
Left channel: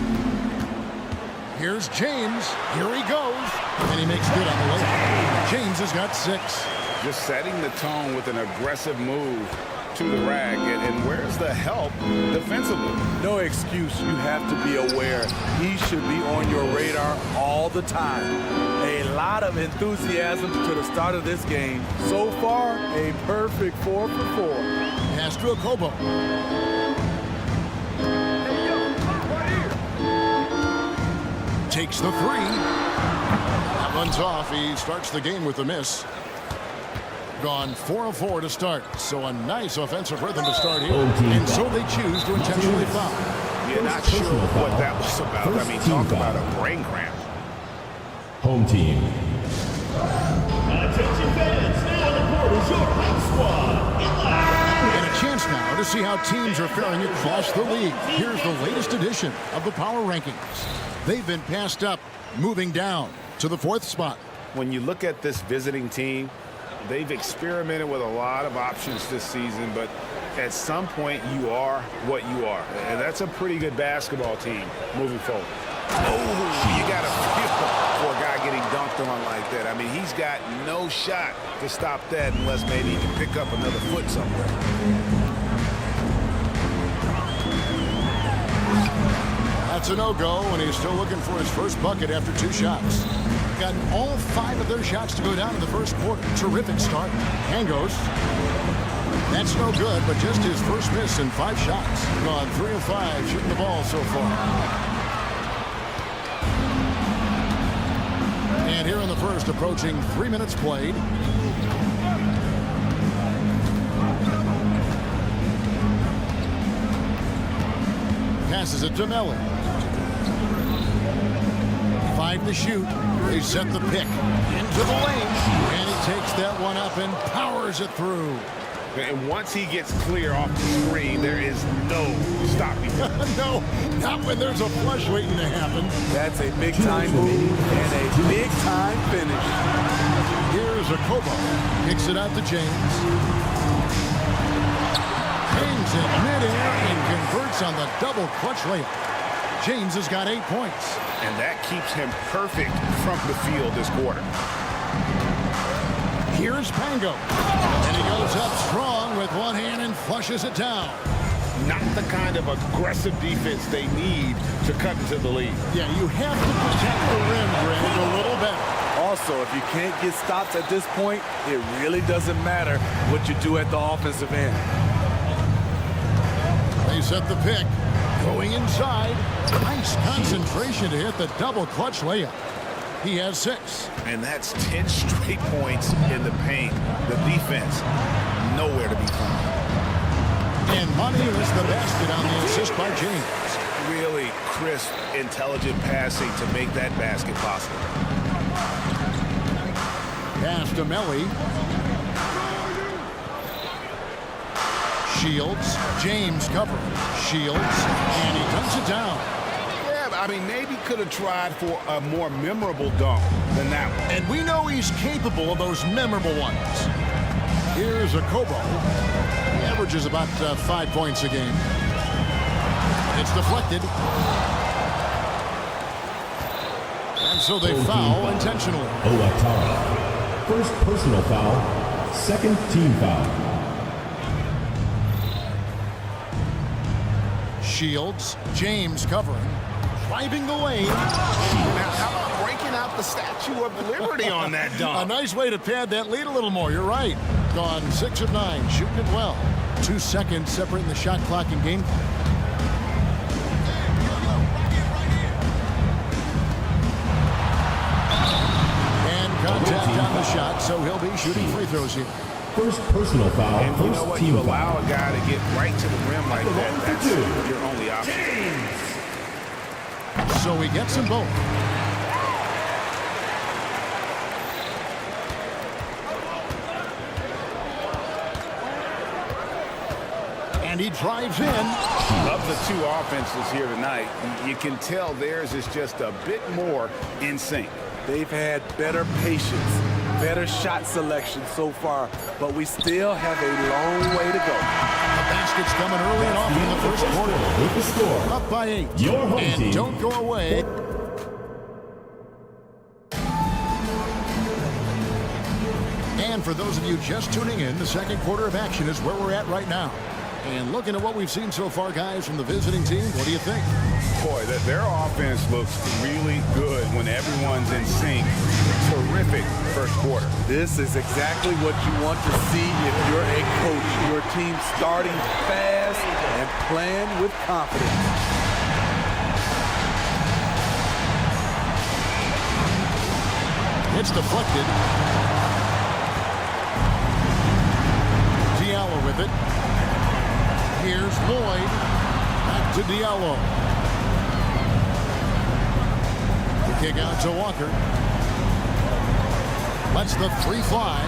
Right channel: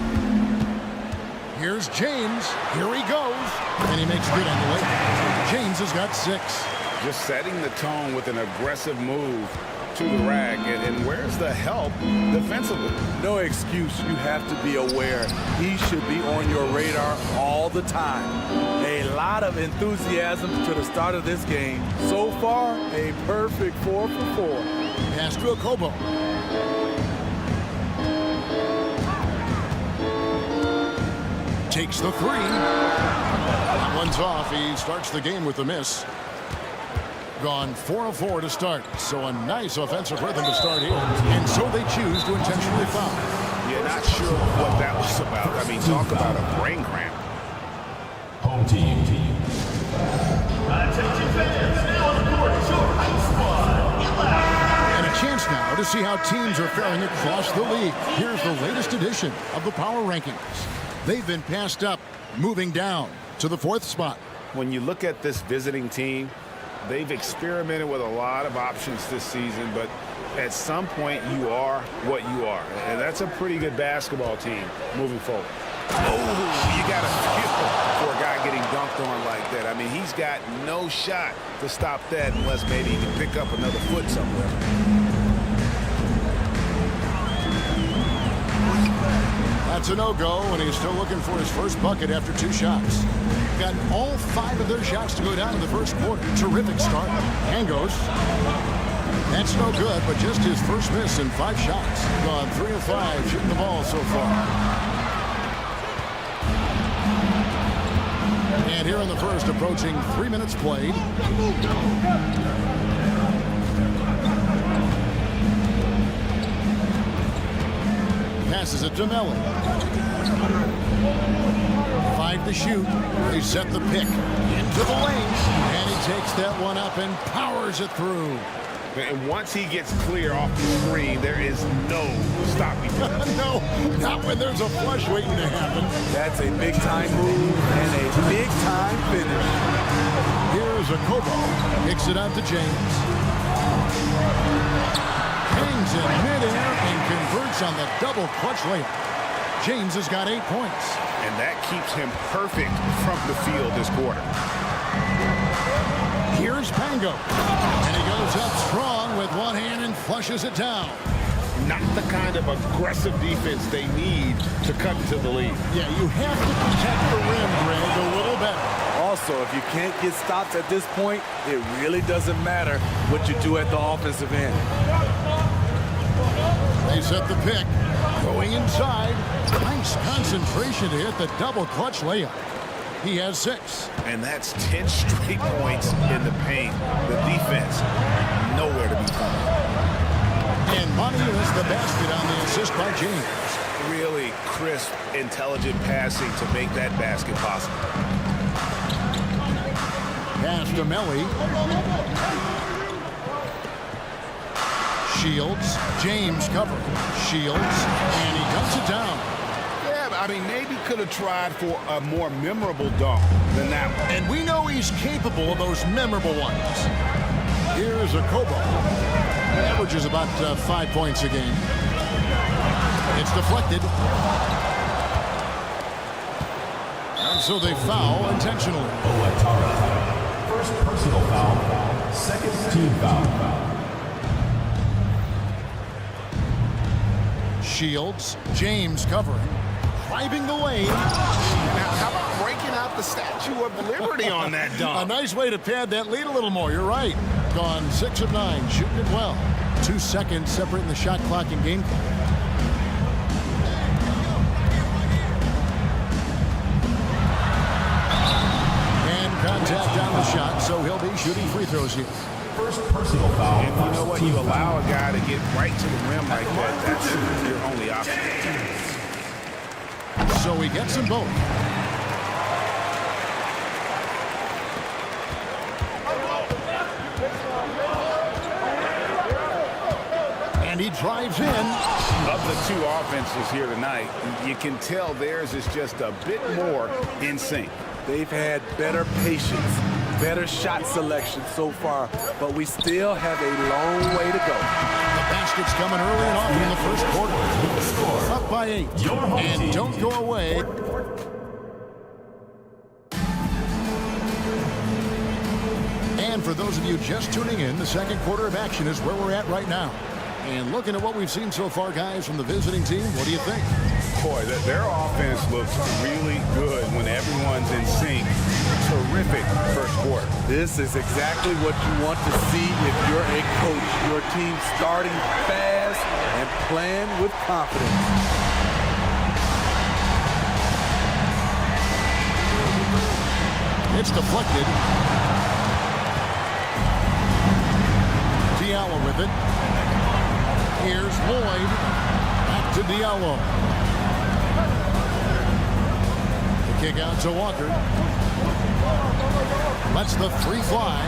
Here's James. Here he goes. And he makes good on the layup. James has got 6. Just setting the tone with an aggressive move to the rack. And where's the help defensively? No excuse. You have to be aware. He should be on your radar all the time. A lot of enthusiasm to the start of this game. So far, a perfect 4 for 4. Pass to Okobo. Takes the 3. That one's off. He starts the game with a miss. Gone 4 of 4 to start. So a nice offensive rhythm to start here. And so they choose to intentionally foul. Yeah, not sure what that was about. I mean, talk about a brain cramp. Home team. Attention fans, now on the court is your hype squad. And a chance now to see how teams are faring across the league. Here's the latest edition of the Power Rankings. They've been passed up, moving down to the 4th spot. When you look at this visiting team, they've experimented with a lot of options this season, but at some point you are what you are. And that's a pretty good basketball team moving forward. Oh, you got to feel for a guy getting dunked on like that. I mean, he's got no shot to stop that unless maybe he can pick up another foot somewhere. That's a no-go, and he's still looking for his first bucket after 2 shots. Gotten all 5 of their shots to go down in the first quarter. Terrific start. Pangos. That's no good, but just his first miss in 5 shots. Gone 3 of 5 shooting the ball so far. And here in the first, approaching 3 minutes played. Passes it to Melly. 5 to shoot. They set the pick into the lane. And he takes that one up and powers it through. And once he gets clear off the screen, there is no stopping him. No, not when there's a flush waiting to happen. That's a big-time move and a big-time finish. Here's Okobo. Kicks it out to James. Hangs in midair and converts on the double clutch layup. James has got 8 points. And that keeps him perfect from the field this quarter. Here's Pango. And he goes up strong with one hand and flushes it down. Not the kind of aggressive defense they need to cut into the lead. Yeah, you have to protect the rim, Greg, a little better. Also, if you can't get stops at this point, it really doesn't matter what you do at the offensive end. They set the pick. Going inside. Nice concentration to hit the double clutch layup. He has 6. And that's 10 straight points in the paint. The defense, nowhere to be found. And Monty is the basket on the assist by James. Really crisp, intelligent passing to make that basket possible. Pass to Melly. Shields. James covering. Shields. And he dunks it down. Yeah, I mean, maybe could have tried for a more memorable dunk than that one. And we know he's capable of those memorable ones. Here's Akobo. He averages about 5 points a game. It's deflected. And so they foul intentionally. Owatara. First personal foul. Second team foul. Shields. James covering. Driving the lane. Now, how about breaking out the Statue of Liberty on that dunk? A nice way to pad that lead a little more. You're right. Gone 6 of 9. Shooting it well. 2 seconds separating the shot clock and game clock. And contact on the shot, so he'll be shooting free throws here. First personal foul. And you know what? You allow a guy to get right to the rim like that. That's your only option. So he gets them both. And he drives in. Of the 2 offenses here tonight, you can tell theirs is just a bit more in sync. They've had better patience, better shot selection so far, but we still have a long way to go. The basket's coming early and often in the first quarter. With the score. Up by 8. Your home and team. Don't go away. And for those of you just tuning in, the second quarter of action is where we're at right now. And looking at what we've seen so far, guys, from the visiting team, what do you think? Boy, their offense looks really good when everyone's in sync. Terrific first quarter. This is exactly what you want to see if you're a coach. Your team starting fast and playing with confidence. It's deflected. Diallo with it. Here's Lloyd. Back to Diallo. The kick out to Walker. Lets the 3 fly.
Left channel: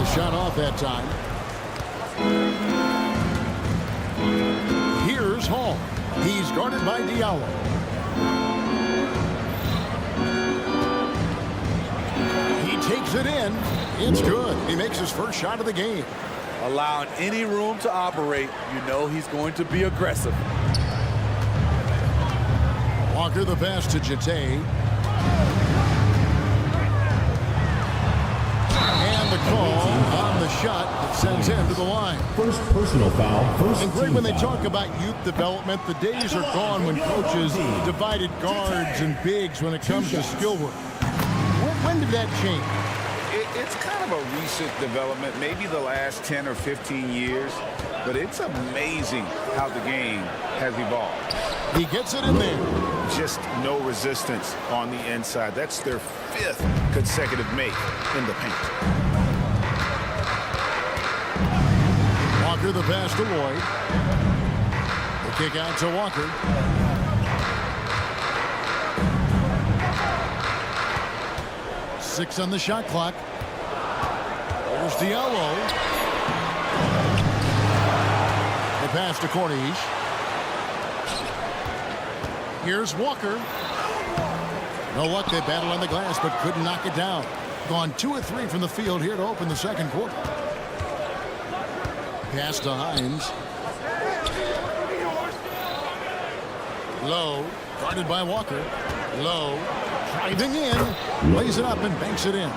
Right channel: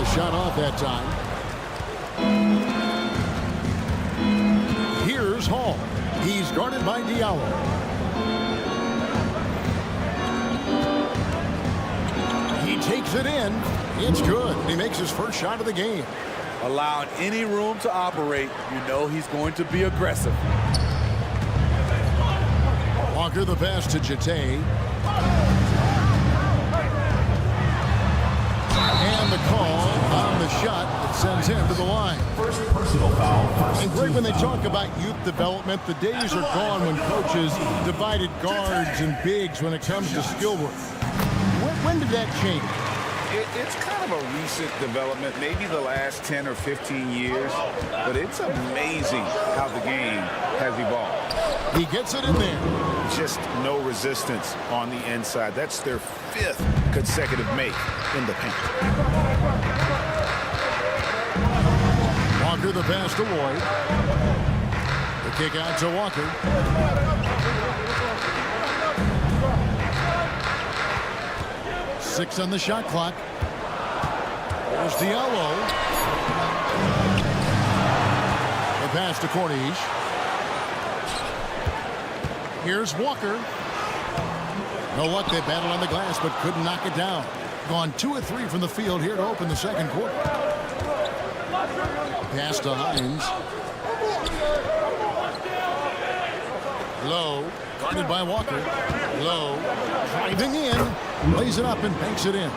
A shot off that time. Here's Hall. He's guarded by Diallo. He takes it in. It's good. He makes his first shot of the game. Allowing any room to operate, you know he's going to be aggressive. Walker the pass to Jete. And the call on the shot that sends him to the line. First personal foul. First and Greg, team when they foul. talk about youth development, the days are gone when coaches divided guards and bigs when it comes to skill work. When did that change? It's kind of a recent development, maybe the last 10 or 15 years, but it's amazing how the game has evolved. He gets it in there. Just no resistance on the inside. That's their 5th consecutive make in the paint. Walker the pass to Lloyd. The kick out to Walker. Six on the shot clock. There's Diallo. The pass to Corniche. Here's Walker. No luck. They battled on the glass, but couldn't knock it down. Gone 2 of 3 from the field here to open the second quarter. Pass to Hines. Low. Guarded by Walker. Low. Driving in. Lays it up and banks it in.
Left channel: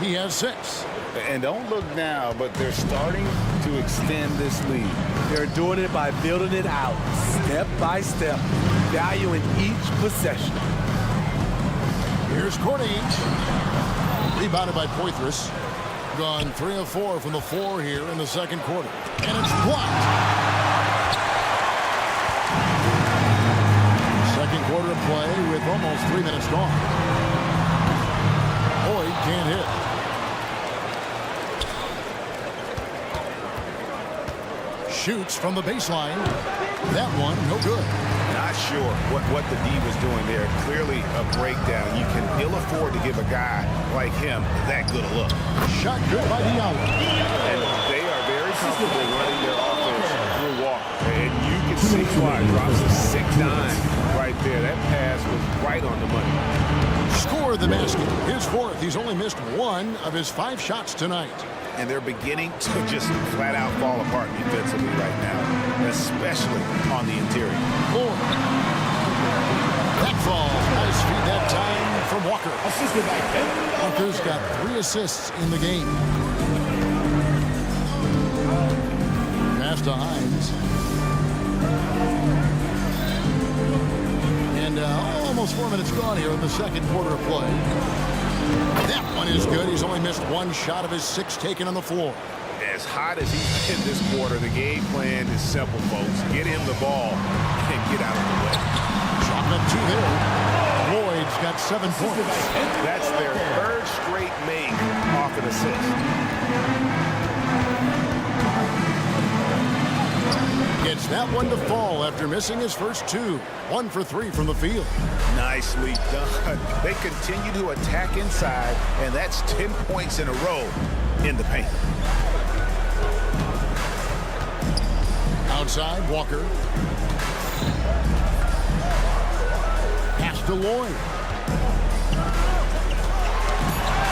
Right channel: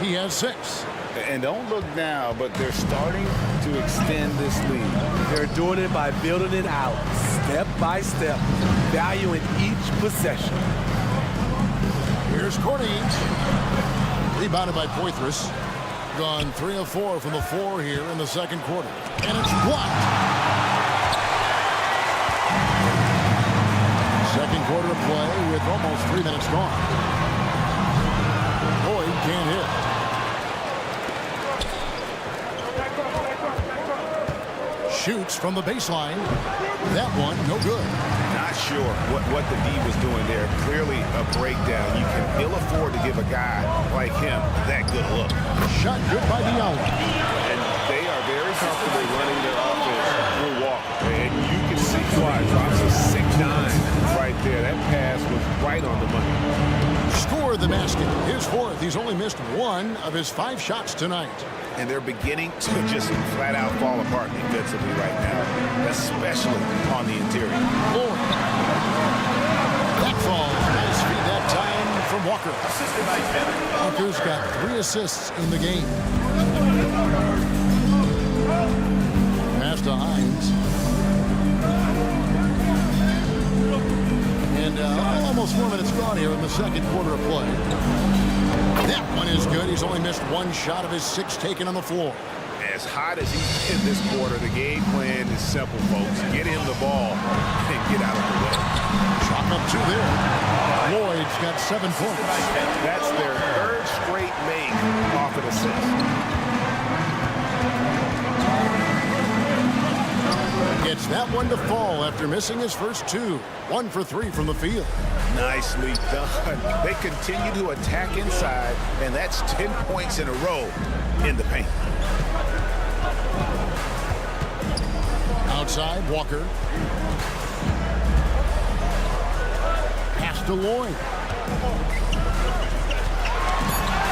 He has 6. And don't look now, but they're starting to extend this lead. They're doing it by building it out, step by step, valuing each possession. Here's Corniche. Rebounded by Poitras. Gone 3 of 4 from the floor here in the second quarter. And it's blocked. Second quarter of play with almost 3 minutes gone. Lloyd can't hit. Shoots from the baseline. That one, no good. Not sure what the D was doing there. Clearly a breakdown. You can ill afford to give a guy like him that good a look. Shot good by Diallo. And they are very comfortable running their offense through Walker. And you can see why. Drops a sick dime right there. That pass was right on the money. Scored the basket. His fourth. He's only missed 1 of his 5 shots tonight. And they're beginning to just flat out fall apart defensively right now, especially on the interior. Lloyd. That falls. Nice feed that time from Walker. Assisted by Kevin. Walker's got 3 assists in the game. Pass to Hines. And almost 4 minutes gone here in the second quarter of play. That one is good. He's only missed 1 shot of his 6 taken on the floor. As hot as he's been this quarter, the game plan is simple, folks. Get him the ball and get out of the way. Chalk up 2 there. Lloyd's got 7 points. That's their 3rd straight make off an assist. Gets that one to fall after missing his first 2. 1 for 3 from the field. Nicely done. They continue to attack inside, and that's 10 points in a row in the paint. Outside, Walker. Pass to Lloyd.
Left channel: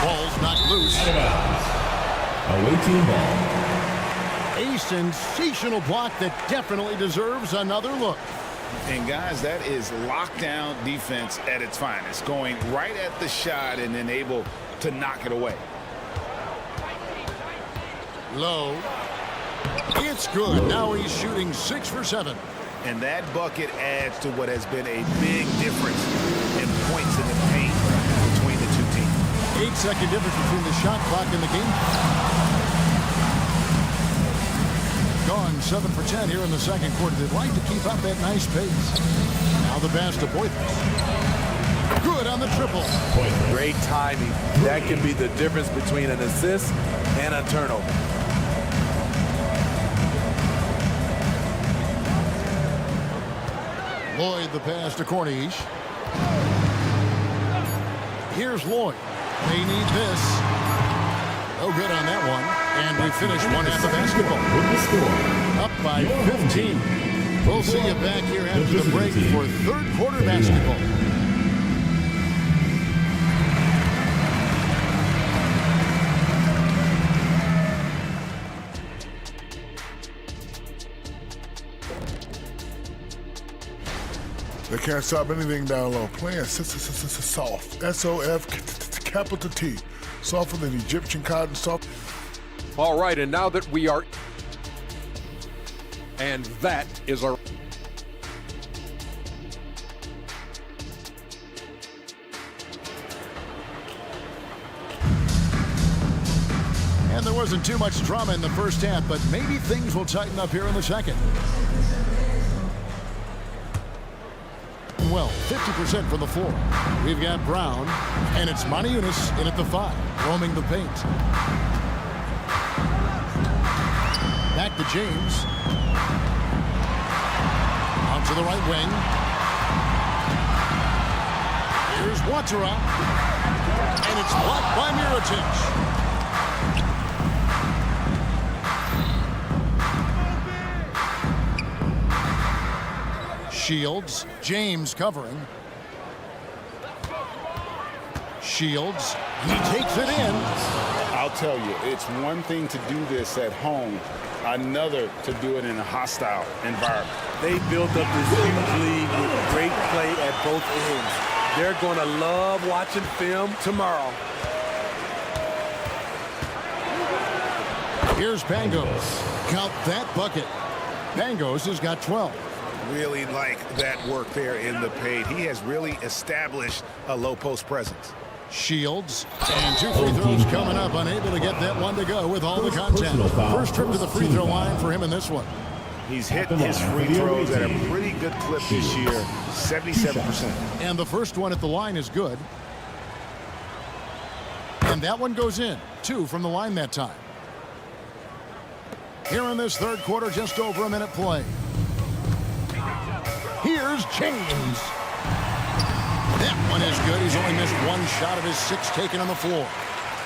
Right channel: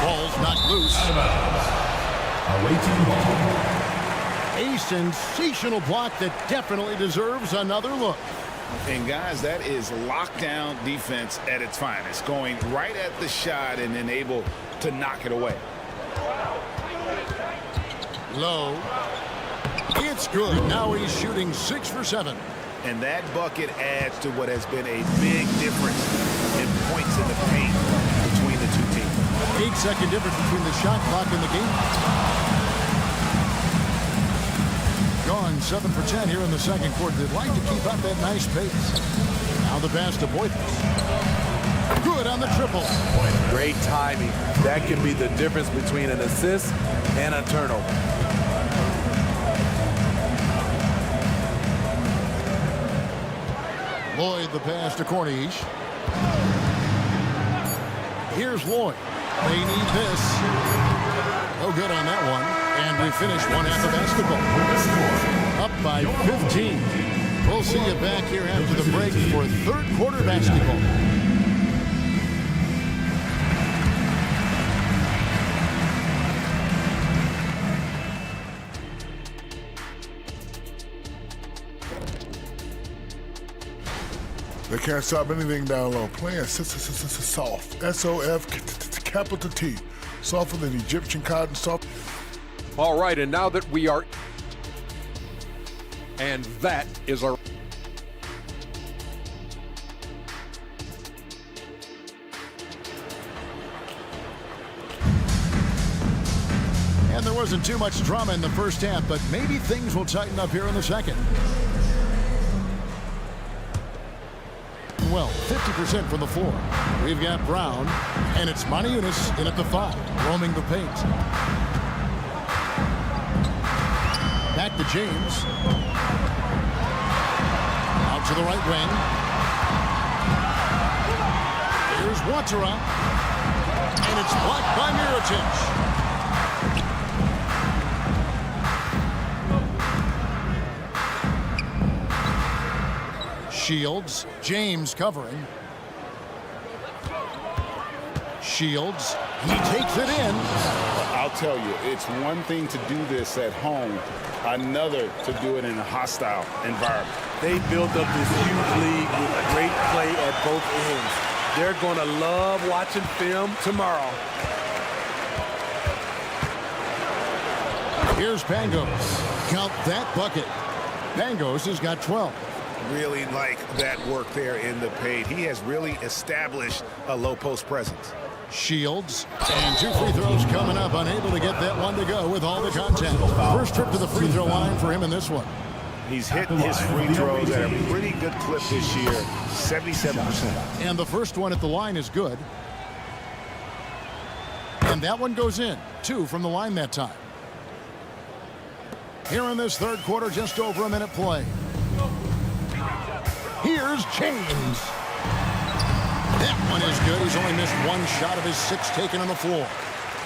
Ball's knocked loose. Away team ball. A sensational block that definitely deserves another look. And guys, that is lockdown defense at its finest. Going right at the shot and then able to knock it away. Low. It's good. Now he's shooting 6 for 7. And that bucket adds to what has been a big difference in points in the paint between the 2 teams. 8-second difference between the shot clock and the game. Gone 7 for 10 here in the second quarter. They'd like to keep up that nice pace. Now the pass to Boythus. Good on the triple. Great timing. That can be the difference between an assist and a turnover. Lloyd the pass to Corniche. Here's Lloyd. They need this. No good on that one. And we finish 1 half of basketball. Up by 15. We'll see you back here after the break for 3rd quarter basketball. They can't stop anything down low. Playing soft. S-O-F, capital T. Softer than Egyptian cotton, soft. All right, and now that we are... And that is our... And there wasn't too much drama in the first half, but maybe things will tighten up here in the second. Well, 50% from the floor. We've got Brown, and it's Maniunas in at the 5, roaming the paint. Back to James. Out to the right wing. Here's Watara. And it's blocked by Mirotic. Shields. James covering. Shields. He takes it in. I'll tell you, it's one thing to do this at home, another to do it in a hostile environment. They built up this huge league with great play at both ends. They're going to love watching film tomorrow. Here's Pangos. Count that bucket. Pangos has got 12. Really like that work there in the paint. He has really established a low post presence. Shields, and 2 free throws coming up. Unable to get that one to go with all the contact. First trip to the free throw line for him in this one. He's hitting his free throws at a pretty good clip this year, 77%. And the first one at the line is good. And that one goes in. 2 from the line that time. Here in this third quarter, just over a minute play. Here's James. That one is good. He's only missed 1 shot of his 6 taken on the floor.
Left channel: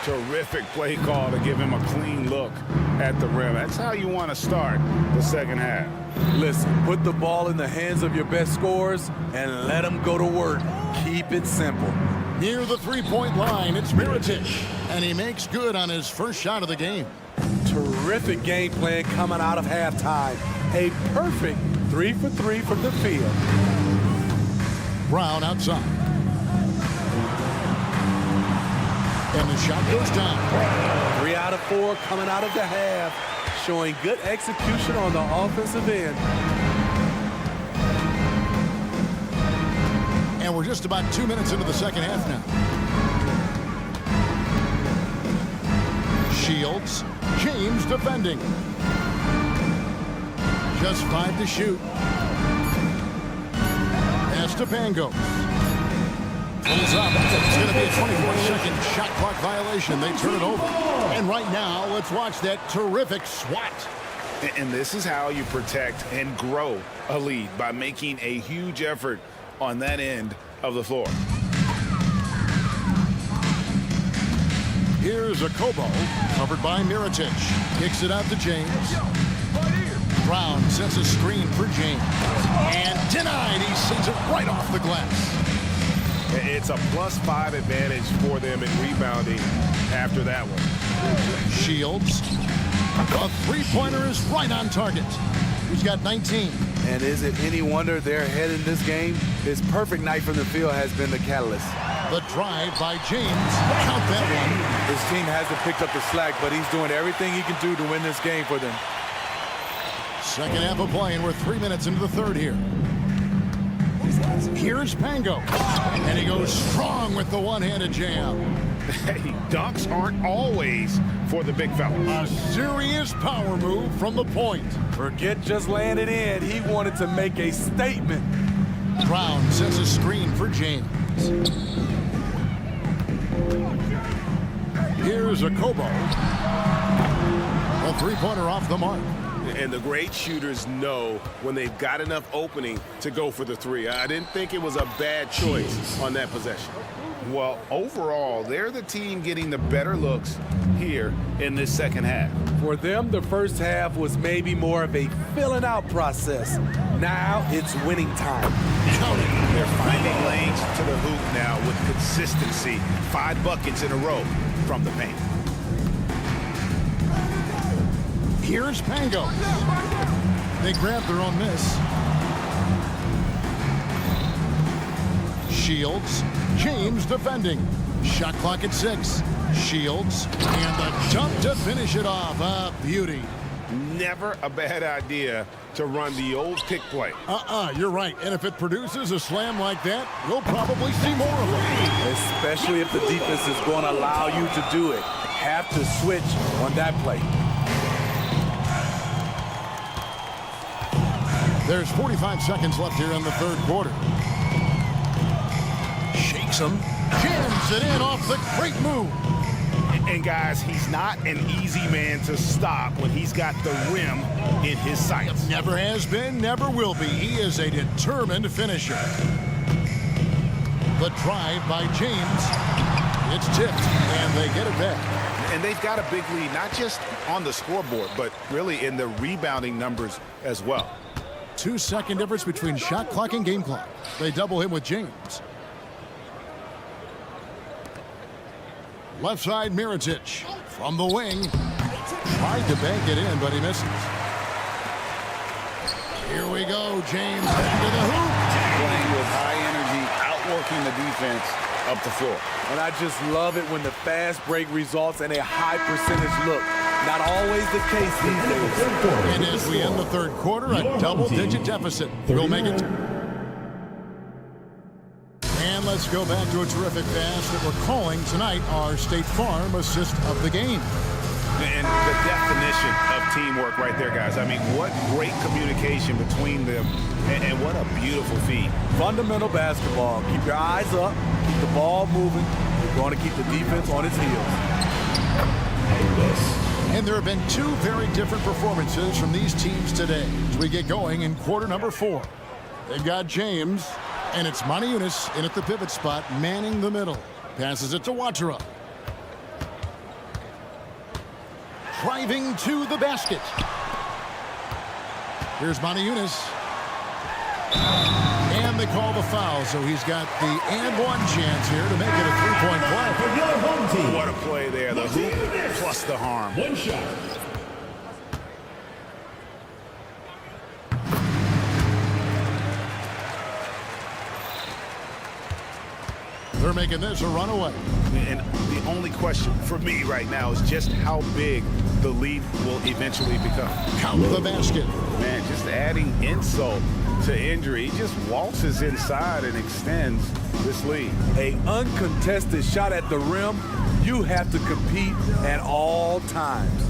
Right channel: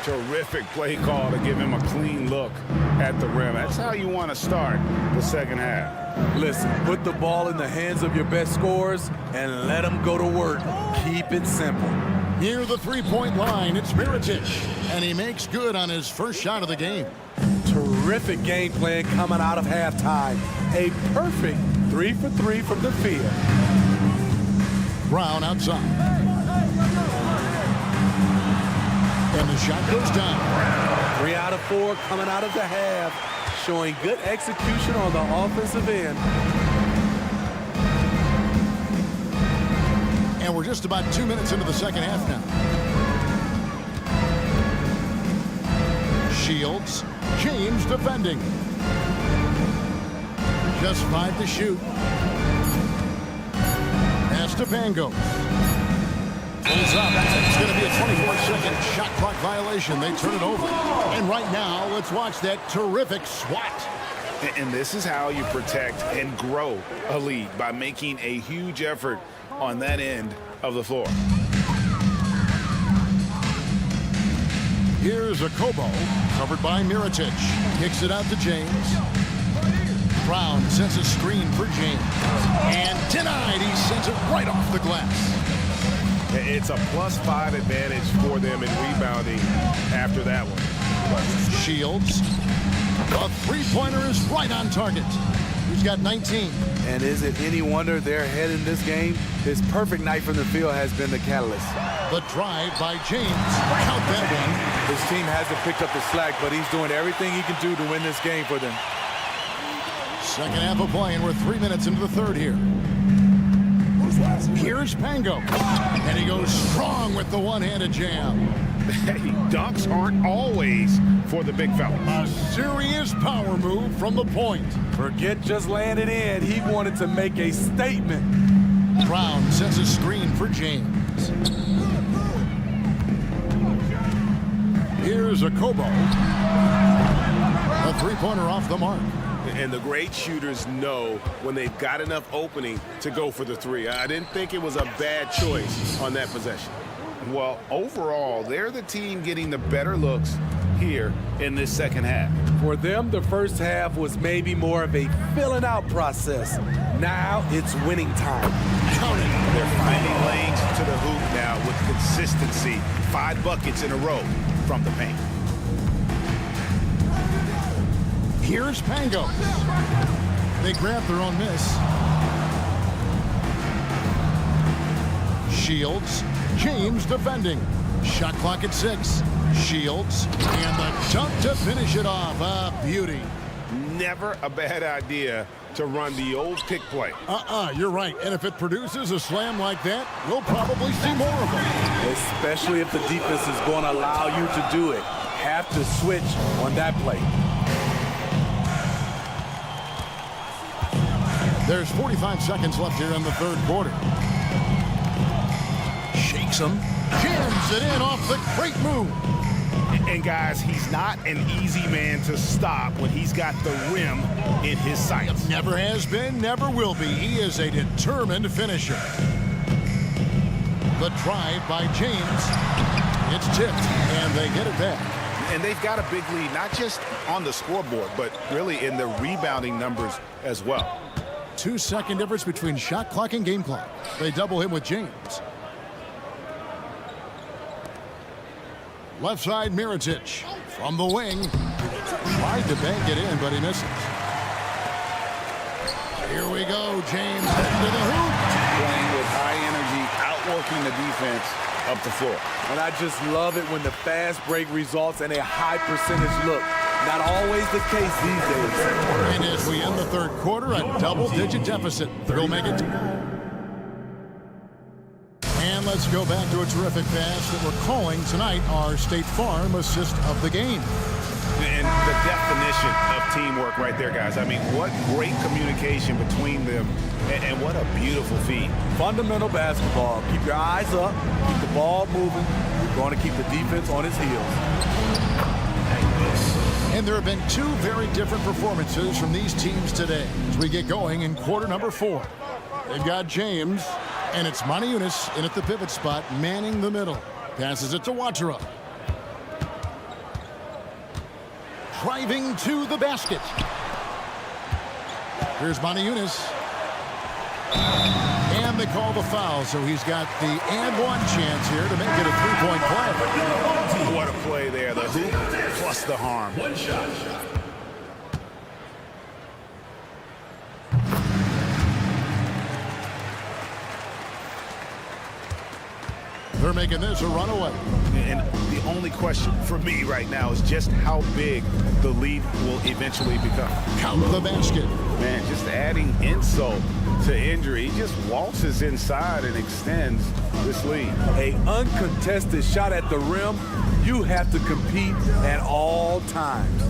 Terrific play call to give him a clean look at the rim. That's how you want to start the second half. Listen, put the ball in the hands of your best scorers and let them go to work. Keep it simple. Near the three-point line, it's Mirotic, and he makes good on his first shot of the game. Terrific game plan coming out of halftime. A perfect 3 for 3 from the field. Brown outside. And the shot goes down. 3 out of 4 coming out of the half, showing good execution on the offensive end. And we're just about 2 minutes into the second half now. Shields. James defending. Just 5 to shoot. Pass to Pangos. Pulls up. It's going to be a 24-second shot clock violation. They turn it over. And right now, let's watch that terrific swat. And this is how you protect and grow a lead, by making a huge effort on that end of the floor. Here's a Kobo, covered by Mirotic. Kicks it out to James. Brown sets a screen for James. And denied. He sends it right off the glass. It's a +5 advantage for them in rebounding after that one. Shields. A three-pointer is right on target. He's got 19. And is it any wonder they're ahead in this game? His perfect night from the field has been the catalyst. The drive by James. Count that one. His team hasn't picked up the slack, but he's doing everything he can do to win this game for them. Second half of play, and we're 3 minutes into the third here. Here's Pango. And he goes strong with the one-handed jam. Hey, dunks aren't always for the big fella. A serious power move from the point. Forget just laying it in. He wanted to make a statement. Brown sets a screen for James. Here's a Kobo. A three-pointer off the mark. And the great shooters know when they've got enough opening to go for the three. I didn't think it was a bad choice on that possession. Well, overall, they're the team getting the better looks here in this second half. For them, the first half was maybe more of a filling out process. Now it's winning time. Count it. They're finding lanes to the hoop now with consistency. 5 buckets in a row from the paint. Here's Pangos. They grab their own miss. Shields. James defending. Shot clock at 6. Shields. And the dunk to finish it off. A beauty. Never a bad idea to run the old pick play. You're right. And if it produces a slam like that, we'll probably see more of them. Especially if the defense is going to allow you to do it. Have to switch on that play. There's 45 seconds left here in the third quarter. Shakes him. Jams it in off the great move. And guys, he's not an easy man to stop when he's got the rim in his sights. Never has been, never will be. He is a determined finisher. The drive by James. It's tipped, and they get it back. And they've got a big lead, not just on the scoreboard, but really in the rebounding numbers as well. 2-second difference between shot clock and game clock. They double him with James. Left side, Mirotic from the wing. Tried to bank it in, but he misses. Here we go, James heading to the hoop. Playing with high energy, outworking the defense up the floor. And I just love it when the fast break results in a high percentage look. Not always the case these days. And as we end the third quarter, a double-digit deficit. We'll make it. And let's go back to a terrific pass that we're calling tonight our State Farm assist of the game. And the definition of teamwork right there, guys. I mean, what great communication between them, and what a beautiful feed. Fundamental basketball. Keep your eyes up, keep the ball moving. You're going to keep the defense on its heels. And there have been two very different performances from these teams today as we get going in quarter number 4. They've got James, and it's Moniunas in at the pivot spot, manning the middle. Passes it to Watara. Driving to the basket. Here's Moniunas. And they call the foul, so he's got the and one chance here to make it a three-point play. What a play there. The hoop plus the harm. One shot. They're making this a runaway. And the only question for me right now is just how big the lead will eventually become. Count the basket. Man, just adding insult to injury. He just waltzes inside and extends this lead. A uncontested shot at the rim, you have to compete at all times.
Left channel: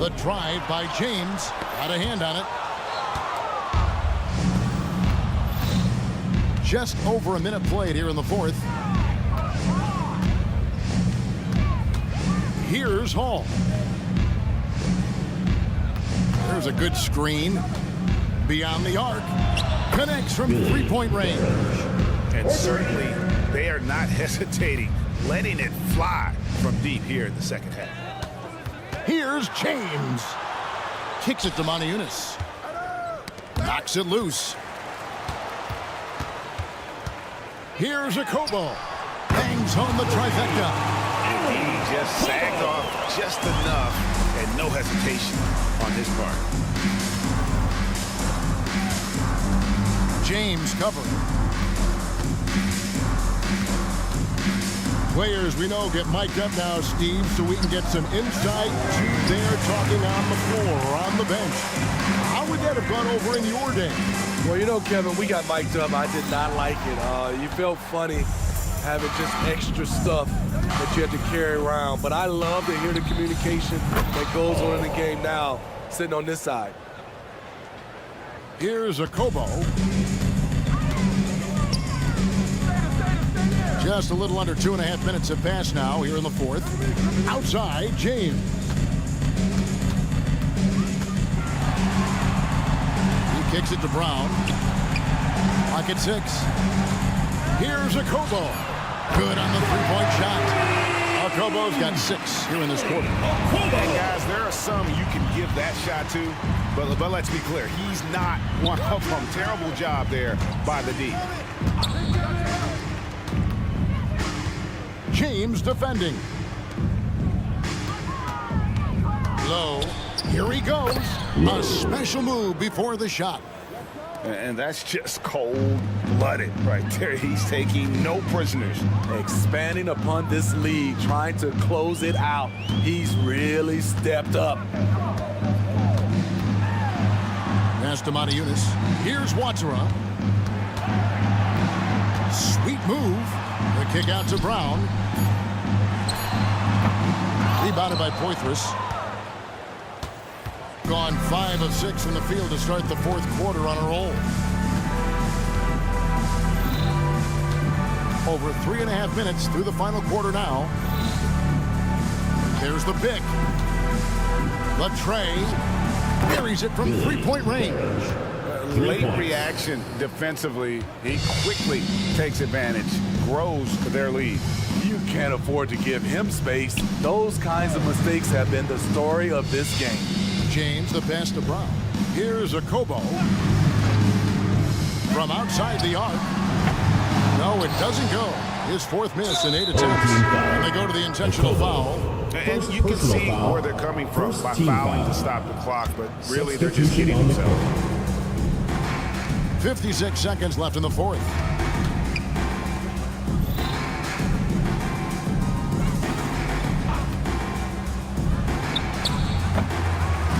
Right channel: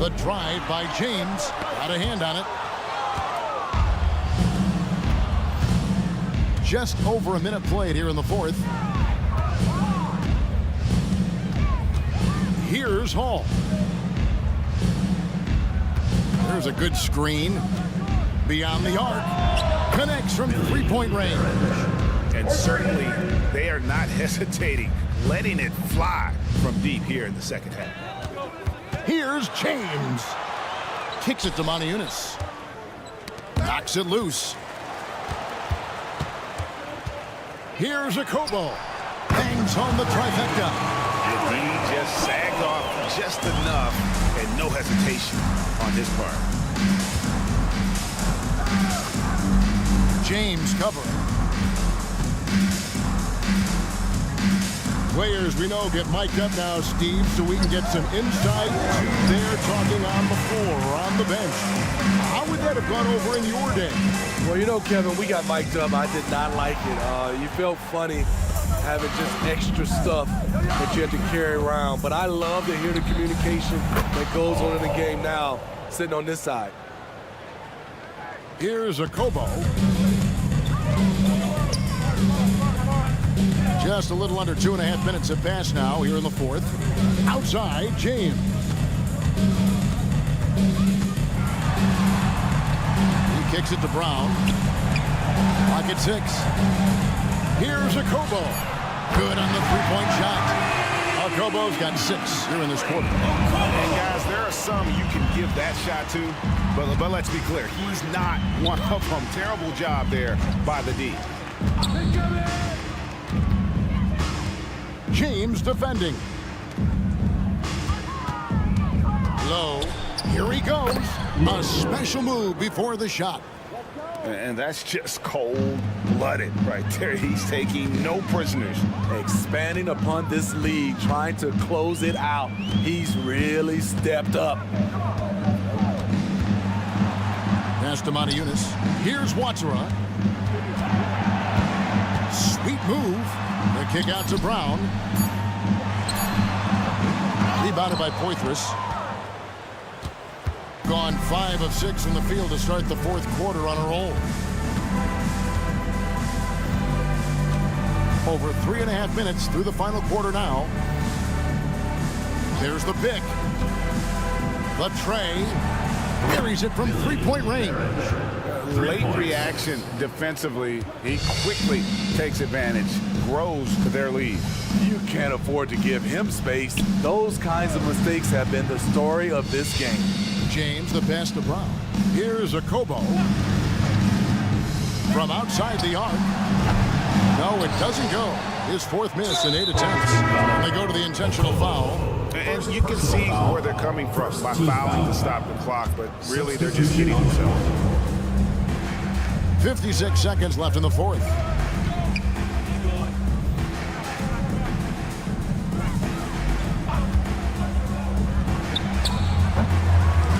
The drive by James. Got a hand on it. Just over a minute played here in the fourth. Here's Hall. There's a good screen. Beyond the arc. Connects from three-point range. And certainly they are not hesitating, letting it fly from deep here in the second half. Here's James. Kicks it to Moniunas. Knocks it loose. Here's a Kobo. Bangs home the trifecta. And he just sagged off just enough and no hesitation on his part. James covering. Players we know get mic'd up now, Steve, so we can get some insight to their talking on the floor or on the bench. How would that have gone over in your day? Well, you know, Kevin, we got mic'd up. I did not like it. You felt funny having just extra stuff that you had to carry around. But I love to hear the communication that goes on in the game now, sitting on this side. Here's a Kobo. Just a little under 2.5 minutes have passed now here in the fourth. Outside, James. He kicks it to Brown. Clock at 6. Here's a Kobo. Good on the three-point shot. Kobo's got 6 here in this quarter. And guys, there are some you can give that shot to, but let's be clear, he's not one of them. Terrible job there by the D. James defending. Low. Here he goes. A special move before the shot. And that's just cold-blooded right there. He's taking no prisoners. Expanding upon this lead, trying to close it out. He's really stepped up. Pass to Moniunas. Here's Watara. Sweet move. The kick out to Brown. Rebounded by Poitras. Gone 5 of 6 from the field to start the fourth quarter on a roll. Over 3.5 minutes through the final quarter now. There's the pick. The tray. Buries it from three-point range. Late reaction defensively. He quickly takes advantage, grows their lead. You can't afford to give him space. Those kinds of mistakes have been the story of this game. James, the pass to Brown. Here's a Kobo. From outside the arc. No, it doesn't go. His fourth miss in 8 attempts. And they go to the intentional foul. And you can see where they're coming from by fouling to stop the clock, but really they're just kidding themselves. 56 seconds left in the fourth.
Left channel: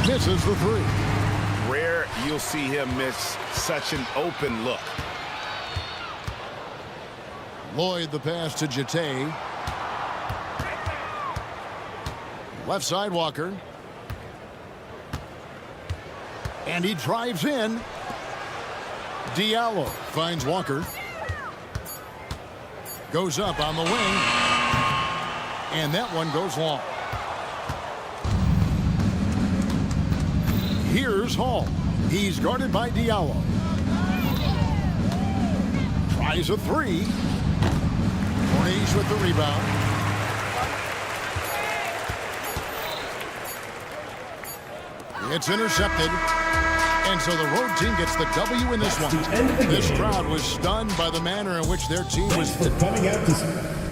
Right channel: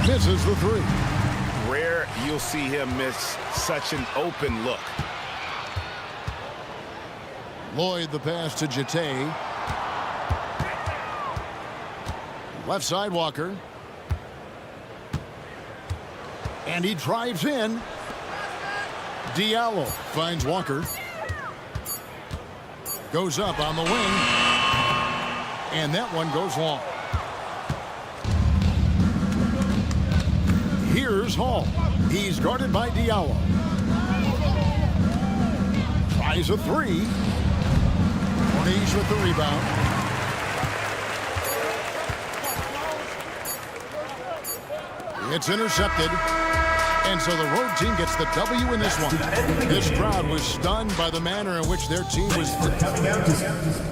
Misses the three. Rare you'll see him miss such an open look. Lloyd the pass to Jete. Left side, Walker. And he drives in. Diallo finds Walker. Goes up on the wing. And that one goes long. Here's Hall. He's guarded by Diallo. Tries a three. Corniche with the rebound. It's intercepted. And so the road team gets the W in this one. This crowd was stunned by the manner in which their team was coming out to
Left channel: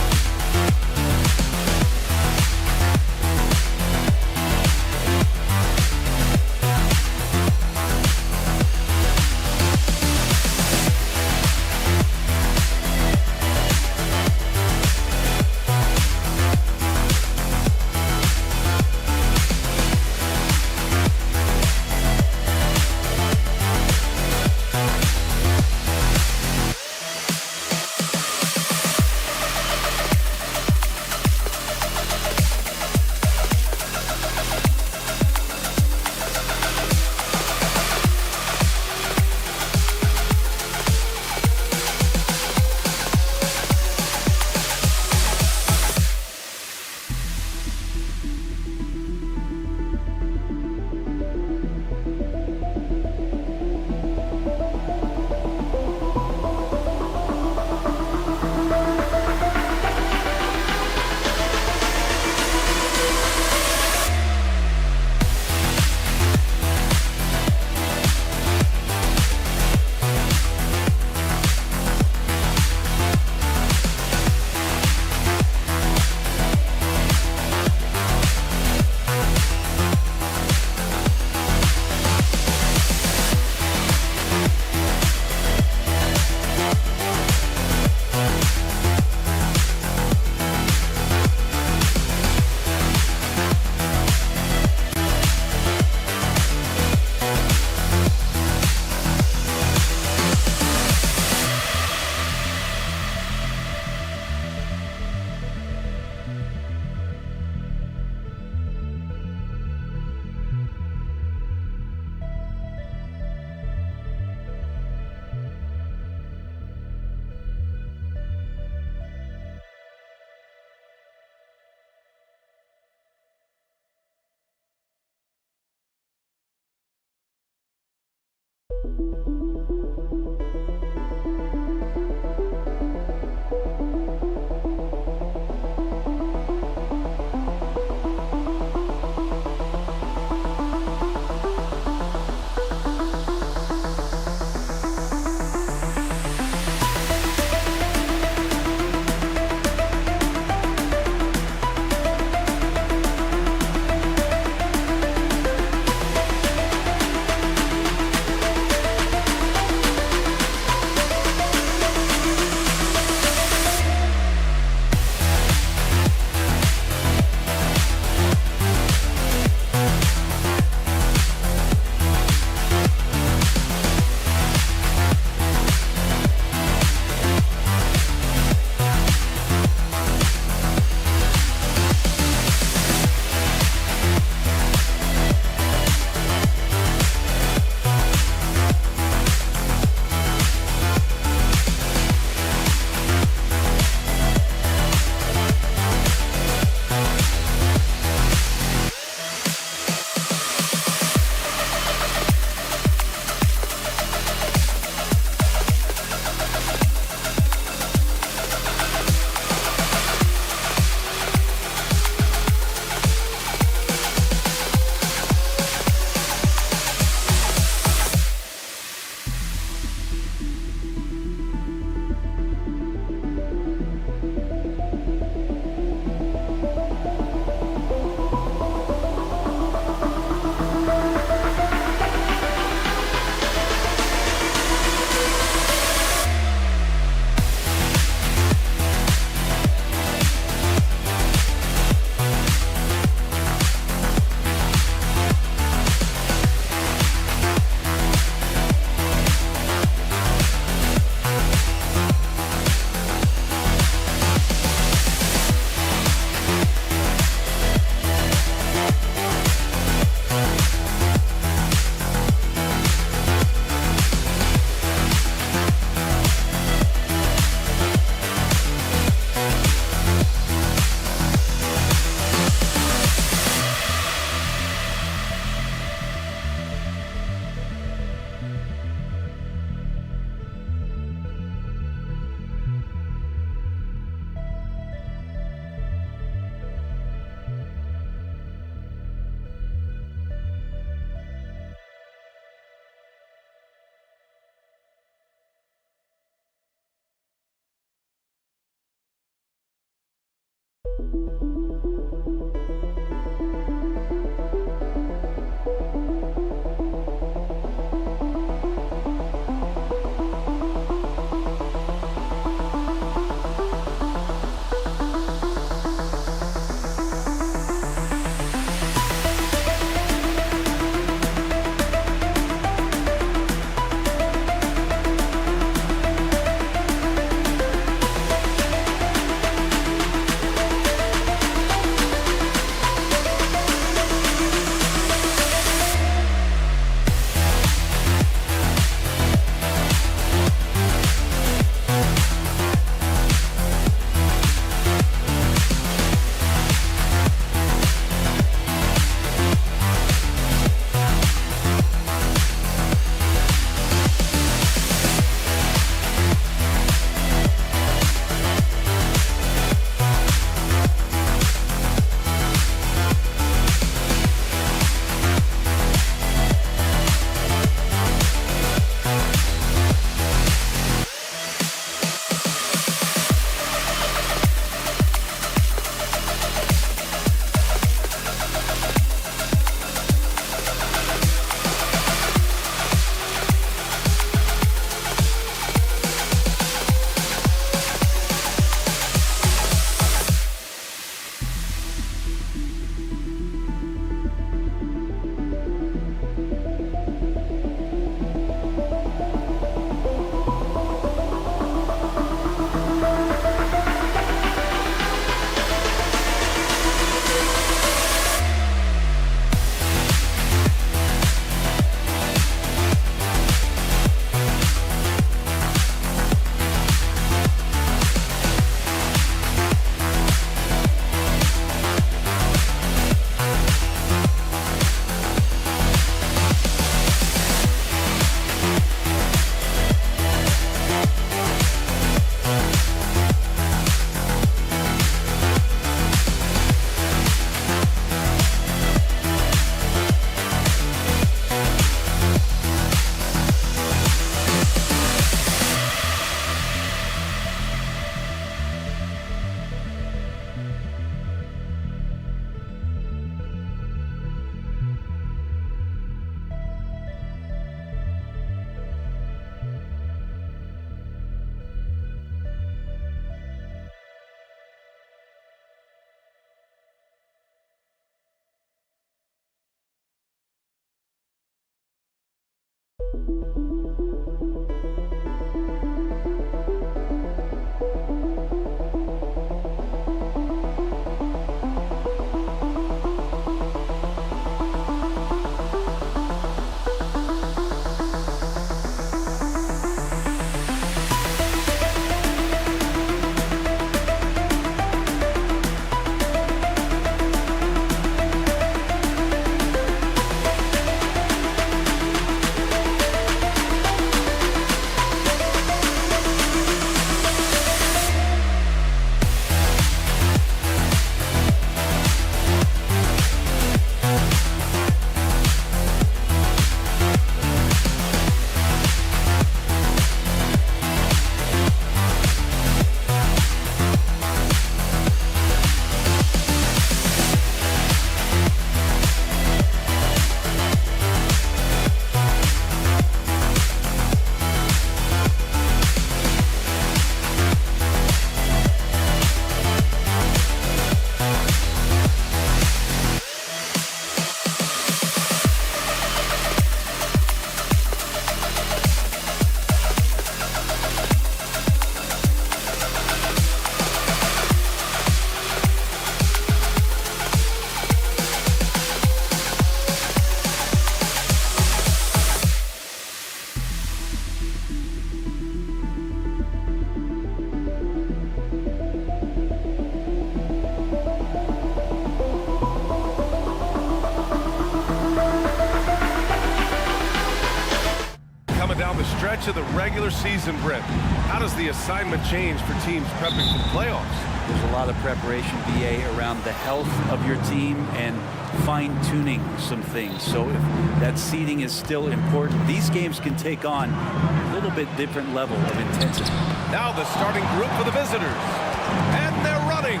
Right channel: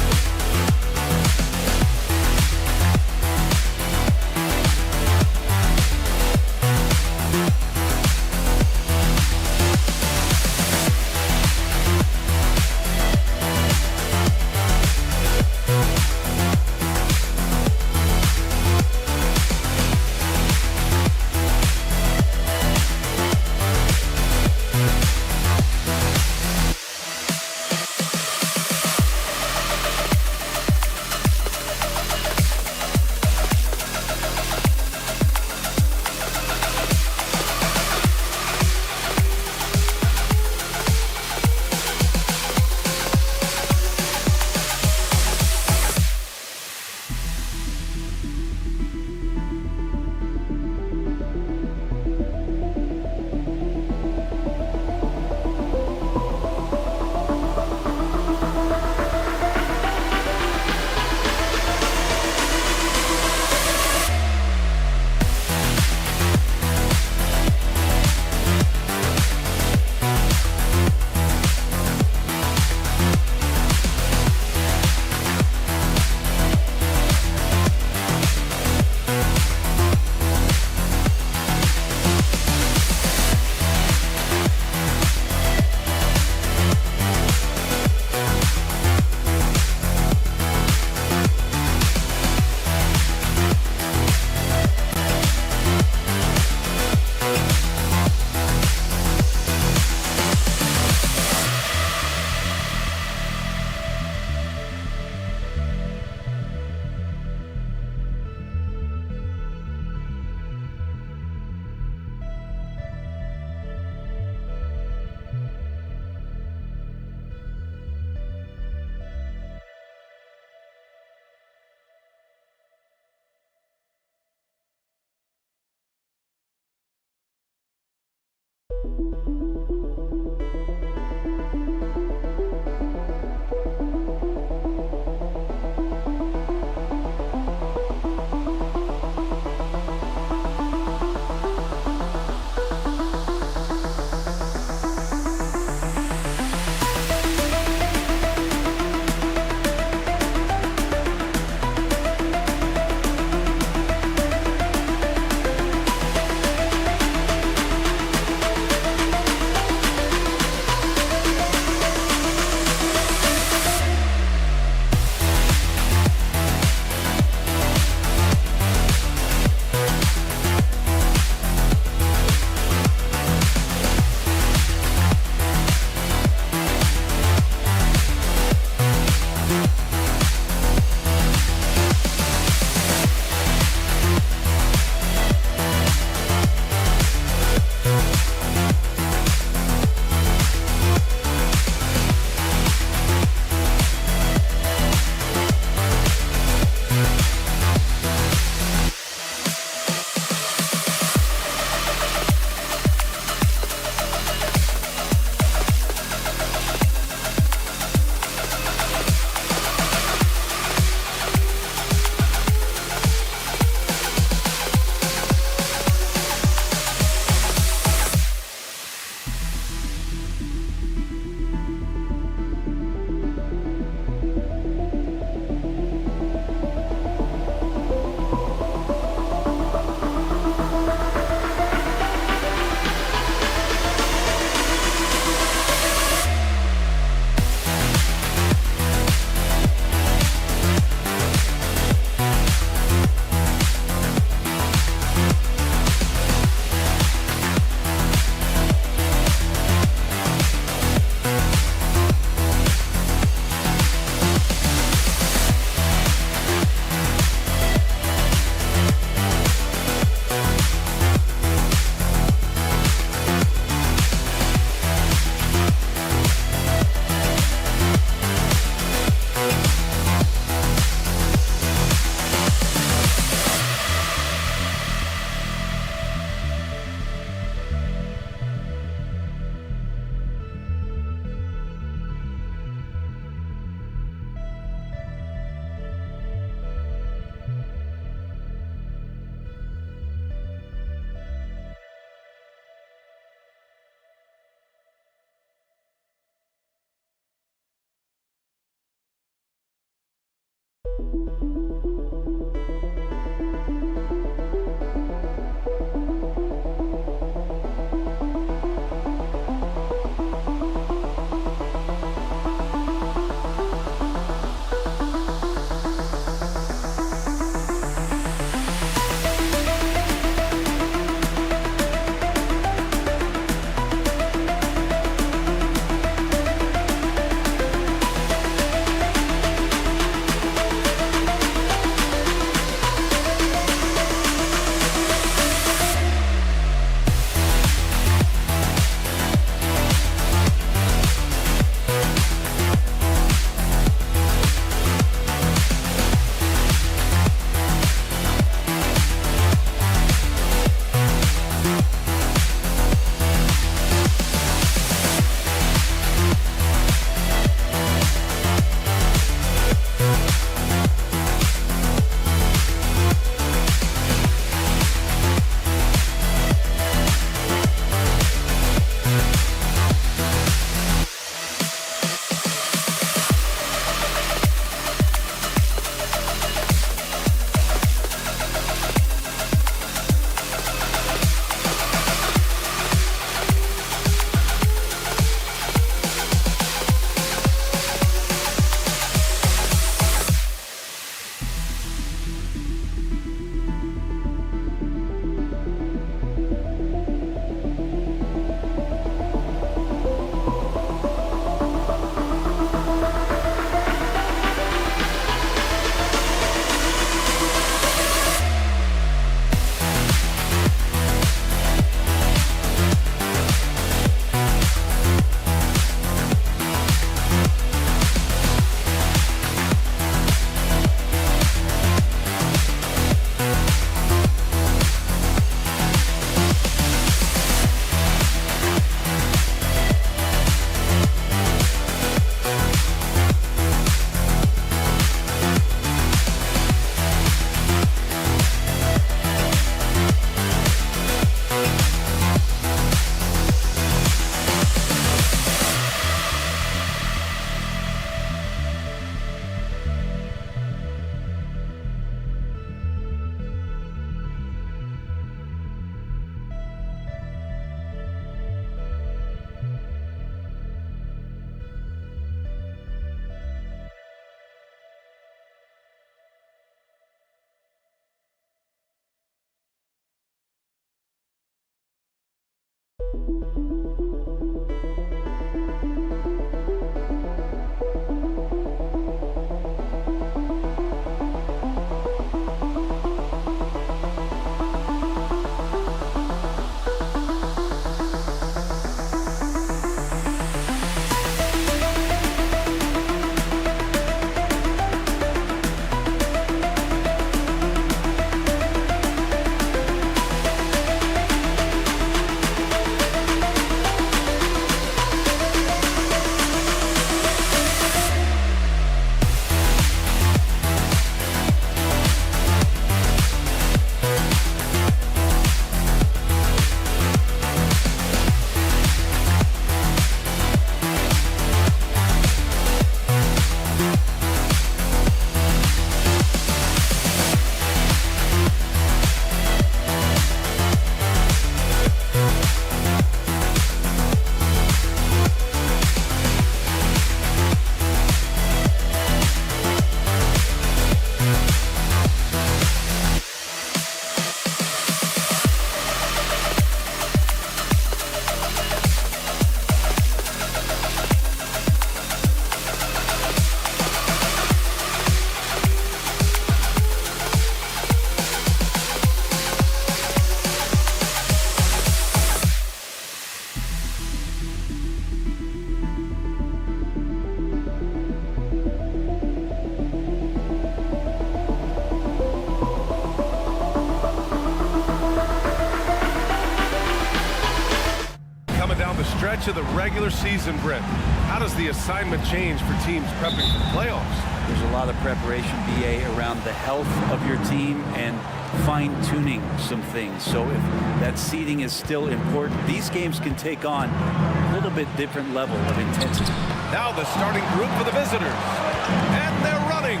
Down the stretch of the regular season, Brent. How does the assignment change for teams prepping for the playoffs? There's a lot of preparation, BA, around the health of your team and fine-tuning some things. So if that seeding is still important, these games can take on a little bit different level of intensity. Now the starting group for the visitors. And they're running.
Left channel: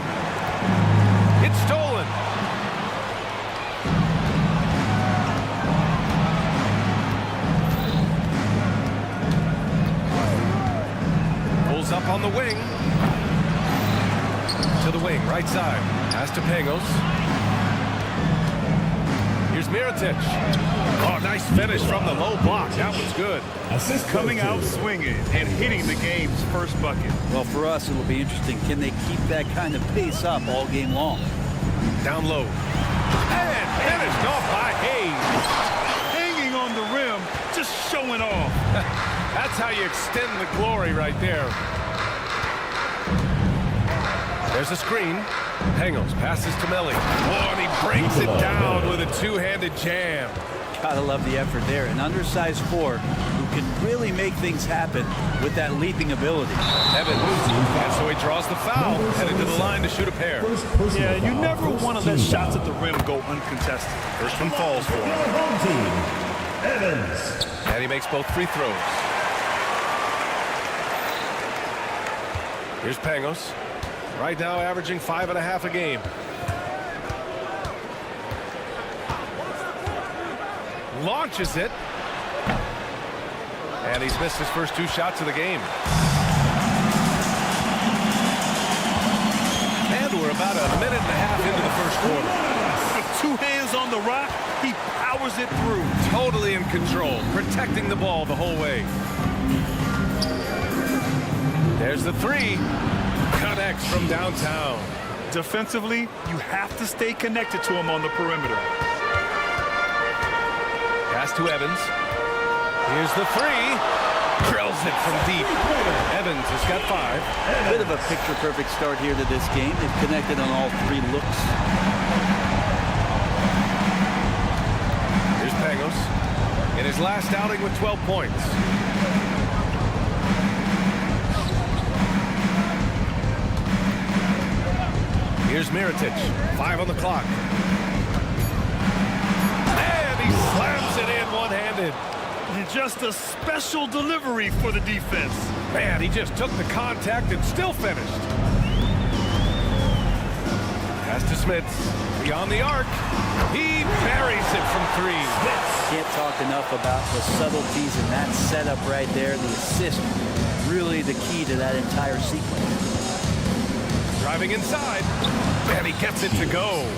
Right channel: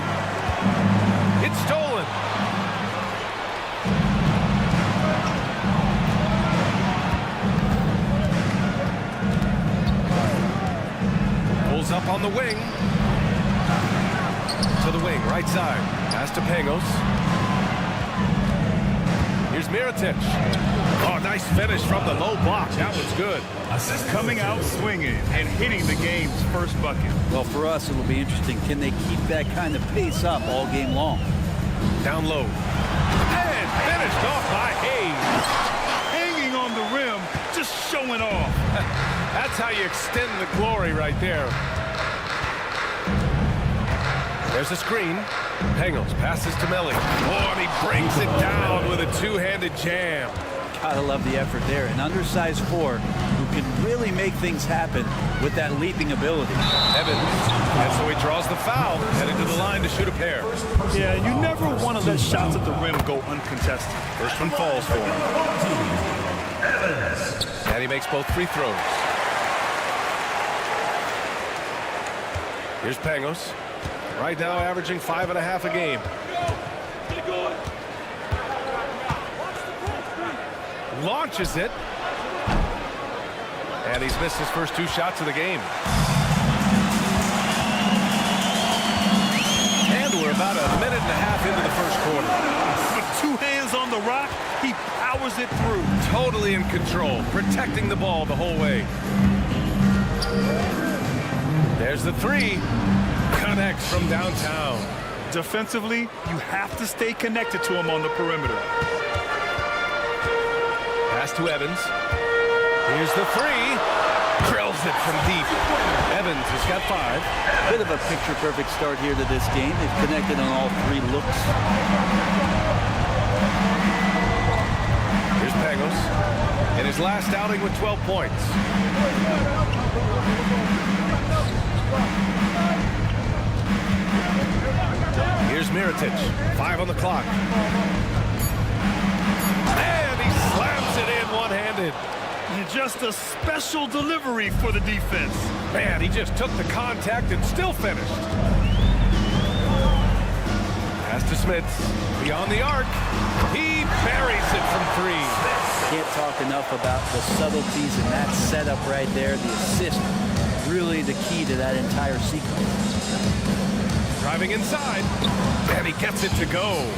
It's stolen. Up on the wing. To the wing, right side. Pass to Pangos. Here's Mirotic. Oh, nice finish from the low block. That was good. Coming out swinging and hitting the game's first bucket. Well, for us, it'll be interesting. Can they keep that kind of pace up all game long? Down low. And finished off by Hayes. Hanging on the rim, just showing off. That's how you extend the glory right there. There's a screen. Pangos passes to Melli. Oh, and he brings it down with a two-handed jam. Gotta love the effort there. An undersized four who can really make things happen with that leaping ability. Evans. And so he draws the foul, headed to the line to shoot a pair. Yeah, you never want to let shots at the rim go uncontested. First one falls for him. Evans. And he makes both free throws. Here's Pangos. Right now averaging 5.5 a game. Launches it. And he's missed his first 2 shots of the game. And we're about a minute and a half into the first quarter. With 2 hands on the rock, he powers it through. Totally in control, protecting the ball the whole way. There's the 3. Connects from downtown. Defensively, you have to stay connected to him on the perimeter. Pass to Evans. Here's the 3. Drills it from deep. Evans has got 5. Bit of a picture-perfect start here to this game. They've connected on all 3 looks. Here's Pangos in his last outing with 12 points. Here's Mirotic. 5 on the clock. And he slams it in one-handed. And just a special delivery for the defense. Man, he just took the contact and still finished. Pass to Smits. Beyond the arc. He buries it from 3. Can't talk enough about the subtleties in that setup right there. The assist, really the key to that entire sequence. Driving inside, and he gets it to go.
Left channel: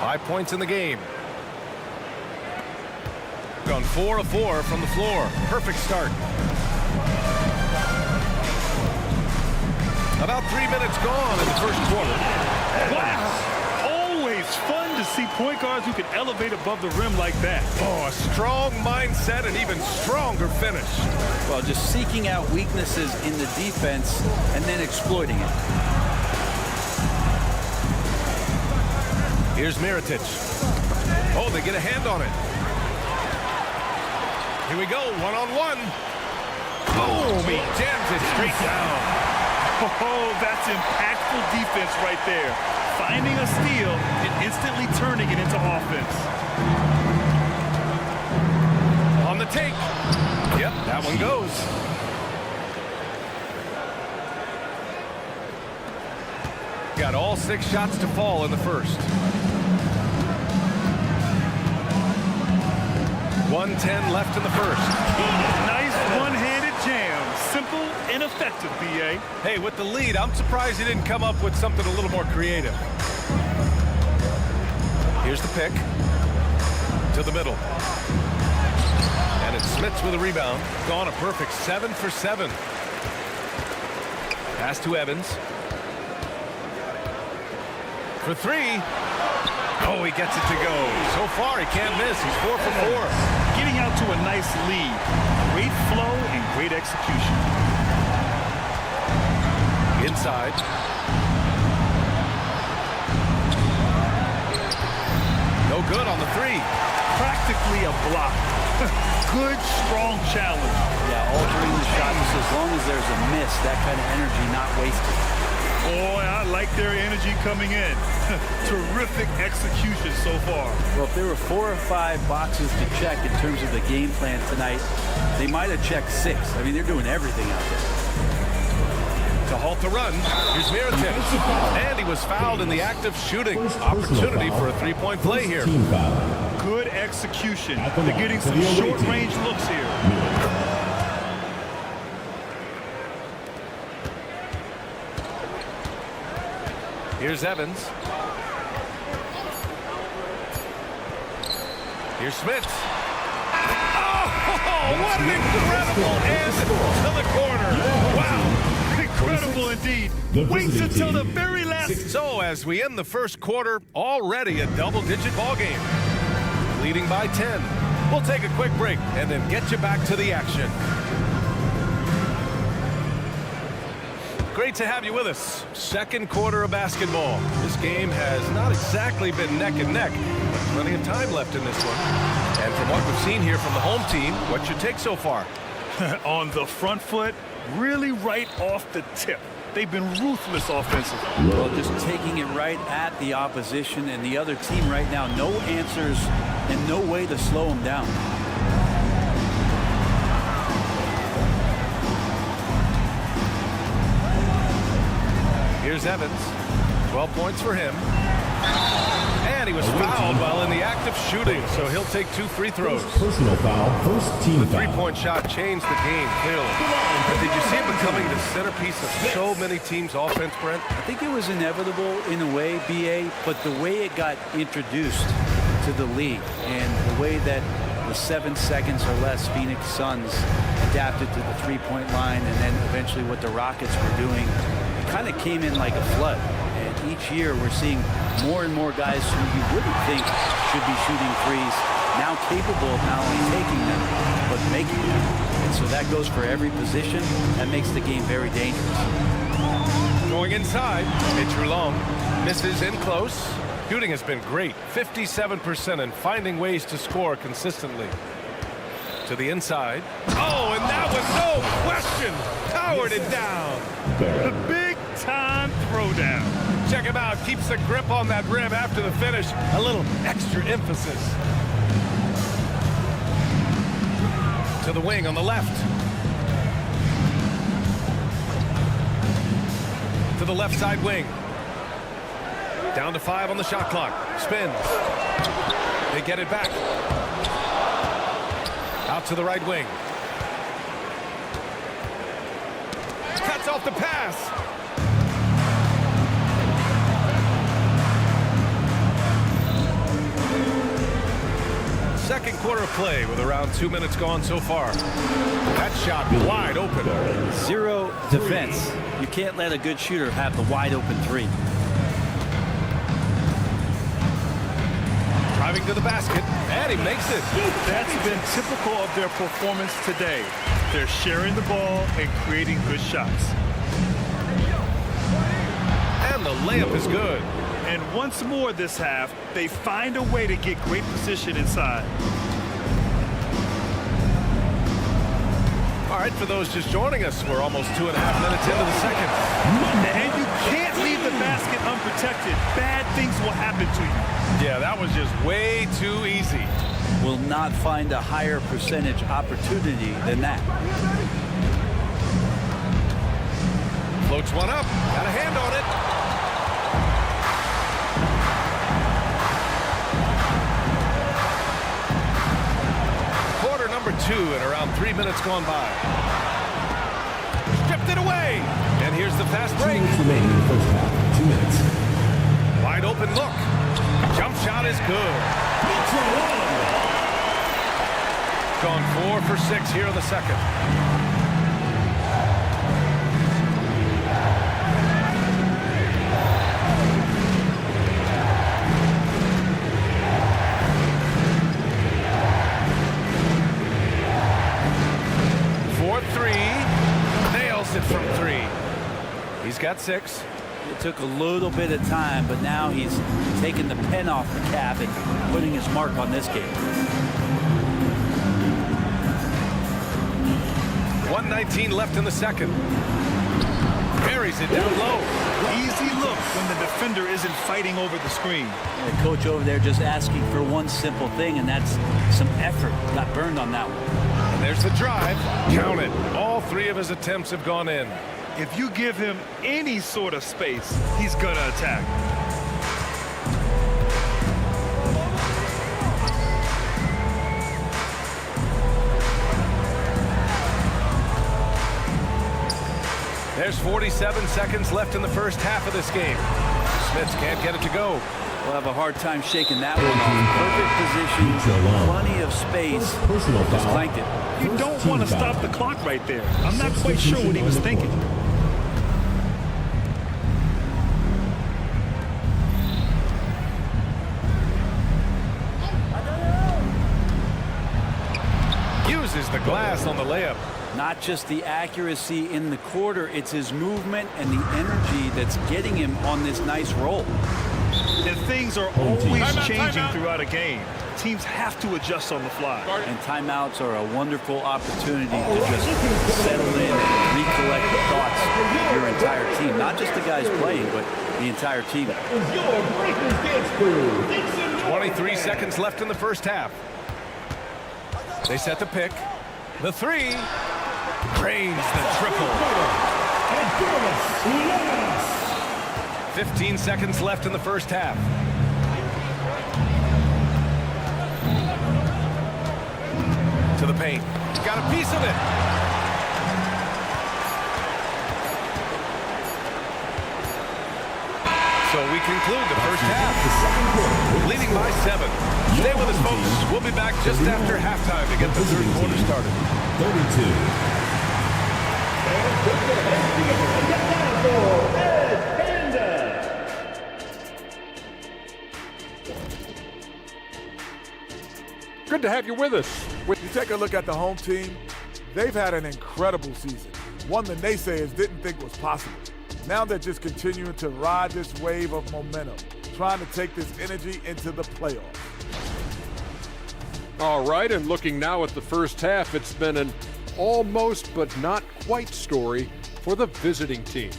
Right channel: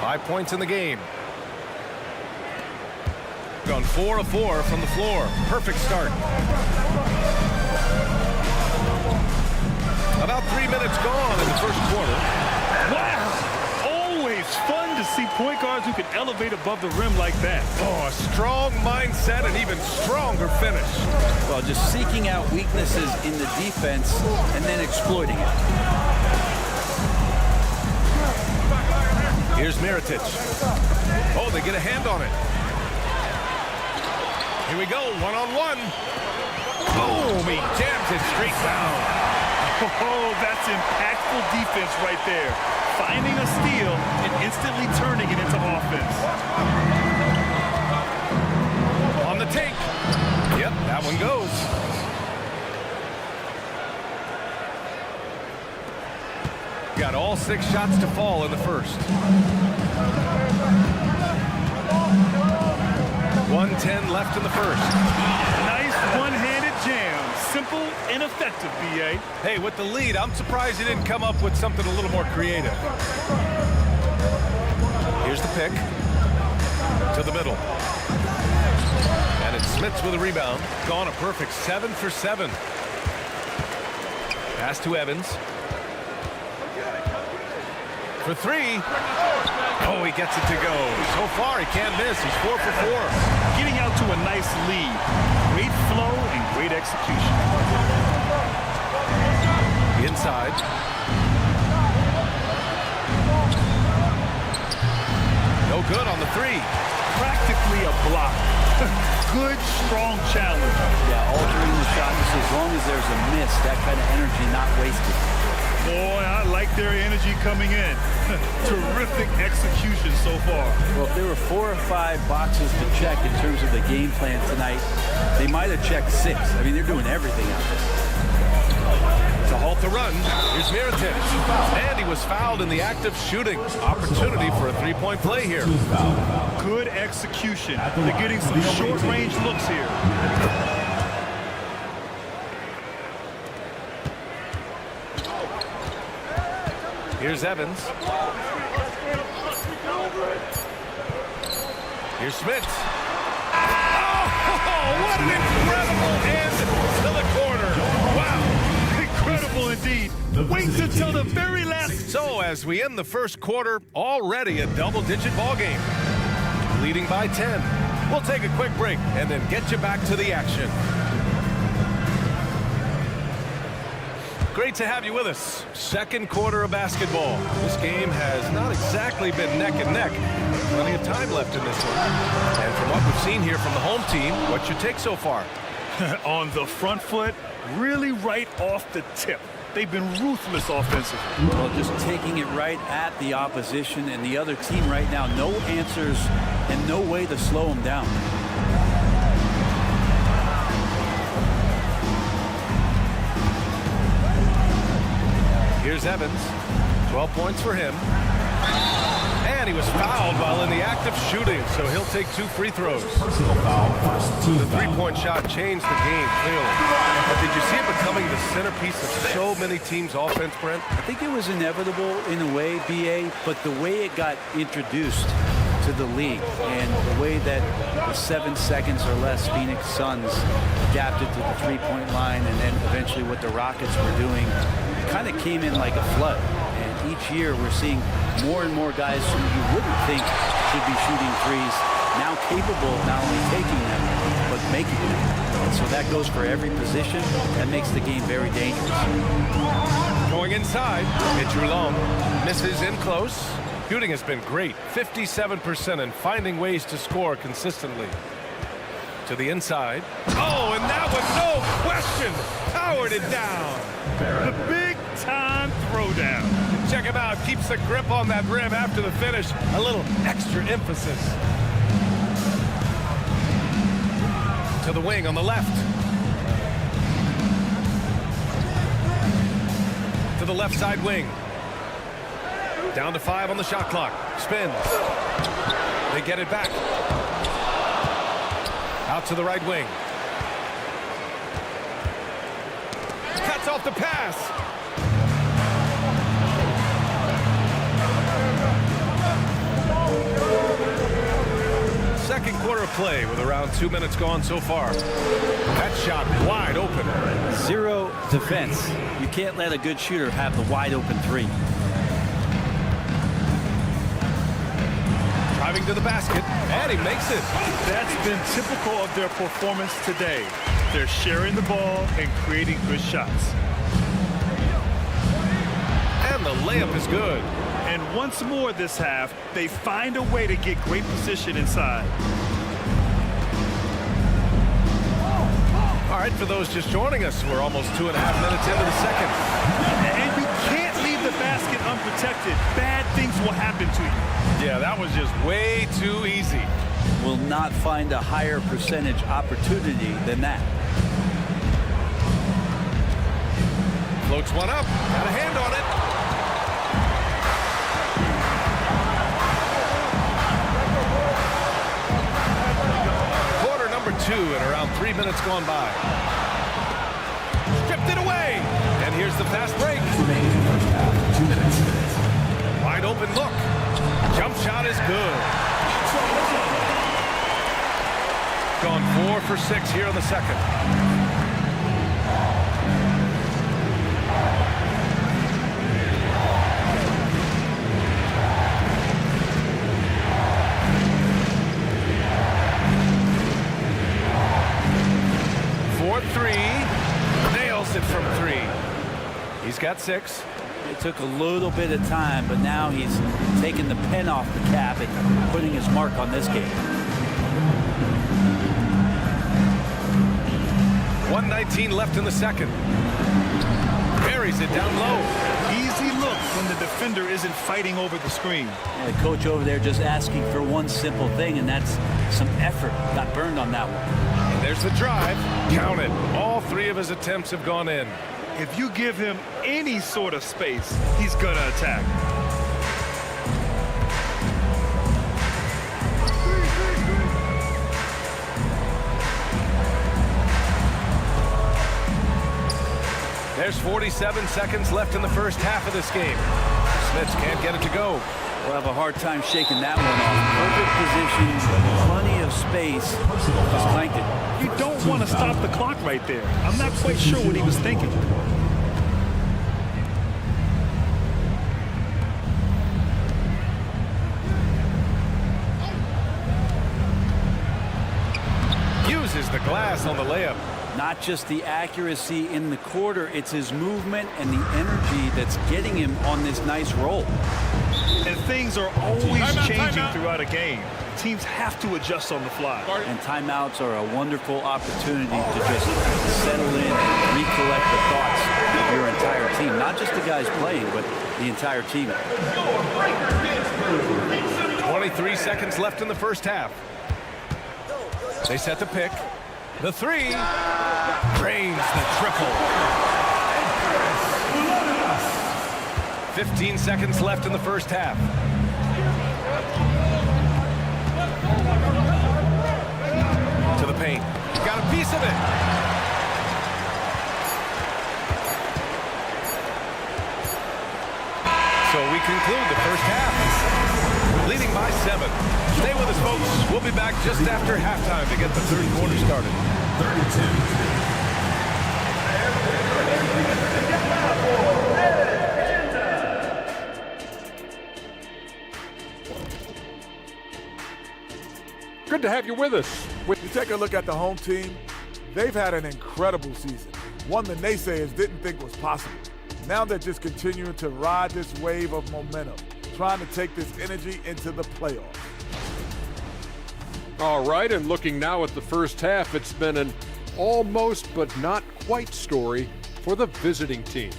5 points in the game. on 4 of 4 from the floor. Perfect start. About 3 minutes gone in the first quarter. Wow! Always fun to see point guards who can elevate above the rim like that. Oh, a strong mindset and even stronger finish. Well, just seeking out weaknesses in the defense and then exploiting it. Here's Mirotic. Oh, they get a hand on it. Here we go, one-on-one. Boom, he jams it straight down. Oh, that's impactful defense right there. Finding a steal and instantly turning it into offense. On the take. Yep, that one goes. Got all 6 shots to fall in the first. 1:10 left in the first. Nice one-handed jam. Simple and effective, B.A. Hey, with the lead, I'm surprised he didn't come up with something a little more creative. Here's the pick. To the middle. And it's Smits with a rebound. Gone a perfect 7 for 7. Pass to Evans. For 3. Oh, he gets it to go. So far, he can't miss. He's 4 for 4. Getting out to a nice lead. Great flow and great execution. Inside. No good on the 3. Practically a block. Good, strong challenge. Yeah, altering the shot just as long as there's a miss, that kind of energy not wasted. Boy, I like their energy coming in. Terrific execution so far. Well, if there were 4 or 5 boxes to check in terms of the game plan tonight, they might have checked 6. I mean, they're doing everything out there. To halt the run, here's Mirotic. And he was fouled in the act of shooting. Opportunity for a 3-point play here. Good execution. They're getting some short-range looks here. Here's Evans. Here's Smits. Oh, what an incredible end to the quarter. Wow. Incredible indeed. Waits until the very last. So as we end the first quarter, already a double-digit ball game. Leading by 10. We'll take a quick break and then get you back to the action. Great to have you with us. Second quarter of basketball. This game has not exactly been neck and neck, but plenty of time left in this one. And from what we've seen here from the home team, what's your take so far? On the front foot, really right off the tip. They've been ruthless offensively. Well, just taking it right at the opposition and the other team right now. No answers and no way to slow them down. Here's Evans. 12 points for him. And he was fouled while in the act of shooting, so he'll take 2 free throws. Personal foul, first team The foul. three-point shot changed the game, clearly. But did you see it becoming the centerpiece of so many teams' offense, Brent? I think it was inevitable in a way, BA, but the way it got introduced to the league and the way that the 7 seconds or less Phoenix Suns adapted to the three-point line and then eventually what the Rockets were doing, it kind of came in like a flood. And each year we're seeing more and more guys who you wouldn't think should be shooting threes now capable of not only taking them but making them. And so that goes for every position. That makes the game very dangerous. Going inside, Mitchell Long misses in close. Shooting has been great, 57%, and finding ways to score consistently. To the inside. Oh, and that was no question. Powered it down. The big-time throwdown. Check him out. Keeps the grip on that rim after the finish. A little extra emphasis. To the wing on the left. To the left side wing. Down to 5 on the shot clock. Spins. They get it back. Out to the right wing. Cuts off the pass. second quarter of play with around 2 minutes gone so far. That shot wide open. Zero defense. You can't let a good shooter have the wide open three. Driving to the basket, and he makes it. That's been typical of their performance today. They're sharing the ball and creating good shots. And the layup is good. And once more this half, they find a way to get great position inside. All right, for those just joining us, we're almost 2.5 minutes into the second. And you can't leave the basket unprotected. Bad things will happen to you. Yeah, that was just way too easy. Will not find a higher percentage opportunity than that. Floats one up, got a hand on it. Quarter number 2 and around 3 minutes gone by. Stripped it away, and here's the fast break. Remaining in the first half, 2 minutes. Wide open look. Jump shot is good. Gone 4 for 6 here in the second. For 3, nails it from 3. He's got 6. It took a little bit of time, but now he's taking the pen off the cap and putting his mark on this game. 1:19 left in the second. Buries it down low. Easy look when the defender isn't fighting over the screen. And the coach over there just asking for one simple thing, and that's some effort. Got burned on that one. And there's the drive. Count it. All 3 of his attempts have gone in. If you give him any sort of space, he's gonna attack. There's 47 seconds left in the first half of this game. Smits can't get it to go. We'll have a hard time shaking that one off. Perfect position, plenty of space. Just clanked it. You don't want to stop the clock right there. I'm not quite sure what he was thinking. Uses the glass on the layup. Not just the accuracy in the quarter, it's his movement and the energy that's getting him on this nice roll. And things are always changing throughout a game. Teams have to adjust on the fly. And timeouts are a wonderful opportunity to just settle in, recollect the thoughts of your entire team. Not just the guys playing, but the entire team. 23 seconds left in the first half. They set the pick. The 3. Drains the triple. 15 seconds left in the first half. To the paint. Got a piece of it. So we conclude the first half, leading by 7. Stay with us, folks. We'll be back just after halftime to get the third quarter started. 32. Good to have you with us. When you take a look at the home team, they've had an incredible season. One the naysayers didn't think was possible. Now they're just continuing to ride this wave of momentum, trying to take this energy into the playoffs. All right, and looking now at the first half, it's been an almost but not quite story for the visiting team.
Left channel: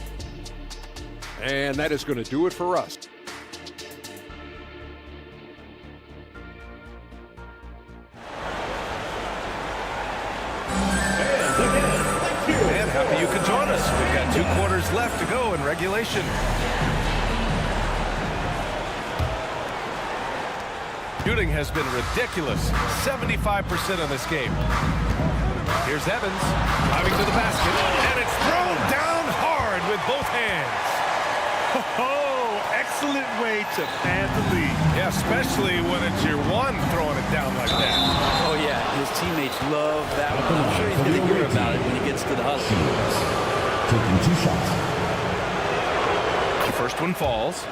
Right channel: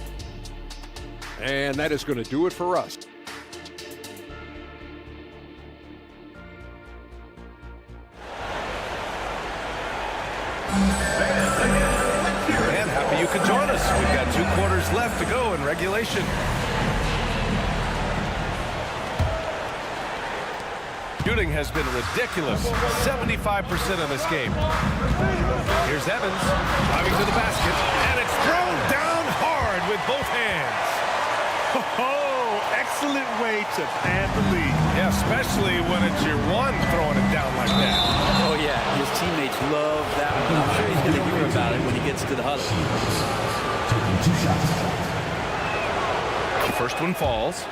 And that is going to do it for us. And happy you could join us. We've got 2 quarters left to go in regulation. Shooting has been ridiculous. 75% in this game. Here's Evans driving to the basket, and it's thrown down hard with both hands. Oh, excellent way to pad the lead. Yeah, especially when it's your one throwing it down like that. Oh, yeah. His teammates love that one. I'm sure he's going to hear about it when he gets to the huddle. Taking 2 shots. The first one falls.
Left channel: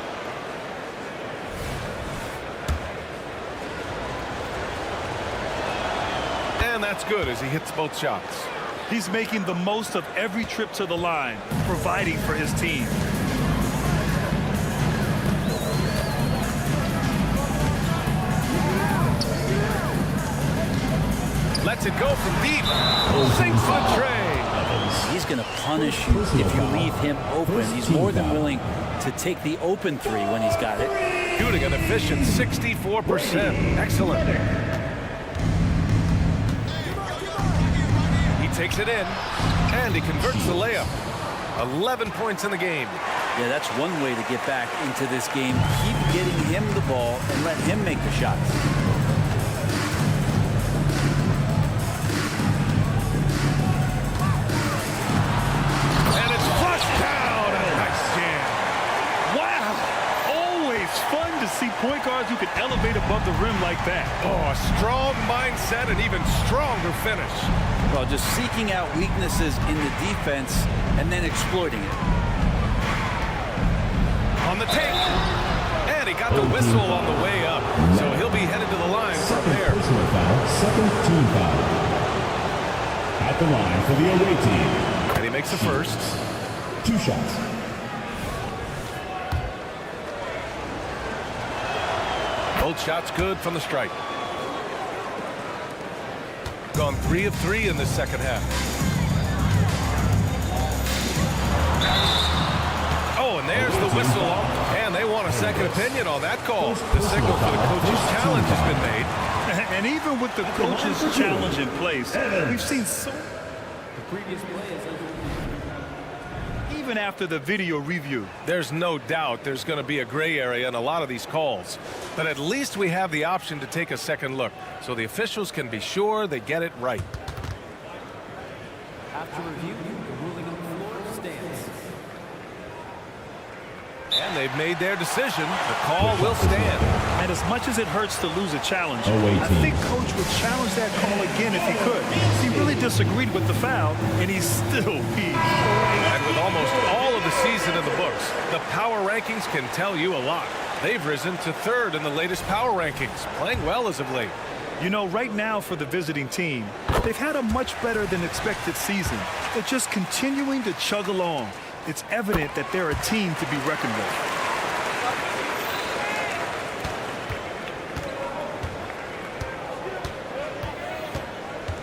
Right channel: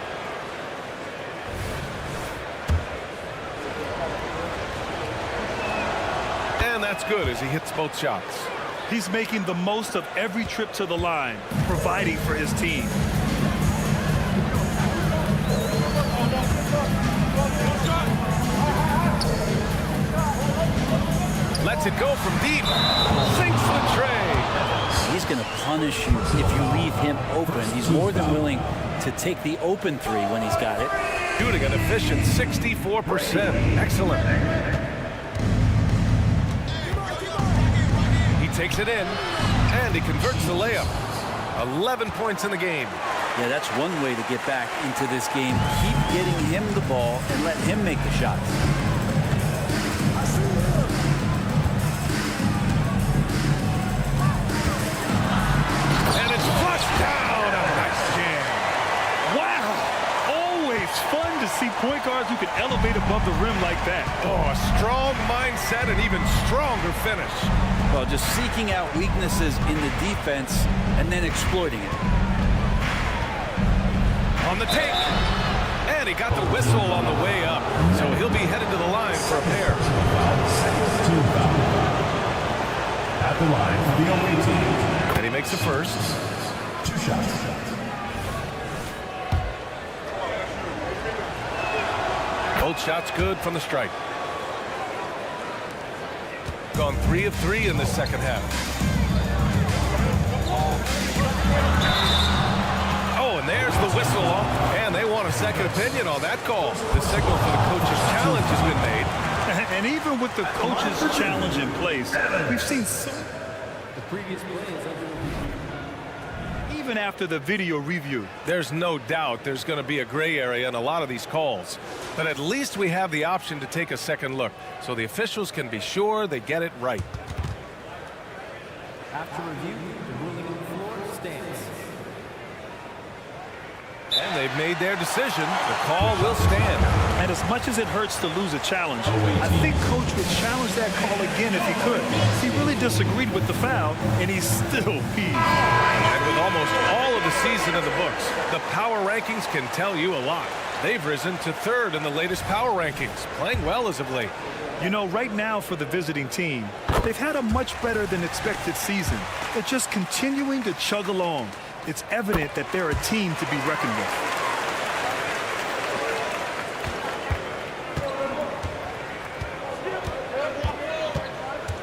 And that's good as he hits both shots. He's making the most of every trip to the line, providing for his team. Lets it go from deep. Sinks the tray. He's going to punish you if you leave him open. He's more than willing to take the open 3 when he's got it. Shooting an efficient 64%. Excellent. He takes it in, and he converts the layup. 11 points in the game. Yeah, that's one way to get back into this game. Keep getting him the ball and let him make the shots. And it's flushed down. A nice jam. Wow! Always fun to see point guards who can elevate above the rim like that. Oh, a strong mindset and even stronger finish. Well, just seeking out weaknesses in the defense and then exploiting it. On the take. And he got the whistle on the way up. So he'll be headed to the line for a pair. Personal foul, second team foul. At the line for the away team. And he makes a first. 2 shots. Both shots good from the stripe. Gone 3 of 3 in this second half. Oh, and there's the whistle on. And they want a second opinion on that call. The signal for the coach's challenge has been made. And even with the coach's challenge in place, we've seen so... The previous play is under review. Even after the video review. There's no doubt there's going to be a gray area in a lot of these calls. But at least we have the option to take a second look, so the officials can be sure they get it right. After review, the ruling on the floor stands. And they've made their decision. The call will stand. And as much as it hurts to lose a challenge, I think Coach would challenge that call again if he could. He really disagreed with the foul, and he's still peeved. And with almost all of the season in the books, the power rankings can tell you a lot. They've risen to 3rd in the latest power rankings, playing well as of late. You know, right now for the visiting team, they've had a much better than expected season. They're just continuing to chug along. It's evident that they're a team to be reckoned with.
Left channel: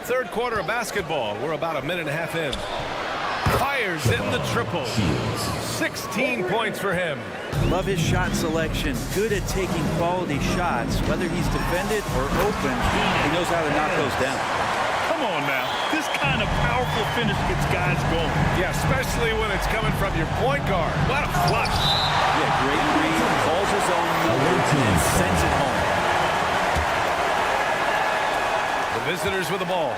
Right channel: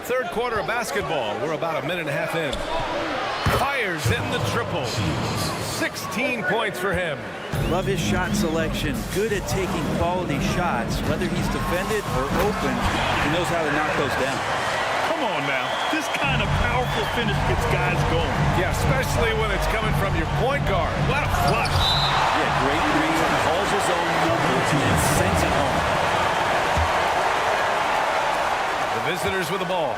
Third quarter of basketball. We're about a minute and a half in. Fires in the triple. 16 points for him. Love his shot selection. Good at taking quality shots. Whether he's defended or open, he knows how to knock those down. Come on now. This kind of powerful finish gets guys going. Yeah, especially when it's coming from your point guard. What a flush. Yeah, great read. Calls his own number and then sends it home. The visitors with the ball.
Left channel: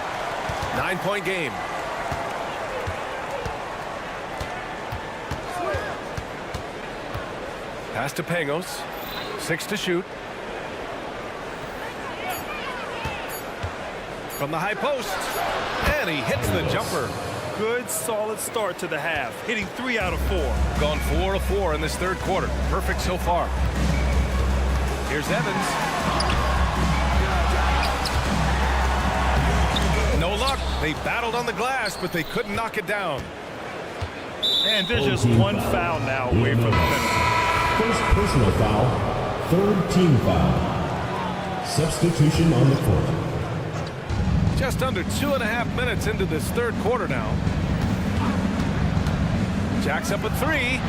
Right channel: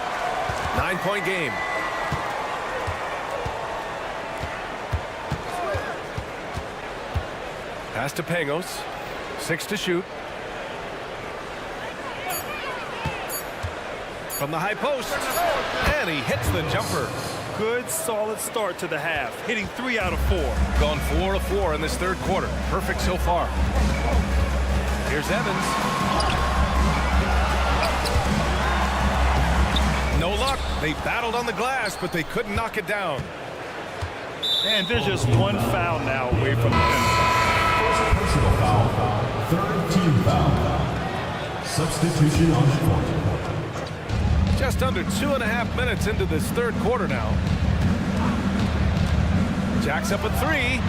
9-point game. Pass to Pangos. 6 to shoot. From the high post. And he hits the jumper. Good, solid start to the half. Hitting 3 out of 4. Gone 4 of 4 in this third quarter. Perfect so far. Here's Evans. No luck. They battled on the glass, but they couldn't knock it down. And there's just one foul now away from the penalty. First personal foul, 3rd team foul. Substitution on the court. Just under 2.5 minutes into this third quarter now. Jacks up a 3.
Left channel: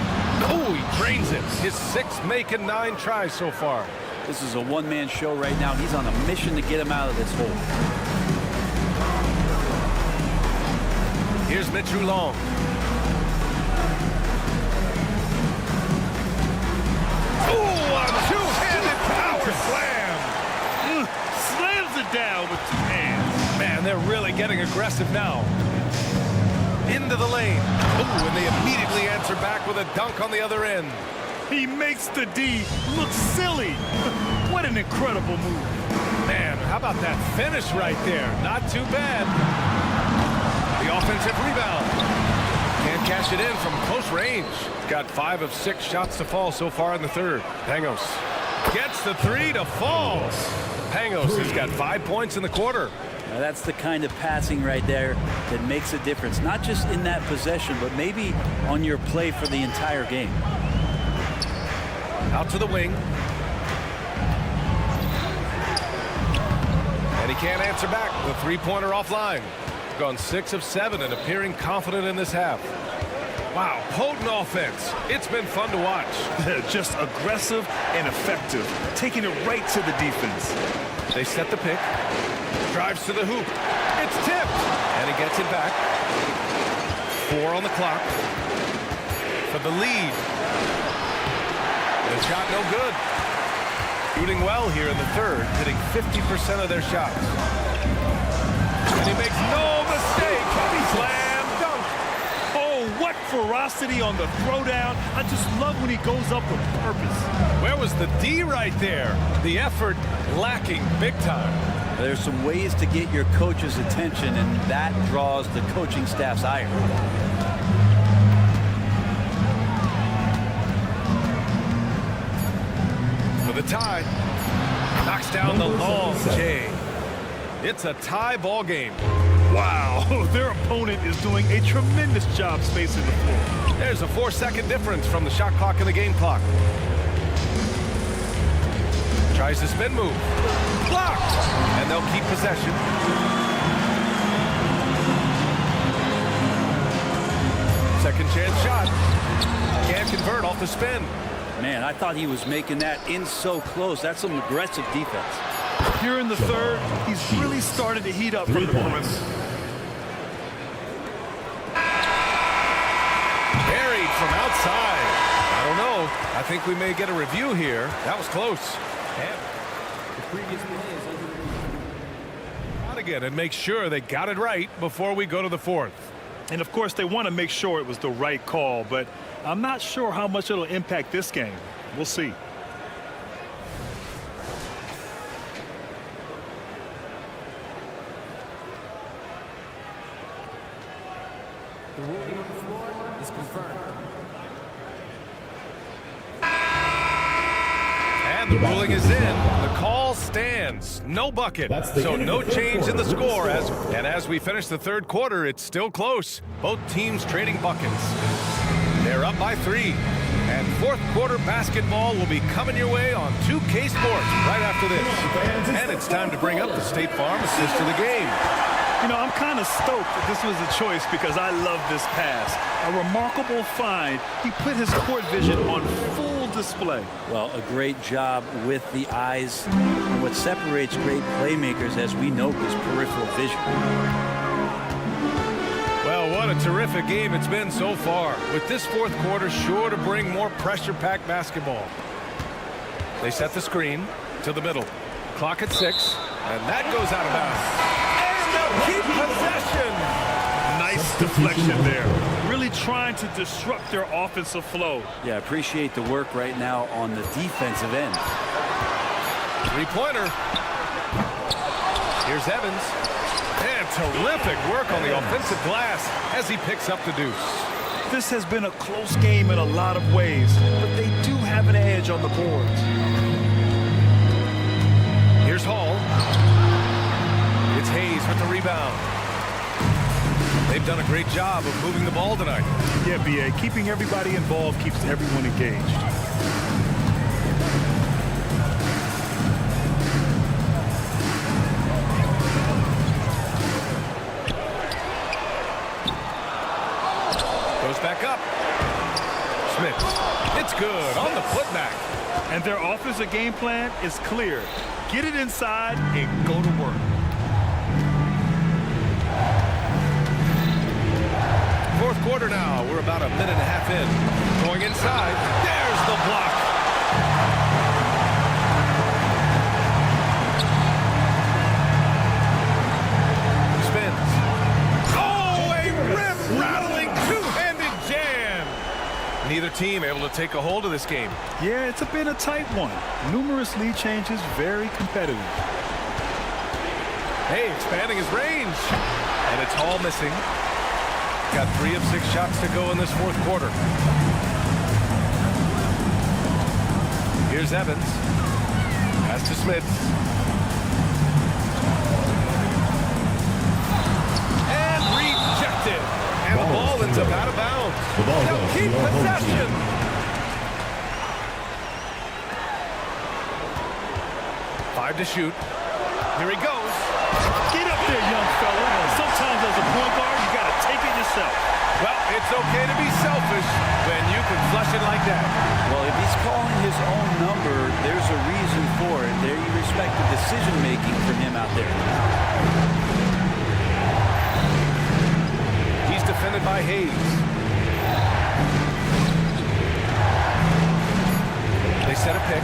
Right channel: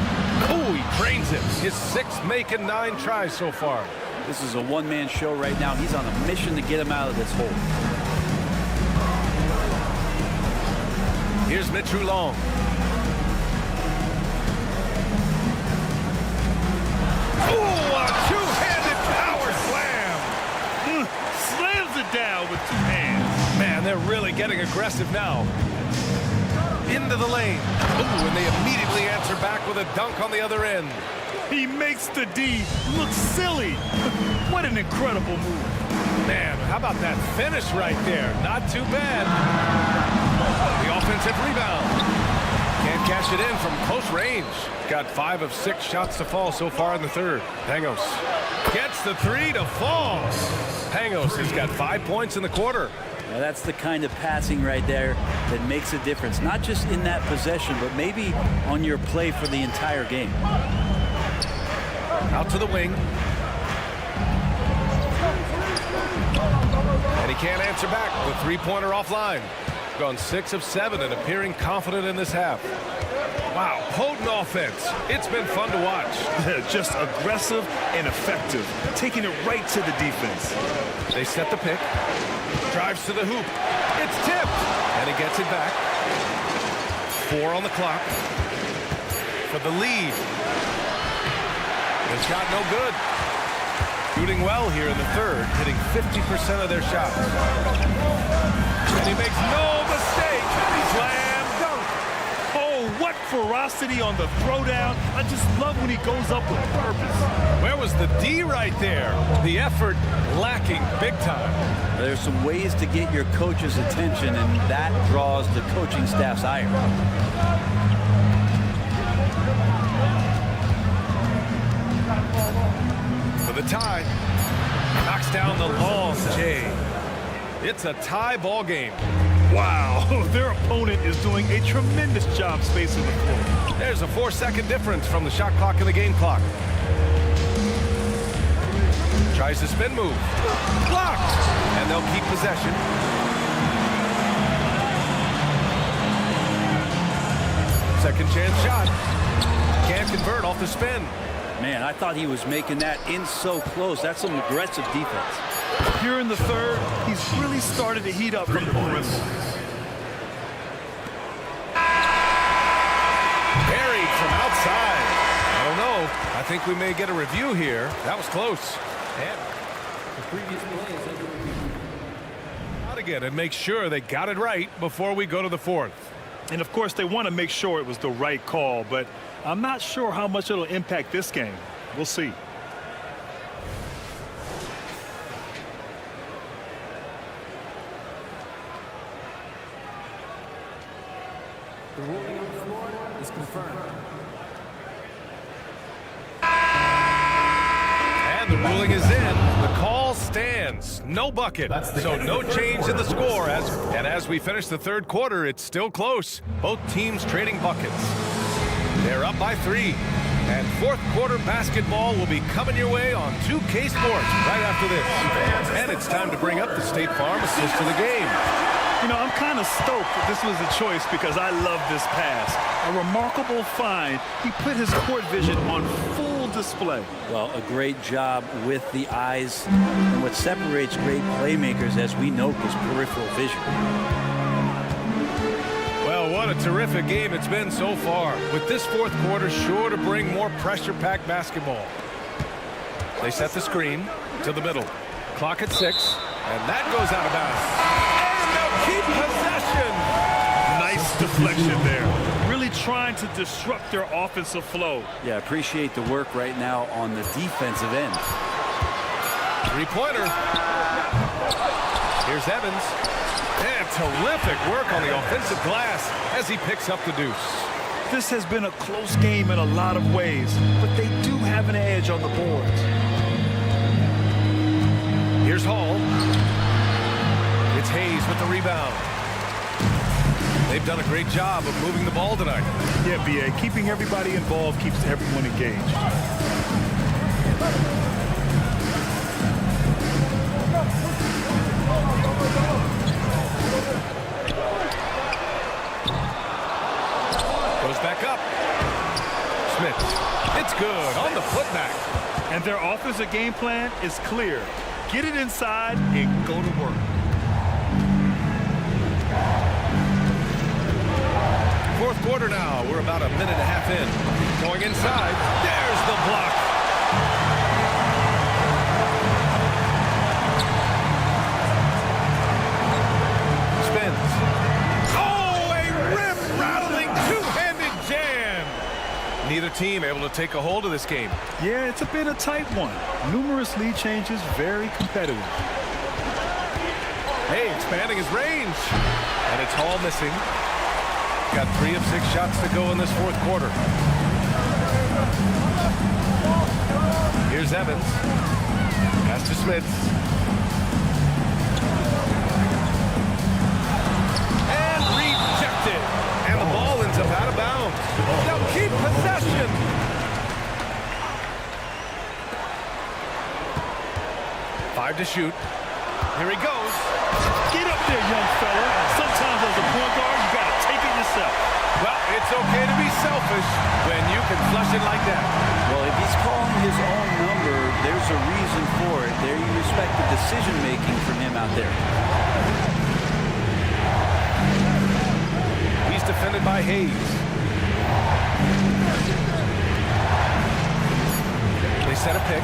Oh, he drains it. His 6th make and 9 tries so far. This is a one-man show right now. He's on a mission to get him out of this hole. Here's Mitch Long. Oh, a two-handed power slam. Slams it down with 2 hands. Man, they're really getting aggressive now. Into the lane. Oh, and they immediately answer back with a dunk on the other end. He makes the D look silly. What an incredible move. Man, how about that finish right there? Not too bad. The offensive rebound. Can't cash it in from close range. Got 5 of 6 shots to fall so far in the third. Pangos gets the 3 to fall. Pangos has got 5 points in the quarter. Now that's the kind of passing right there that makes a difference, not just in that possession, but maybe on your play for the entire game. Out to the wing. And he can't answer back. The three-pointer offline. Gone 6 of 7 and appearing confident in this half. Wow, potent offense. It's been fun to watch. Just aggressive and effective, taking it right to the defense. They set the pick. Drives to the hoop. It's tipped. And he gets it back. 4 on the clock. For the lead. The shot no good. Shooting well here in the third, hitting 50% of their shots. And he makes no mistake. Slam dunk. Oh, what ferocity on the throwdown. I just love when he goes up with purpose. Where was the D right there? The effort lacking big time. There's some ways to get your coach's attention, and that draws the coaching staff's ire. For the tie. Knocks down the long J. It's a tie ball game. Wow, their opponent is doing a tremendous job spacing the floor. There's a 4-second difference from the shot clock and the game clock. Tries the spin move. Blocked. And they'll keep possession. Second chance shot. Can't convert off the spin. Man, I thought he was making that in so close. That's some aggressive defense. Here in the third, he's really started to heat up from the perimeter. Buried from outside. I don't know. I think we may get a review here. That was close. And the previous play is under review. Out again and make sure they got it right before we go to the fourth. And of course, they want to make sure it was the right call, but I'm not sure how much it'll impact this game. We'll see. The ruling on the floor is confirmed. And the ruling is in. The call stands. No bucket. So no change in the score. As we finish the third quarter, it's still close. Both teams trading buckets. They're up by 3. And fourth quarter basketball will be coming your way on 2K Sports right after this. And it's time to bring up the State Farm assist of the game. You know, I'm kind of stoked that this was a choice because I love this pass. A remarkable find. He put his court vision on full display. Well, a great job with the eyes. And what separates great playmakers, as we know, is peripheral vision. Well, what a terrific game it's been so far. With this fourth quarter sure to bring more pressure-packed basketball. They set the screen to the middle. Clock at 6, and that goes out of bounds. Keep possession. Nice deflection there. Really trying to disrupt their offensive flow. Yeah, appreciate the work right now on the defensive end. Three-pointer. Here's Evans. And terrific work on the offensive glass as he picks up the deuce. This has been a close game in a lot of ways, but they do have an edge on the boards. Here's Hall. It's Hayes with the rebound. They've done a great job of moving the ball tonight. Yeah, B.A., keeping everybody involved keeps everyone engaged. Goes back up. Smith. It's good on the putback. And their offensive game plan is clear. Get it inside and go to work. Fourth quarter now. We're about a minute and a half in. Going inside. There's the block. Spins. Oh, a rim-rattling two-handed jam. Neither team able to take a hold of this game. Yeah, it's been a tight one. Numerous lead changes, very competitive. Hey, expanding his range. And it's all missing. Got 3 of 6 shots to go in this fourth quarter. Here's Evans. Pass to Smits. And rejected. And the ball ends up out of bounds. They'll keep possession. Five to shoot. Here he goes. Get up there, young fella. Sometimes as a point guard, you got to take it yourself. Well, it's okay to be selfish when you can flush it like that. Well, if he's calling his own number, there's a reason for it. There you respect the decision-making from him out there. He's defended by Hayes. They set a pick.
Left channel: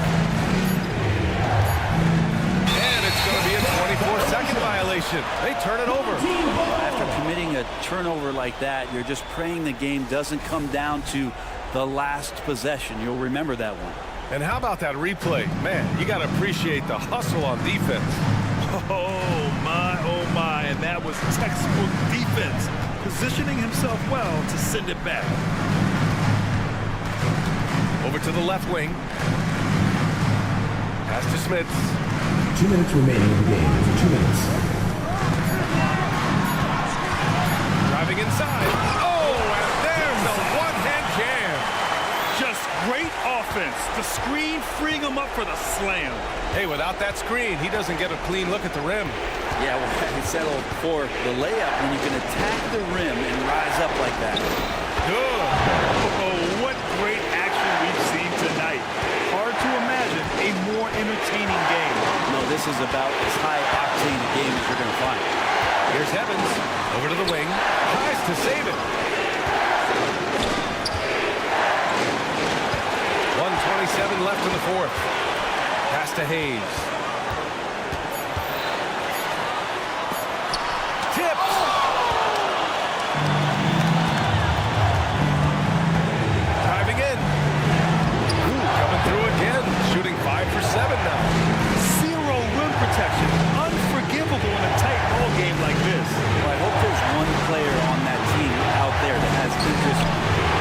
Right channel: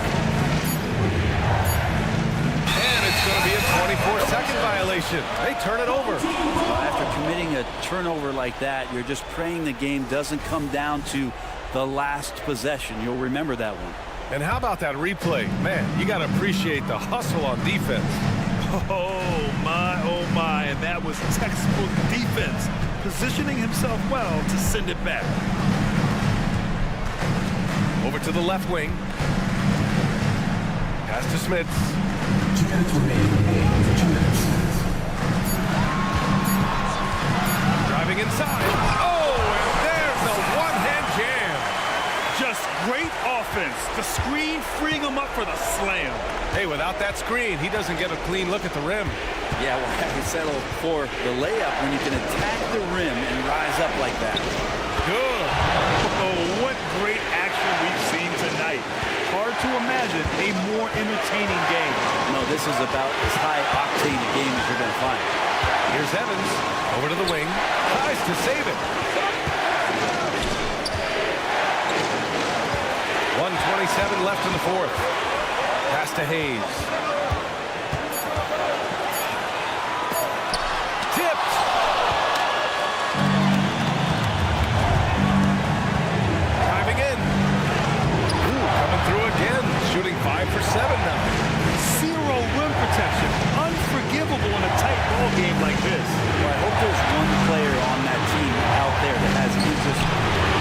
And it's going to be a 24-second violation. They turn it over. Well, after committing a turnover like that, you're just praying the game doesn't come down to the last possession. You'll remember that one. And how about that replay? Man, you got to appreciate the hustle on defense. Oh, my. And that was textbook defense. Positioning himself well to send it back. Over to the left wing. Pass to Smits. 2 minutes remaining in the game. 2 minutes. Driving inside. Oh, and there's the one-hand jam. Just great offense. The screen freeing him up for the slam. Hey, without that screen, he doesn't get a clean look at the rim. Yeah, well, I settled for the layup when you can attack the rim and rise up like that. Good. Oh, what great action we've seen tonight. Hard to imagine a more entertaining game. No, this is about as high-octane a game as you're going to find. Here's Evans. Over to the wing. Tries to save it. 1:27 left in the fourth. Pass to Hayes. Tipped. Driving in. Ooh, coming through again. Shooting 5 for 7 now. Zero rim protection. Unforgivable in a tight ball game like this. Well, I hope there's one player on that team out there that has interest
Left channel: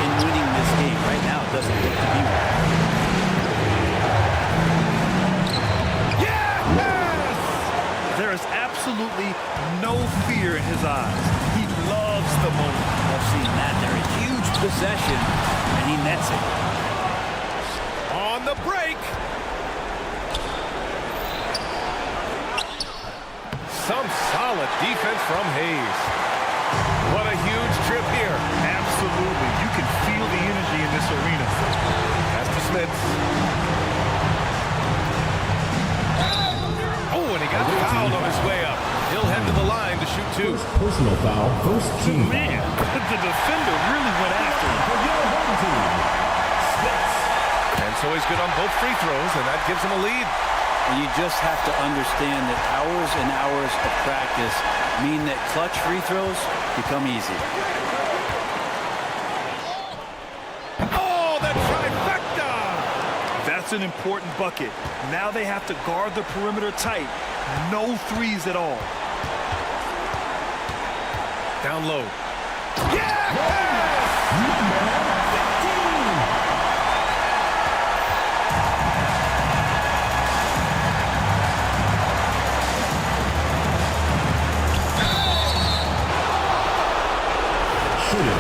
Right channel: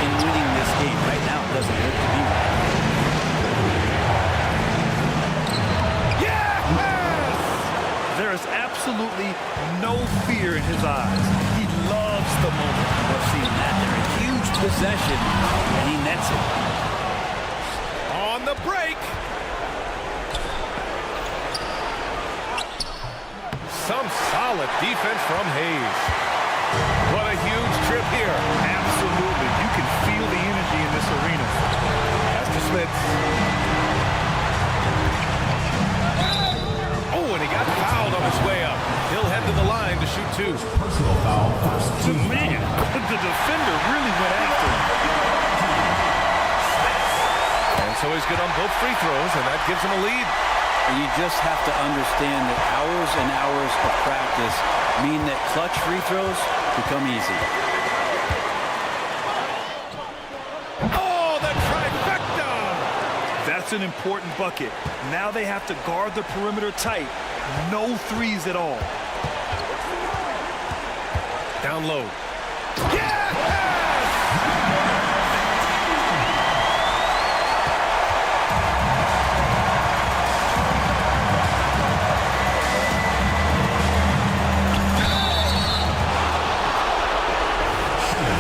in winning this game. Right now, it doesn't look to be one. Yes! There is absolutely no fear in his eyes. He loves the moment. Love seeing that there. A huge possession, and he nets it. On the break. Some solid defense from Hayes. What a huge trip here. Absolutely. You can feel the energy in this arena. Pass to Smits. Oh, and he got fouled on his way up. He'll head to the line to shoot 2. Personal foul, first team. Man, the defender really went after him. And so he's good on both free throws, and that gives him a lead. You just have to understand that hours and hours of practice mean that clutch free throws become easy. Oh, the trifecta! That's an important bucket. Now they have to guard the perimeter tight. No threes at all. Down low. Yes!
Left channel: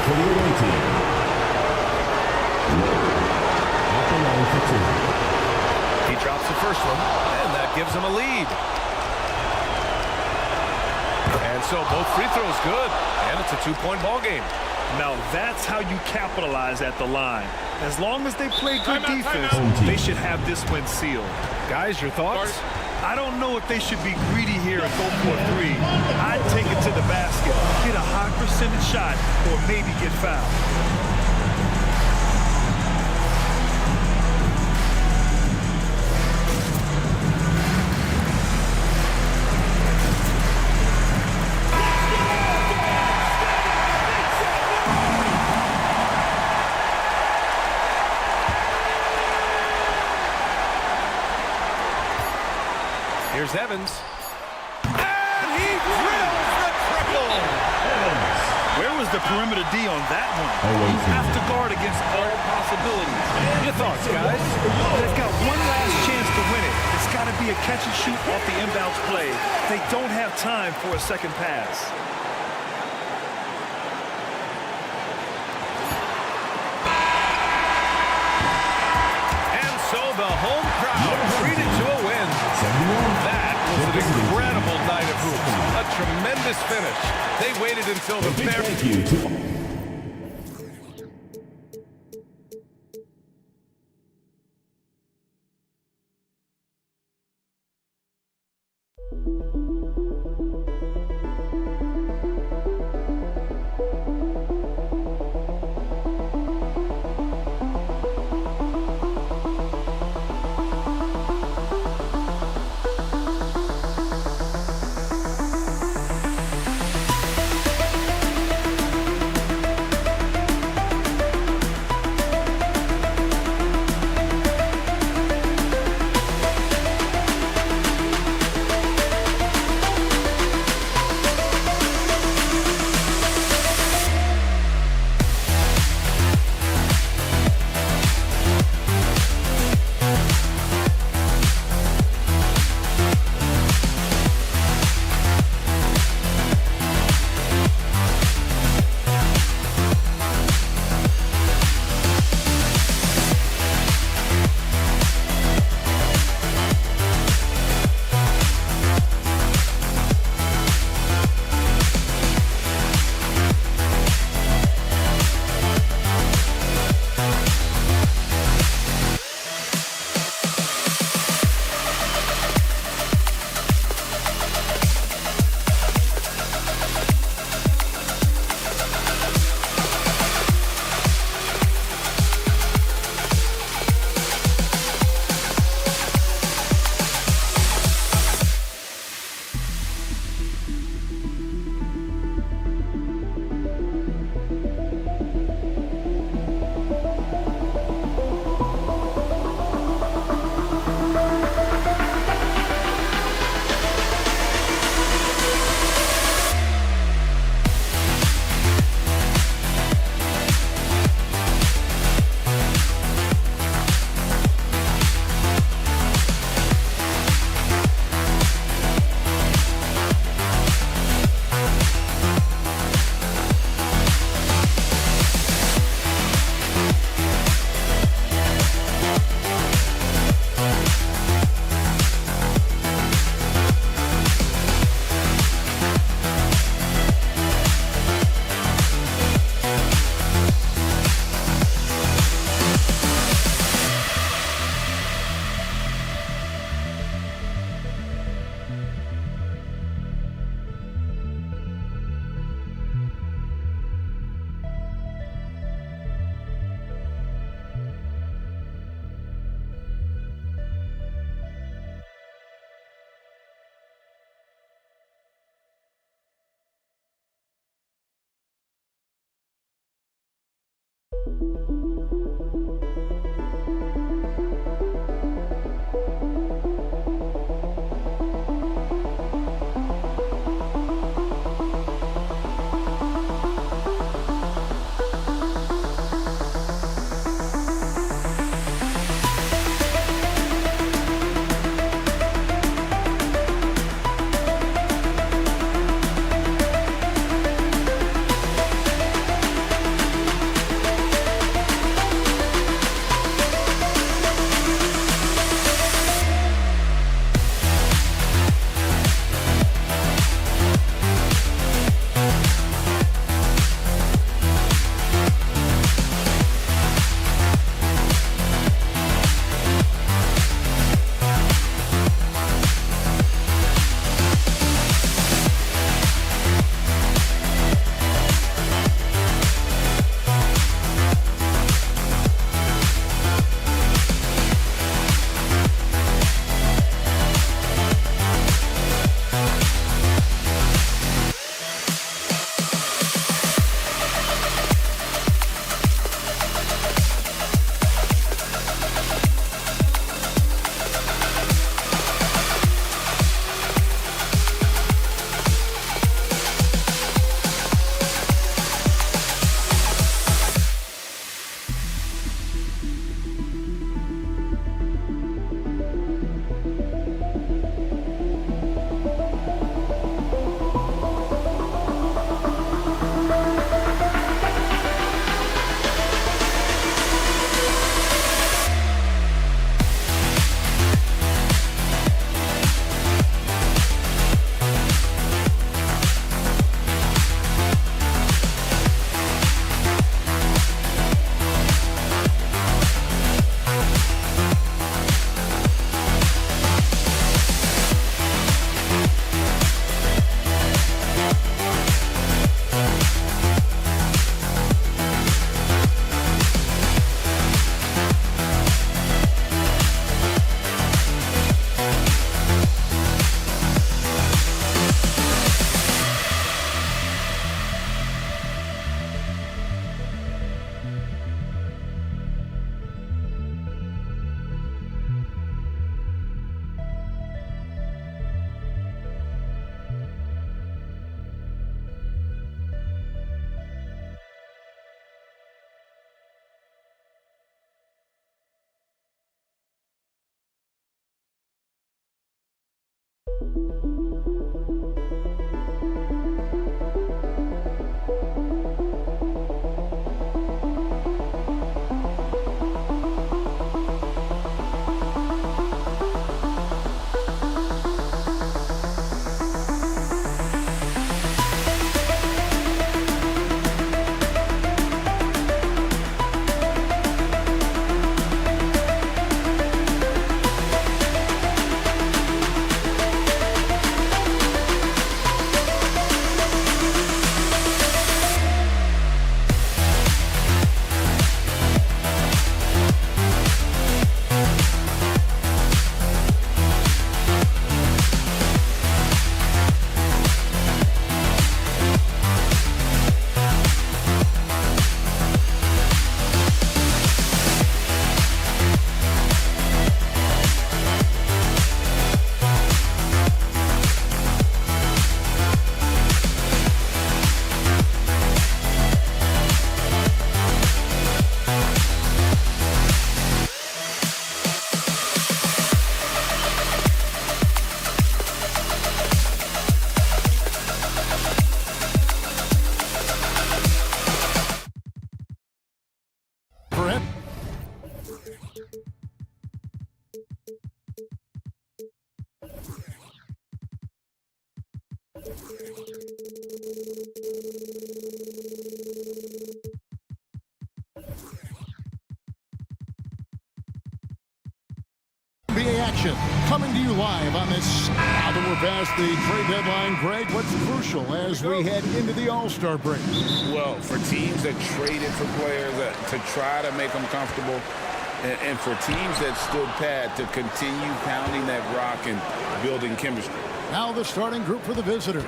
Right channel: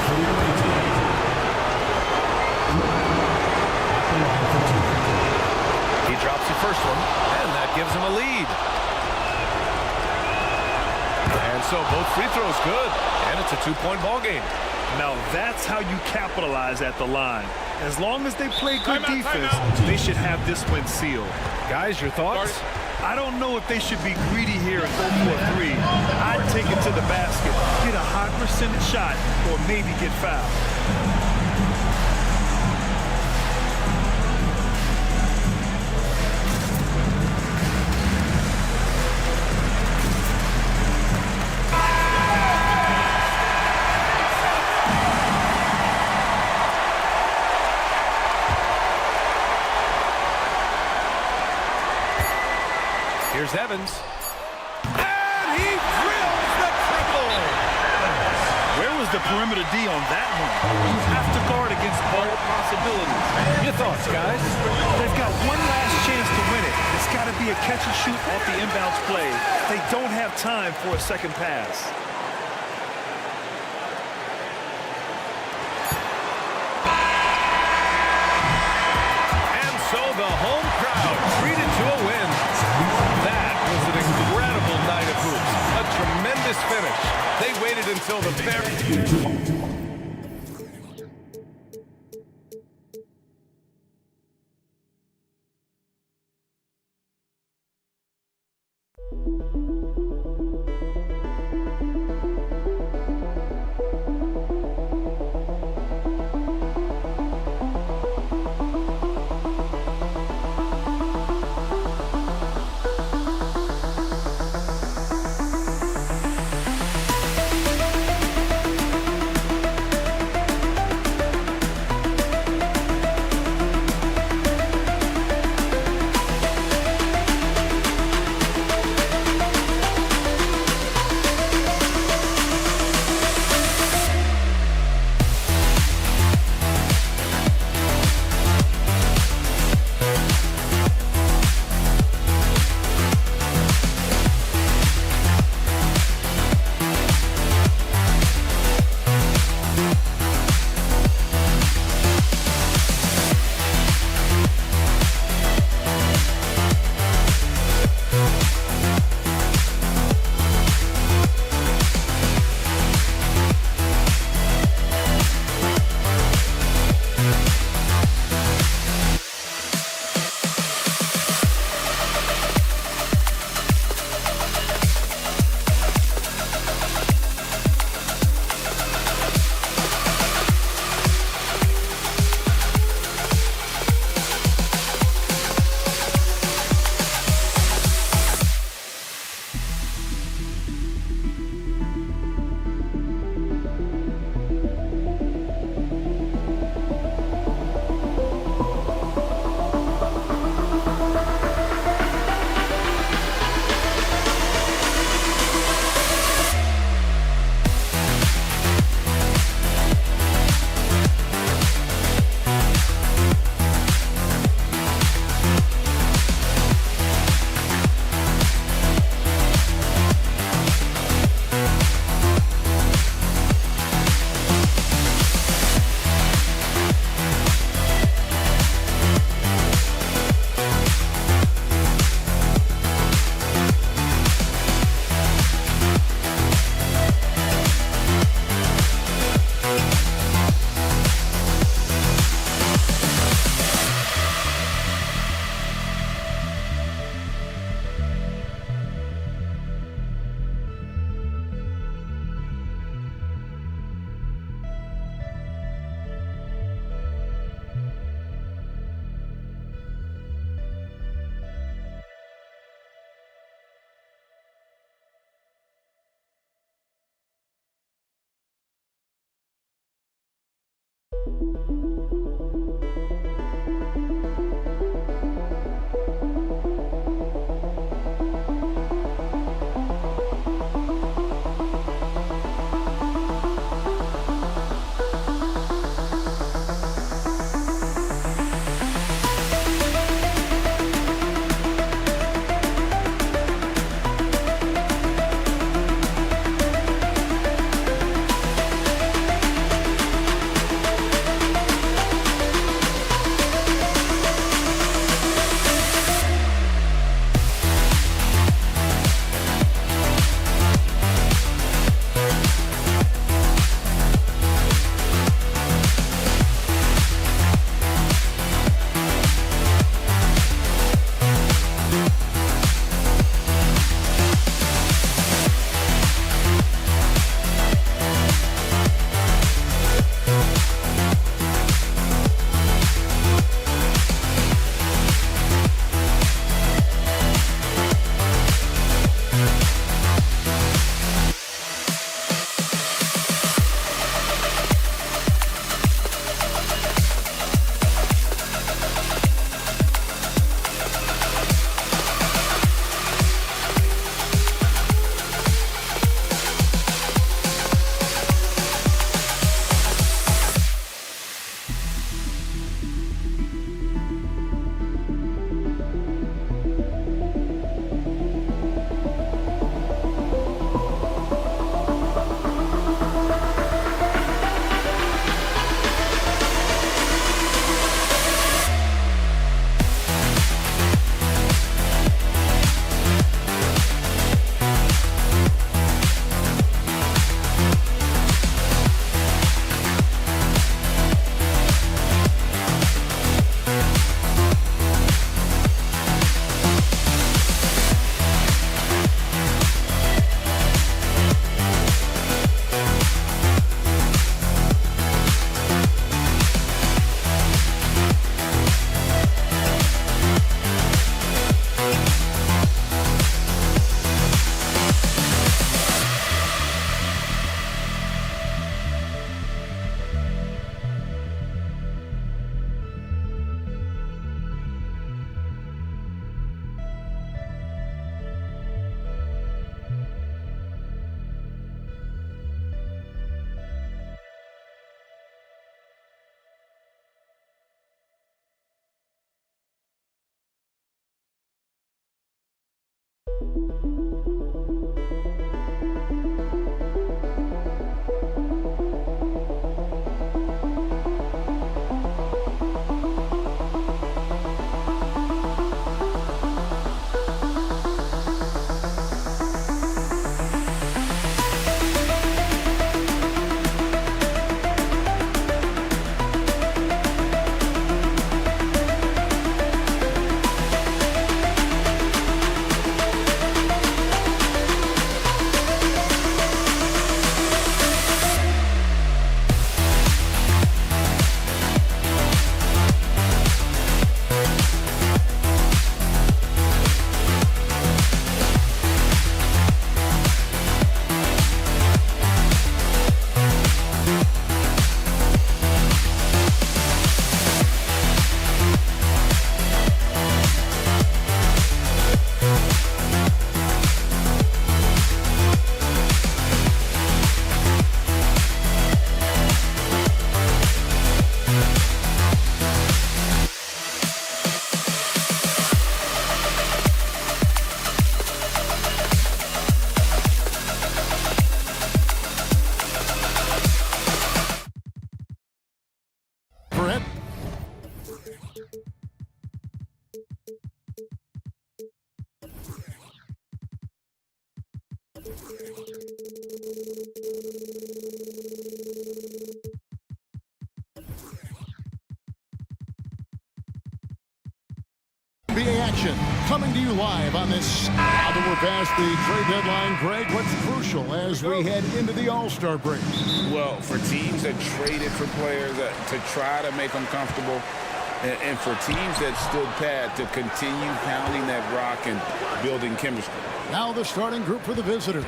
For the away team. At the line for 2. He drops the first one, and that gives him a lead. And so both free throws good, and it's a 2-point ball game. Now that's how you capitalize at the line. As long as they play good defense, they should have this win sealed. Guys, your thoughts? I don't know if they should be greedy here and go for a 3. I'd take it to the basket, get a high percentage shot, or maybe get fouled. Here's Evans. And he drills the triple. Where was the perimeter D on that one? You have to guard against all possibilities. Your thoughts, guys? They've got one last chance to win it. It's got to be a catch and shoot off the inbounds play. They don't have time for a second pass. And so the home crowd treated to a win. That was an incredible night of hoops. A tremendous finish. They waited until the very... NBA action coming to you live on this. Now that we're past the trade deadline, Greg, what's crucial as we head into the All-Star break? Well, for teams that traded for players to try to make them comfortable, and for teams that stood pat to continue pounding that rock and building chemistry. Now the starting group for the visitors.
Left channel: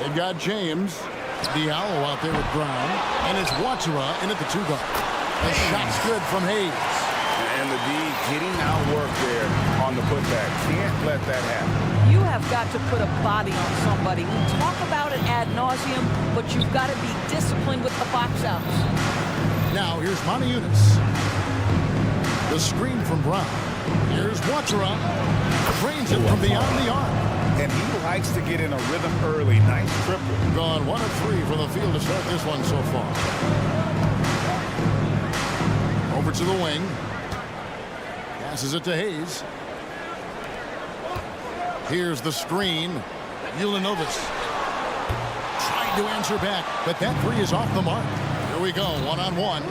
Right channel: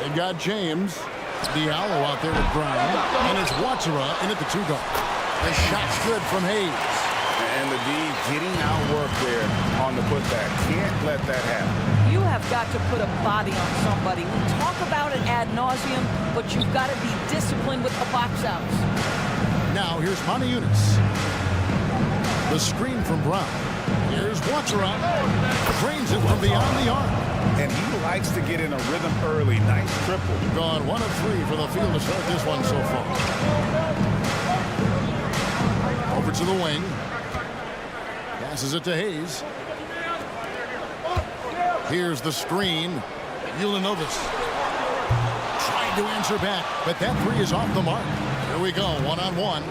They've got James, Diallo out there with Brown, and it's Watsura in at the 2 guard. The shot's good from Hayes. And the D getting outwork there on the putback. Can't let that happen. You have got to put a body on somebody. We talk about it ad nauseum, but you've got to be disciplined with the box outs. Now here's Moniunas. The screen from Brown. Here's Watsura. Trains it from beyond the arc. And he likes to get in a rhythm early. Nice triple. Gone 1 of 3 from the field to start this one so far. Over to the wing. Passes it to Hayes. Here's the screen. Ulanovas tried to answer back, but that 3 is off the mark. Here we go, 1-on-1.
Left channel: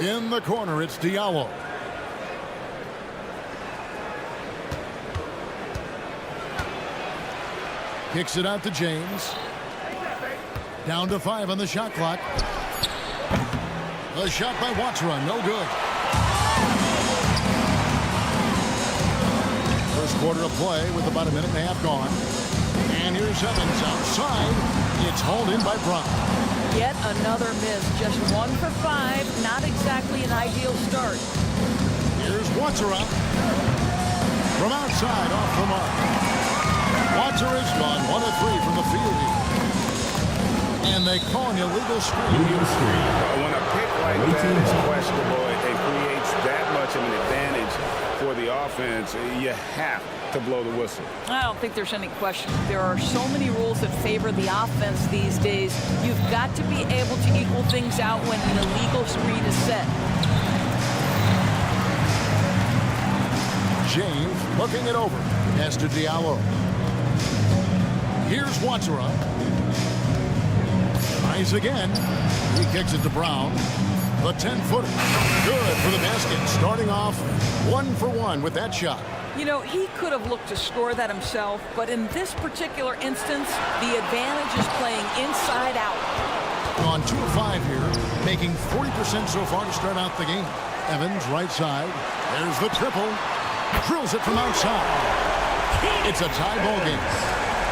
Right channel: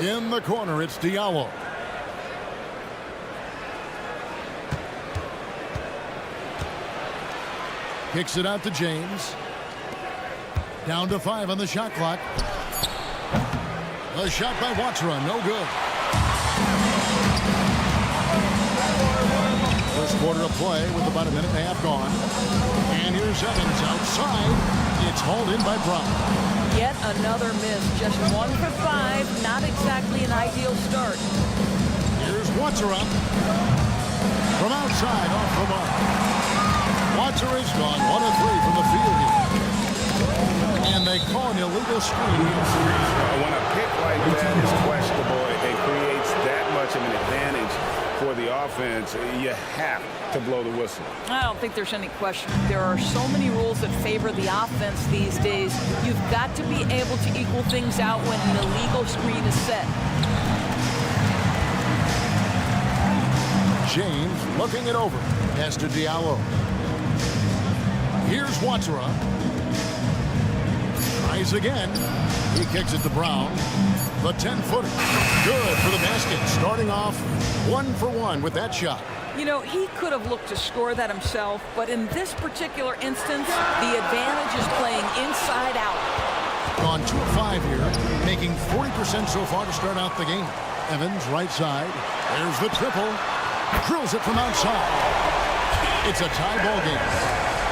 In the corner, it's Diallo. Kicks it out to James. Down to 5 on the shot clock. A shot by Watsura, no good. First quarter of play with about a minute and a half gone. And here's Evans outside. It's hauled in by Brown. Yet another miss, just 1 for 5. Not exactly an ideal start. Here's Watsura. From outside, off the mark. Watsura's gone 1 of 3 from the field here. And they call an illegal screen. When a pick like that is questionable, it creates that much of an advantage for the offense. You have to blow the whistle. I don't think there's any question. There are so many rules that favor the offense these days. You've got to be able to equal things out when an illegal screen is set. James looking it over. Pass to Diallo. Here's Watsura. Tries again. He kicks it to Brown. The 10-footer. Good for the basket. Starting off 1 for 1 with that shot. You know, he could have looked to score that himself, but in this particular instance, the advantage is playing inside out. Gone 2 of 5 here, making 40% so far to start out the game. Evans, right side. There's the triple. Drills it from outside. It's a tie ball game.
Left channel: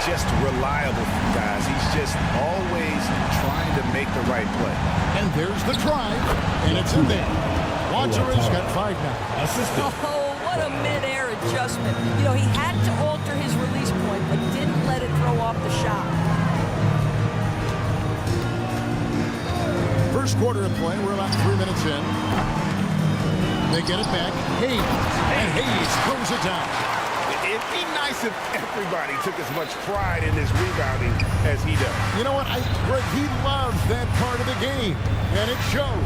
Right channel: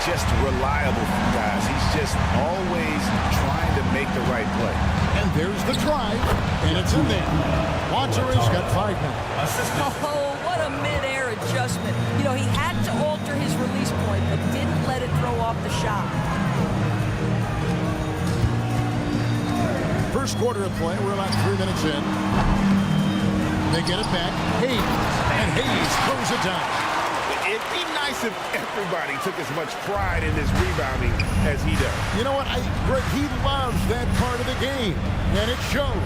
Just reliable, guys. He's just always trying to make the right play. And there's the drive, and it's in there. Watsura's got 5 now. Oh, what a mid-air adjustment. You know, he had to alter his release point, but didn't let it throw off the shot. First quarter of play, we're about 3 minutes in. They get it back. Hayes. And Hayes throws it down. It'd be nice if everybody took as much pride in his rebounding as he does. You know what? Greg, he loves that part of the game, and it shows.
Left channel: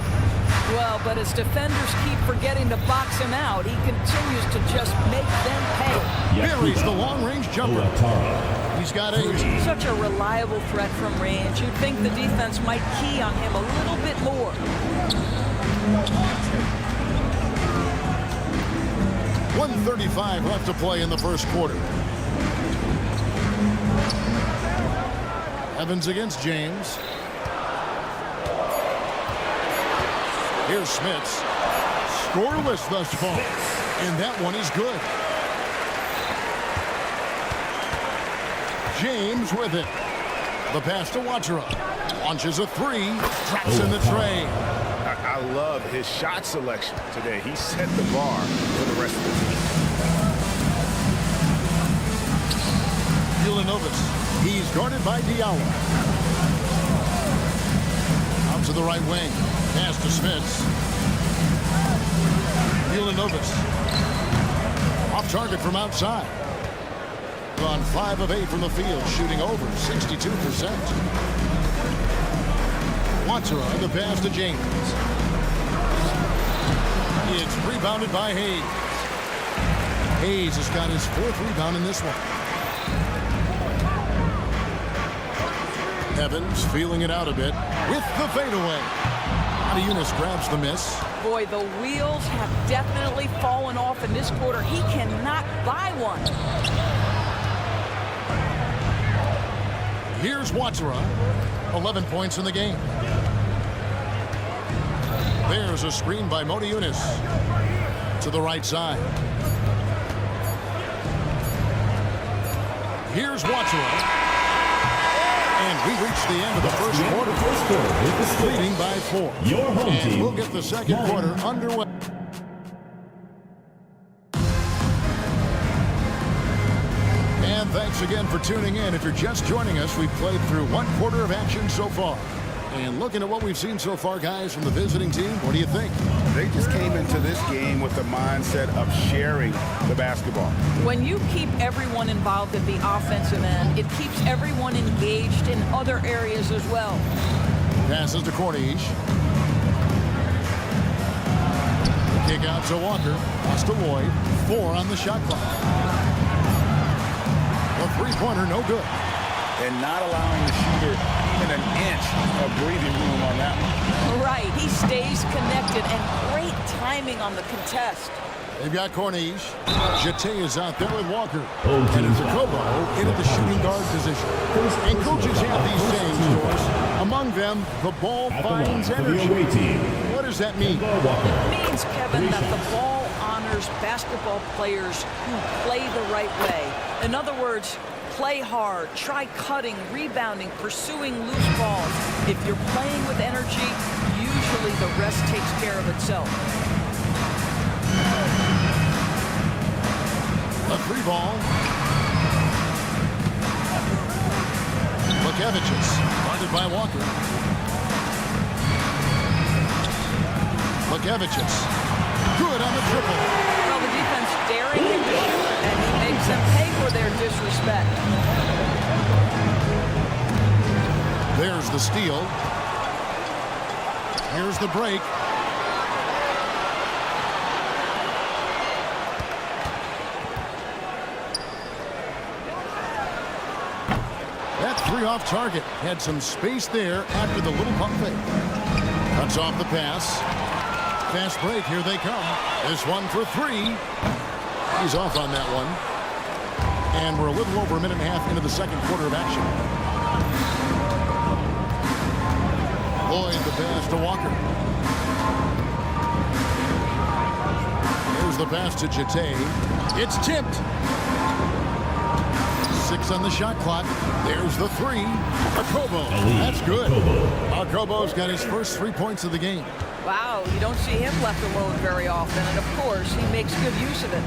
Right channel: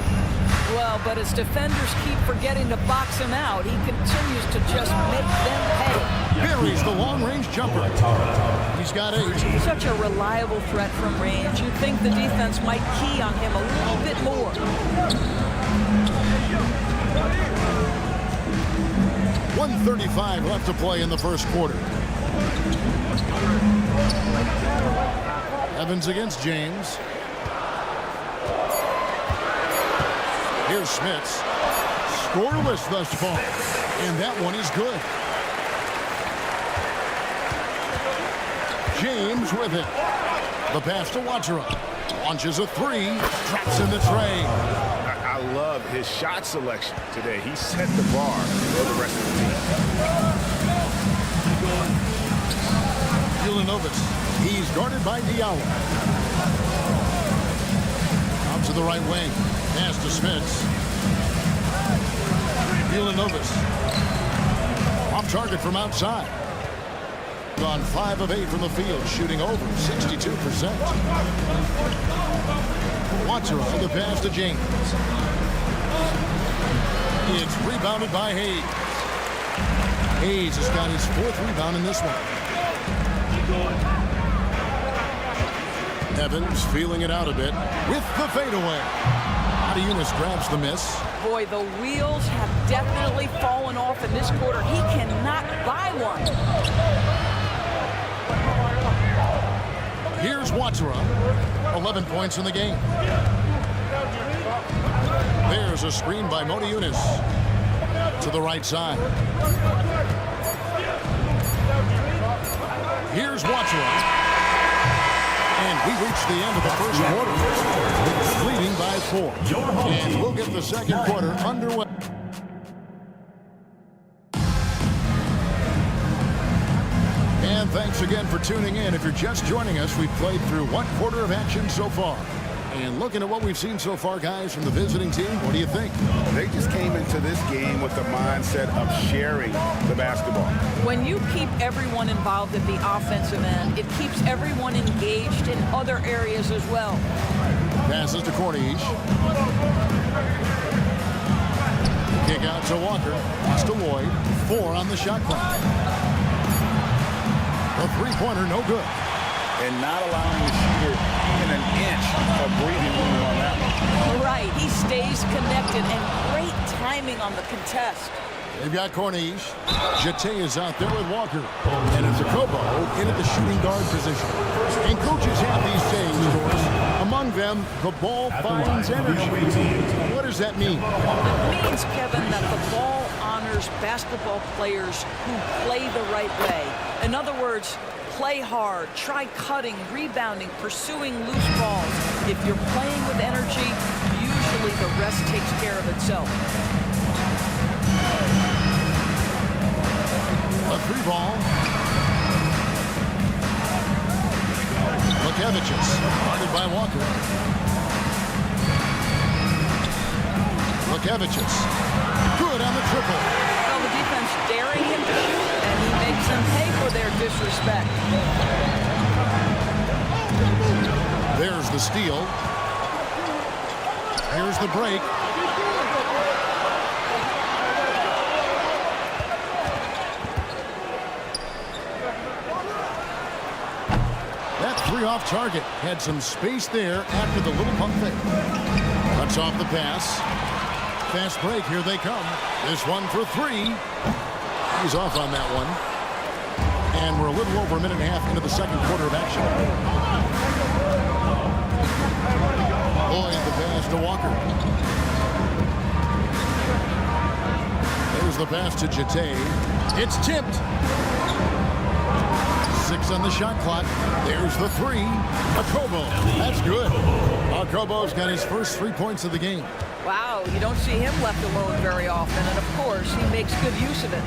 Well, but as defenders keep forgetting to box him out, he continues to just make them pay. Buries the long-range jumper. He's got 8. Such a reliable threat from range. You'd think the defense might key on him a little bit more. 1:35 left to play in the first quarter. Evans against James. Here's Smits. Scoreless thus far. And that one is good. James with it. The pass to Wachera. Launches a 3. Drops in the tray. I love his shot selection today. He set the bar for the rest of the team. Ulanovas. He's guarded by Diallo. Out to the right wing. Pass to Smits. Ulanovas. Off target from outside. On 5 of 8 from the field, shooting over 62%. Wachera, the pass to James. It's rebounded by Hayes. Hayes has got his 4th rebound in this one. Evans feeling it out a bit with the fadeaway. Adiunas grabs the miss. Boy, the wheels have definitely fallen off in this quarter. He cannot buy one. Here's Wachera. 11 points in the game. There's a screen by Modiunas to the right side. Here's Wachera. And we reach the end of the first quarter. Leading by 4. And we'll get the second quarter underway. And thanks again for tuning in. If you're just joining us, we've played through 1 quarter of action so far. And looking at what we've seen so far, guys, from the visiting team, what do you think? They just came into this game with the mindset of sharing the basketball. When you keep everyone involved at the offensive end, it keeps everyone engaged in other areas as well. Passes to Cornish. The kick out to Walker. Pass to Lloyd. 4 on the shot clock. The 3-pointer, no good. And not allowing the shooter even an inch of breathing room on that one. Right, he stays connected, and great timing on the contest. They've got Cornish. Jete is out there with Walker. And it's Kobo in at the shooting guard position. And coaches have these sayings, Doris. Among them, the ball finds energy. What does that mean? It means, Kevin, that the ball honors basketball players who play the right way. In other words, play hard, try cutting, rebounding, pursuing loose balls. If you're playing with energy, usually the rest takes care of itself. A 3 ball. Lukevicius, guarded by Walker. Lukevicius, good on the triple. Well, the defense daring him to shoot, and he makes them pay for their disrespect. There's the steal. Here's the break. That 3 off target. Had some space there after the little pump fake. Cuts off the pass. Fast break. Here they come. This one for 3. He's off on that one. And we're a little over a minute and a half into the second quarter of action. Lloyd the pass to Walker. There's the pass to Jete. It's tipped. 6 on the shot clock. There's the 3. Akobo. That's good. Akobo's got his first 3 points of the game. Wow, you don't see him left alone very often, and of course, he makes good use of it.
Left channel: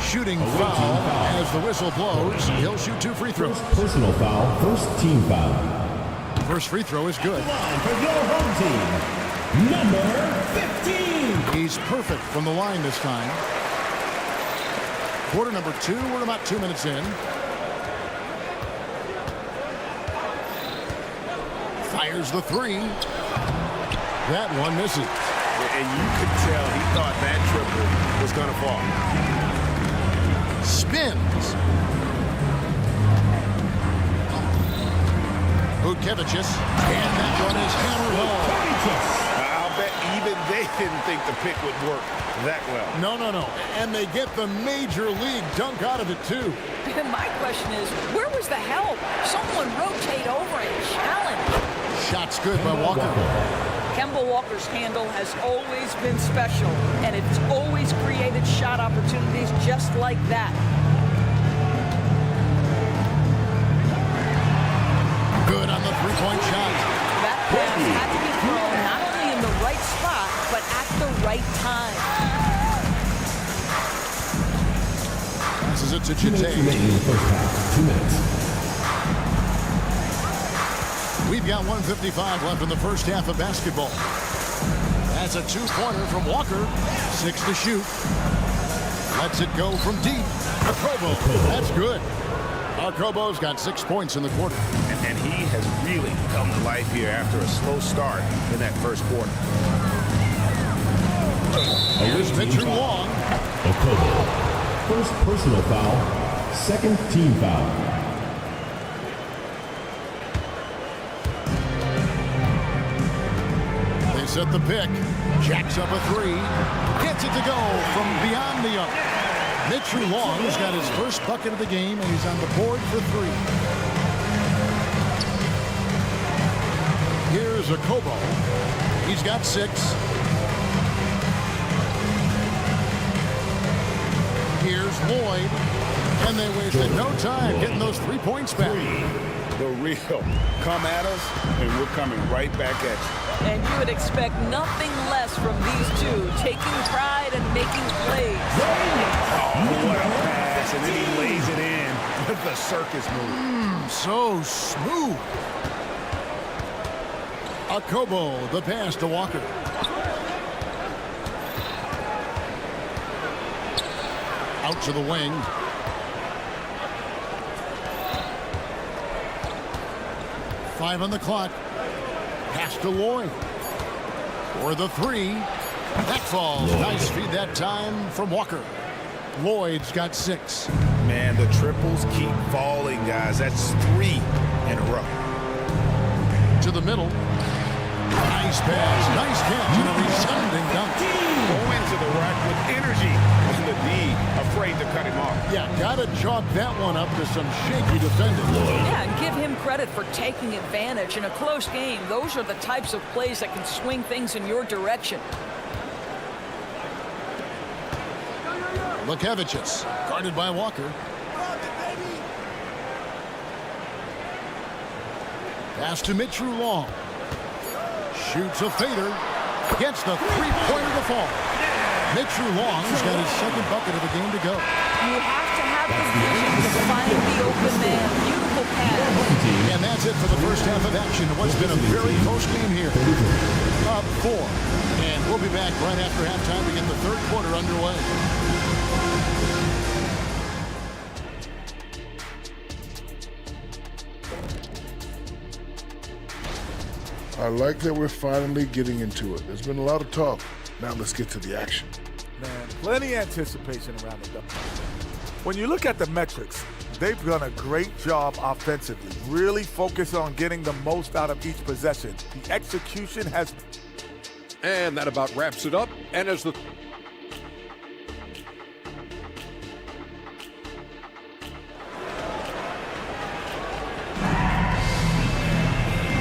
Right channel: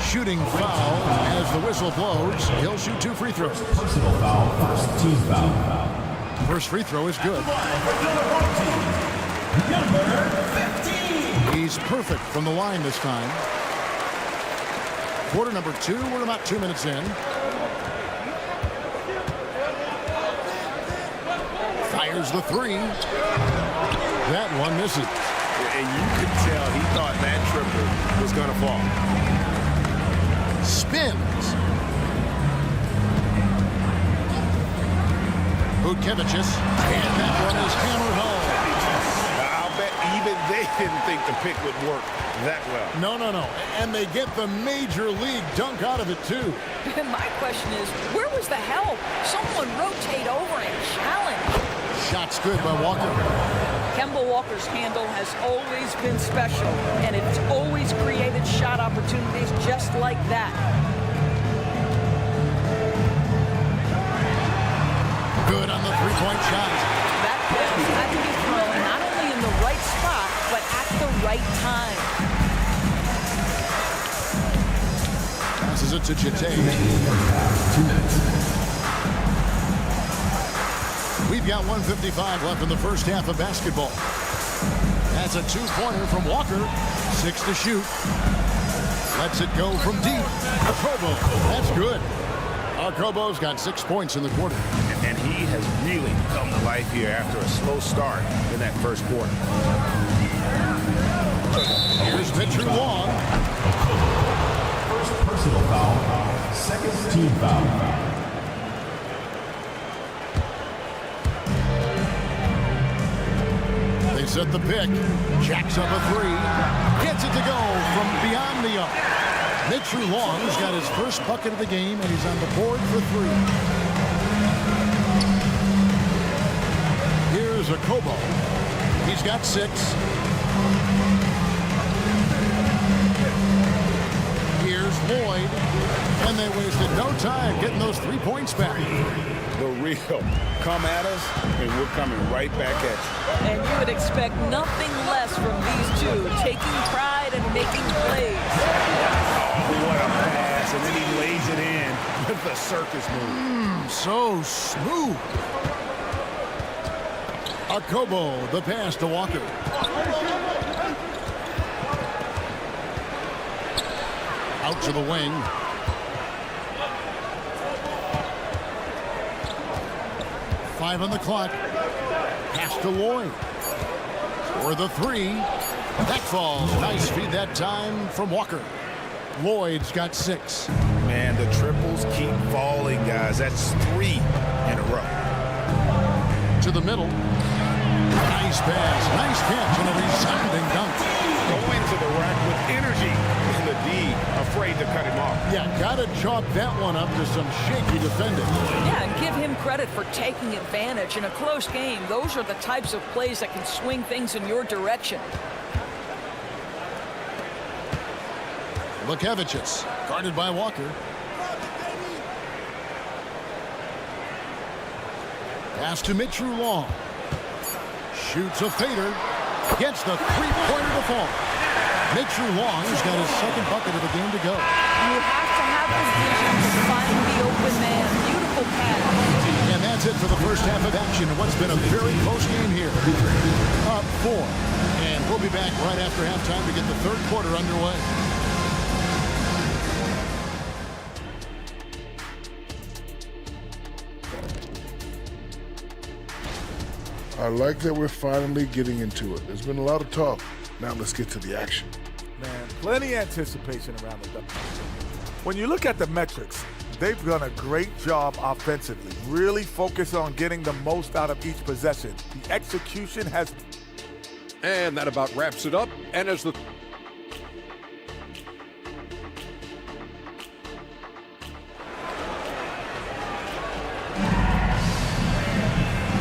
Shooting foul as the whistle blows. He'll shoot 2 free throws. Personal foul, first team foul. First free throw is good. For your home team, number 15. He's He's perfect from the line this time. Quarter number 2. We're about 2 minutes in. Fires the 3. That one misses. And you could tell he thought that triple was going to fall. Spins. Butkevicius, and that one is hammered home. I'll bet even they didn't think the pick would work that well. No. And they get the major league dunk out of it, too. My question is, where was the help? Someone rotate over and challenge. Shot's good by Walker. Kemba Walker's handle has always been special, and it's always created shot opportunities just like that. Good on the three-point shot. That pass had to be thrown not only in the right spot, but at the right time. Passes it to Jete. 2 minutes. We've got 1:55 left in the first half of basketball. That's a 2-pointer from Walker. 6 to shoot. Lets it go from deep. Akobo. That's good. Akobo's got 6 points in the quarter. And he has really come to life here after a slow start in that first quarter. Here's Mitchell Long. Okobo. First personal foul. Second team foul. They set the pick. Jacks up a 3. Gets it to go from beyond the arc. Mitchell Long's got his first bucket of the game, and he's on the board for 3. Here's Akobo. He's got 6. Here's Lloyd. And they wasted no time getting those 3 points back. The real come at us, and we're coming right back at you. And you would expect nothing less from these two, taking pride and making plays. Oh, what a pass, and then he lays it in with the circus move. So smooth. Akobo, the pass to Walker. Out to the wing. Five on the clock. Pass to Lloyd. For the 3. That falls. Nice feed that time from Walker. Lloyd's got 6. Man, the triples keep falling, guys. That's 3 in a row. To the middle. Nice pass. Nice catch and a resounding dunk. Go into the rack with energy. And the D afraid to cut him off. Yeah, gotta chalk that one up to some shaky defending. Yeah, and give him credit for taking advantage in a close game. Those are the types of plays that can swing things in your direction. Butkevicius, guarded by Walker. Pass to Mitchell Long. Shoots a fader. Gets the three-pointer to fall. Mitchell Long's got his second bucket of the game to go. You have to have the vision to find the open man. Beautiful pass. And that's it for the first half of action. What's been a very close game here. Up 4. And we'll be back right after halftime to get the third quarter underway. I like that we're finally getting into it. There's been a lot of talk. Now let's get to the action. Man, plenty of anticipation around the double. When you look at the metrics, they've done a great job offensively. Really focus on getting the most out of each possession. The execution has... And that about wraps it up. And as the...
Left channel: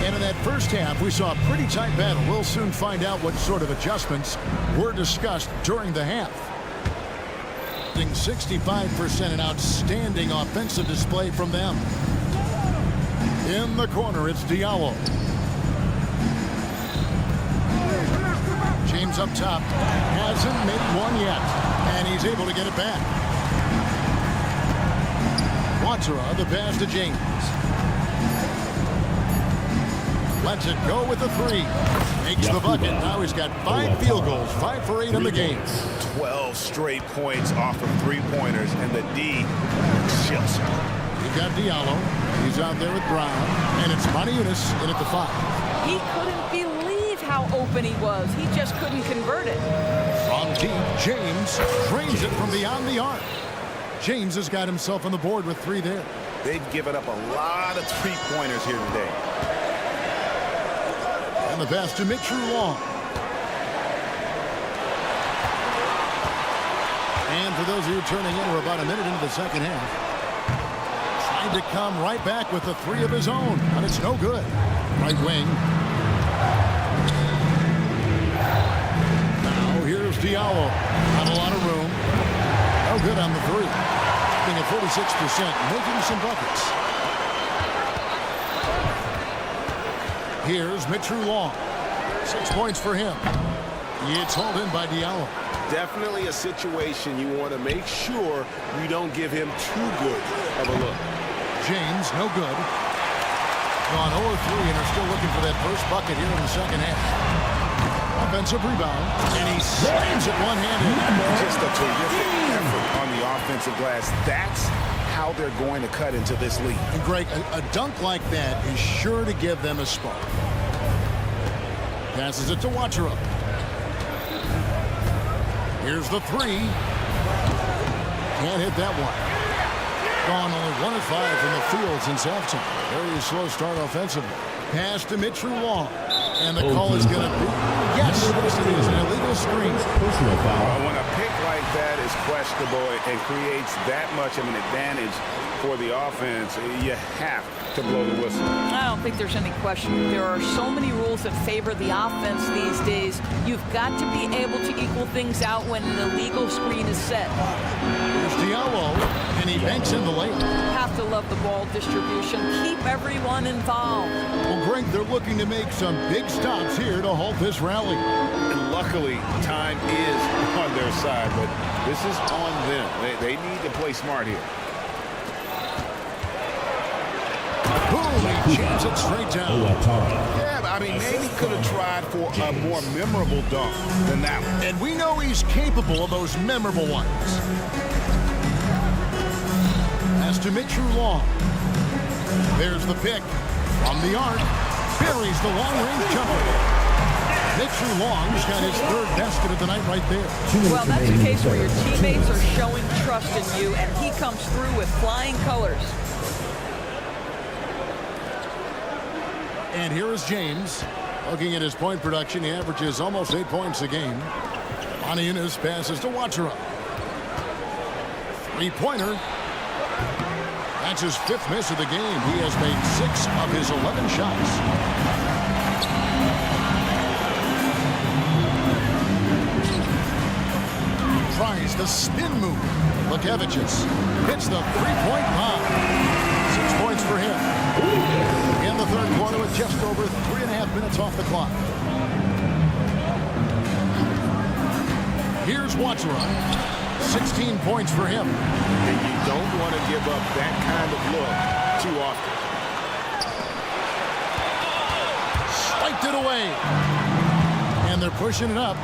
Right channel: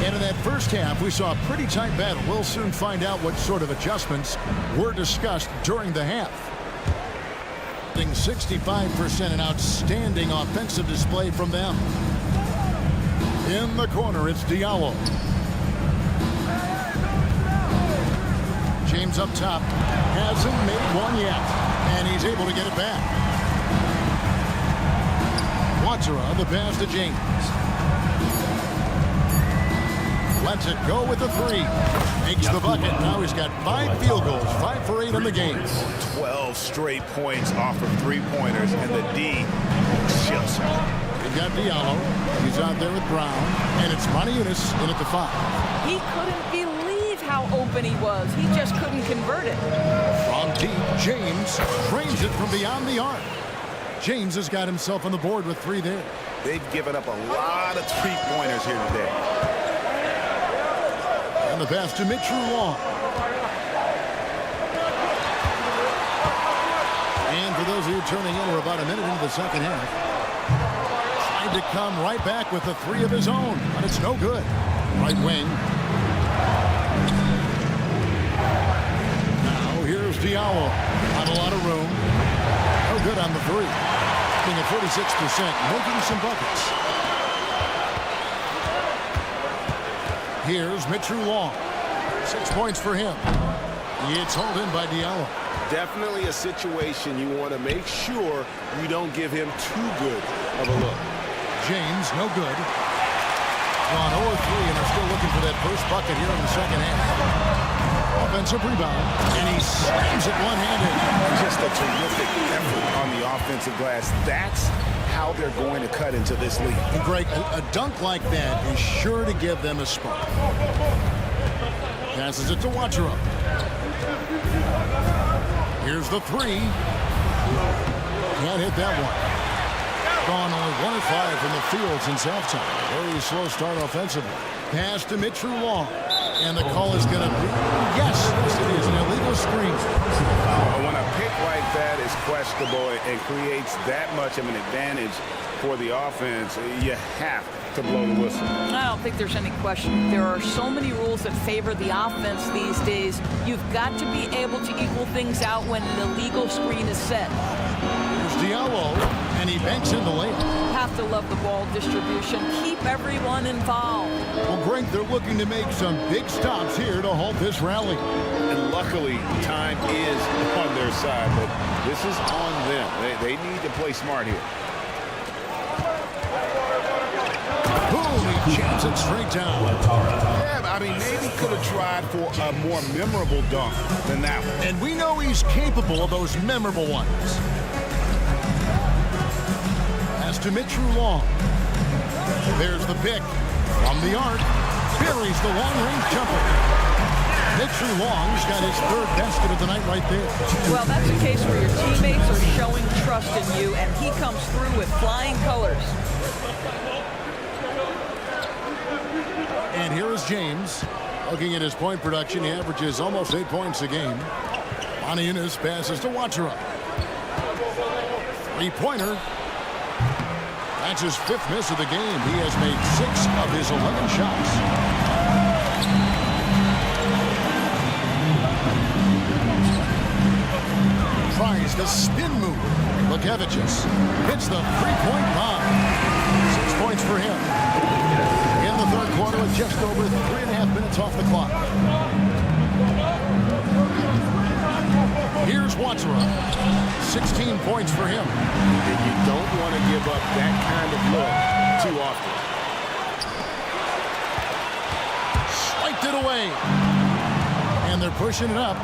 And in that first half, we saw a pretty tight battle. We'll soon find out what sort of adjustments were discussed during the half. 65%, an outstanding offensive display from them. In the corner, it's Diallo. James up top. Hasn't made one yet. And he's able to get it back. Watsara, the pass to James. lets it go with the 3. Makes the bucket. Now he's got 5 field goals, 5 for 8 in the game. 12 straight points off of 3-pointers, and the D looks shell-shocked. You've got Diallo. He's out there with Brown, and it's Monaco in at the 5. He couldn't believe how open he was. He just couldn't convert it. From deep, James drains it from beyond the arc. James has got himself on the board with 3 there. They've given up a lot of 3-pointers here today. And the pass to Mitchell Long. And for those of you turning in, we're about a minute into the second half. Trying to come right back with the 3 of his own, but it's no good. Right wing. Now here's Diallo. Not a lot of room. No good on the 3. Being at 46%, making some buckets. Here's Mitchell Long. 6 points for him. It's hauled in by Diallo. Definitely a situation you want to make sure you don't give him too good of a look. James, no good. Gone 0-3 and are still looking for that first bucket here in the second half. Offensive rebound, and he slams it one-handed. Just a terrific effort on the offensive glass. That's how they're going to cut into this lead. And Greg, a dunk like that is sure to give them a spark. Passes it to Watchera. Here's the 3. Can't hit that one. Gone only 1 of 5 from the field since halftime. Very slow start offensively. Pass to Mitchell Long. And the call is going to be, yes, it is, an illegal screen. Personal foul. When a pick like that is questionable and creates that much of an advantage for the offense, you have to blow the whistle. I don't think there's any question. There are so many rules that favor the offense these days. You've got to be able to equal things out when an illegal screen is set. Here's Diallo, and he banks in the layup. Have to love the ball distribution. Keep everyone involved. Well, Greg, they're looking to make some big stops here to halt this rally. And luckily, time is on their side, but this is on them. They need to play smart here. Boom, he jams it straight down. Yeah, I mean, maybe could have tried for a more memorable dunk than that one. And we know he's capable of those memorable ones. Pass to Mitchell Long. There's the pick from the arc. Buries the long-range jumper. Mitchell Long's got his 3rd basket of the night right there. Well, that's a case where your teammates are showing trust in you, and he comes through with flying colors. And here is James. Looking at his point production, he averages almost 8 points a game. Monaco passes to Watchera. 3-pointer. That's his 5th miss of the game. He has made 6 of his 11 shots. Tries the spin move. Lukevicius hits the 3-point bomb. 6 points for him. In the 3rd quarter with just over 3.5 minutes off the clock. Here's Watchera. 16 points for him. And you don't want to give up that kind of look too often. Swiped it away. And they're pushing it up.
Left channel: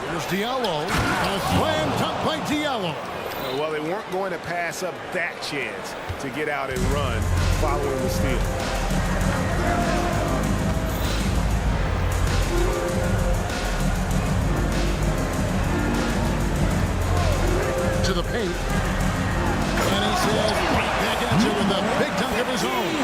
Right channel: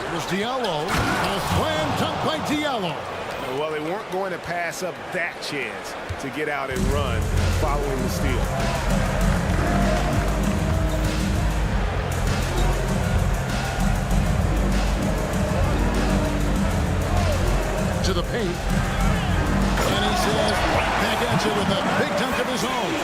Here's Diallo. A slam dunk by Diallo. Well, they weren't going to pass up that chance to get out and run following the steal. To the paint. And he says, right back at you with a big dunk of his own.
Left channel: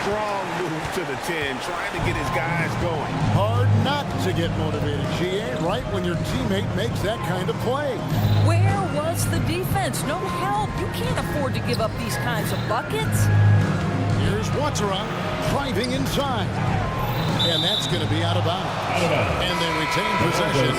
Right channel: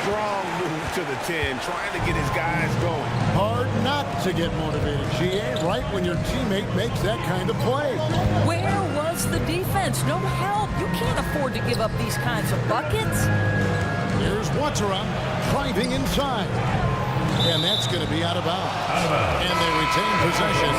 Strong move to the 10, trying to get his guys going. Hard not to get motivated, GA, right when your teammate makes that kind of play. Where was the defense? No help. You can't afford to give up these kinds of buckets. Here's Watchera driving inside. And that's going to be out of bounds. And they retain possession.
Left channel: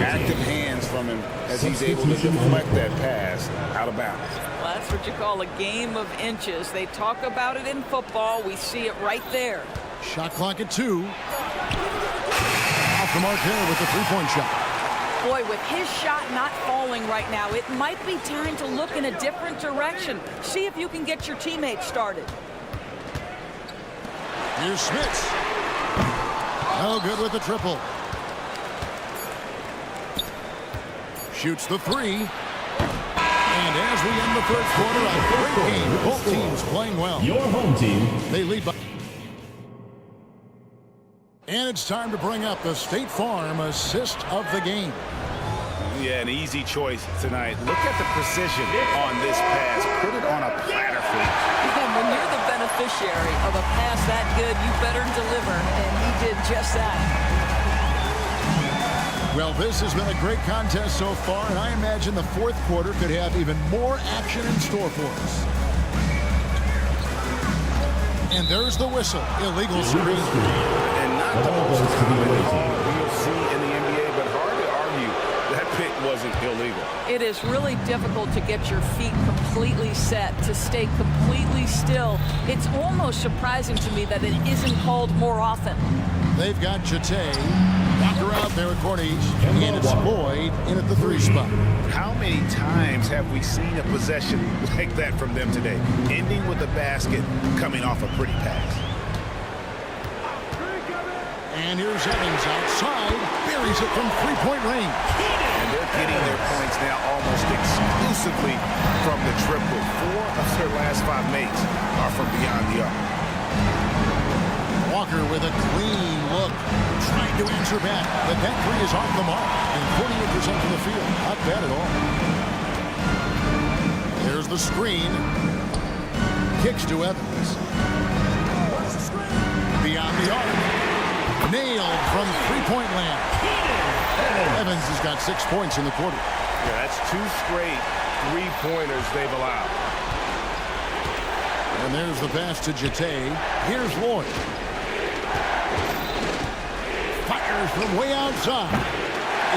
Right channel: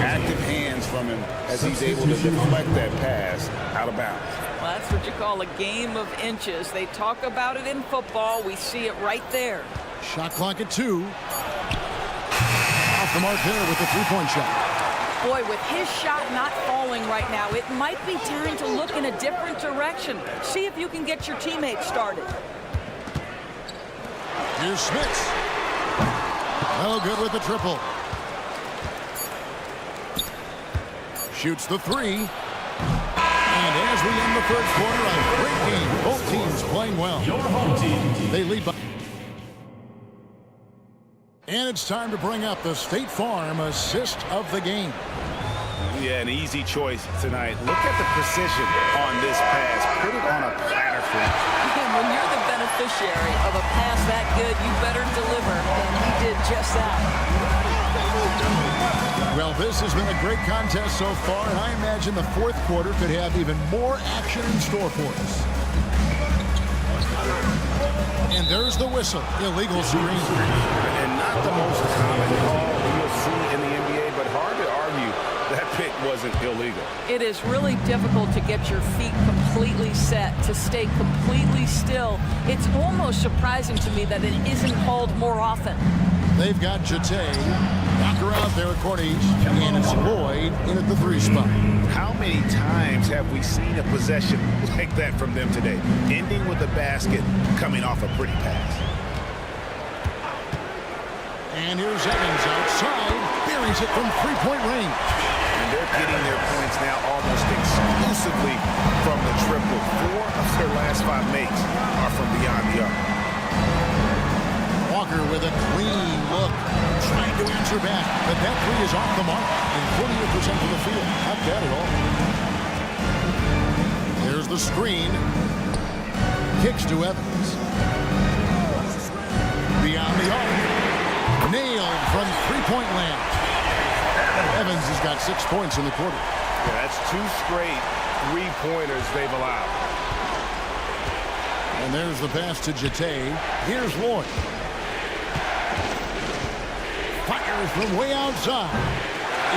Active hands from him as he's able to deflect that pass out of bounds. Well, that's what you call a game of inches. They talk about it in football. We see it right there. Shot clock at 2. Off the mark there with the 3-point shot. Boy, with his shot not falling right now, it might be time to look in a different direction. See if you can get your teammates started. Here's Smits. No good with the triple. Shoots the three. And as we end the third quarter, a great game. Both teams playing well. Your home team. They lead by. And it's time to bring up the State Farm assist of the game. Yeah, an easy choice tonight. Look at the precision on this pass. Put it on a platter for him. And when you're the beneficiary of a pass that good, you better deliver. And he did just that. Well, this has been a great contest so far, and I imagine the fourth quarter could have even more action in store for us. And there's the whistle. Illegal screen. And not the most common call you'll see in the NBA, but hard to argue that pick wasn't illegal. It is really difficult to get your feet completely set, to stay completely still. It's almost surprising to me that it isn't called more often. They've got Jete, Walker out there at court each, and it's Lloyd in at the 3 spot. How many times have we seen a possession like that from them today, ending with a basket coming off a pretty pass? And here's Evans outside, buries it from three-point range. And they're getting their points now almost exclusively from the triple. 4 of their last 5 makes are from beyond the arc. Walker with a clean look, trying to answer back, but that 3 is off the mark, and 48% from the field. Not bad at all. There's the screen. Kicks to Evans. Beyond the arc. Nailed from three-point land. Evans has got 6 points in the quarter. Yeah, that's 2 straight three-pointers they've allowed. And there's the pass to Jete. Here's Lloyd. Fires from way outside.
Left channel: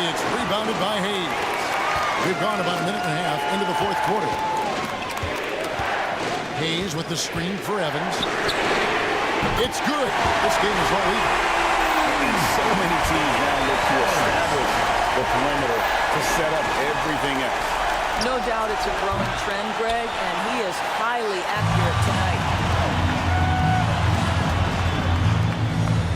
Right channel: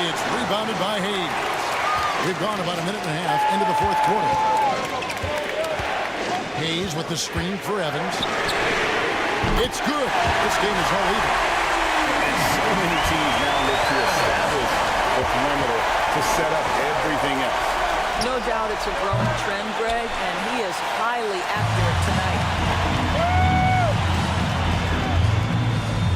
It's rebounded by Hayes. We've gone about a minute and a half into the fourth quarter. Hayes with the screen for Evans. It's good. This game is all even. And so many teams now look to establish the perimeter to set up everything else. No doubt it's a growing trend, Greg, and he is highly accurate tonight.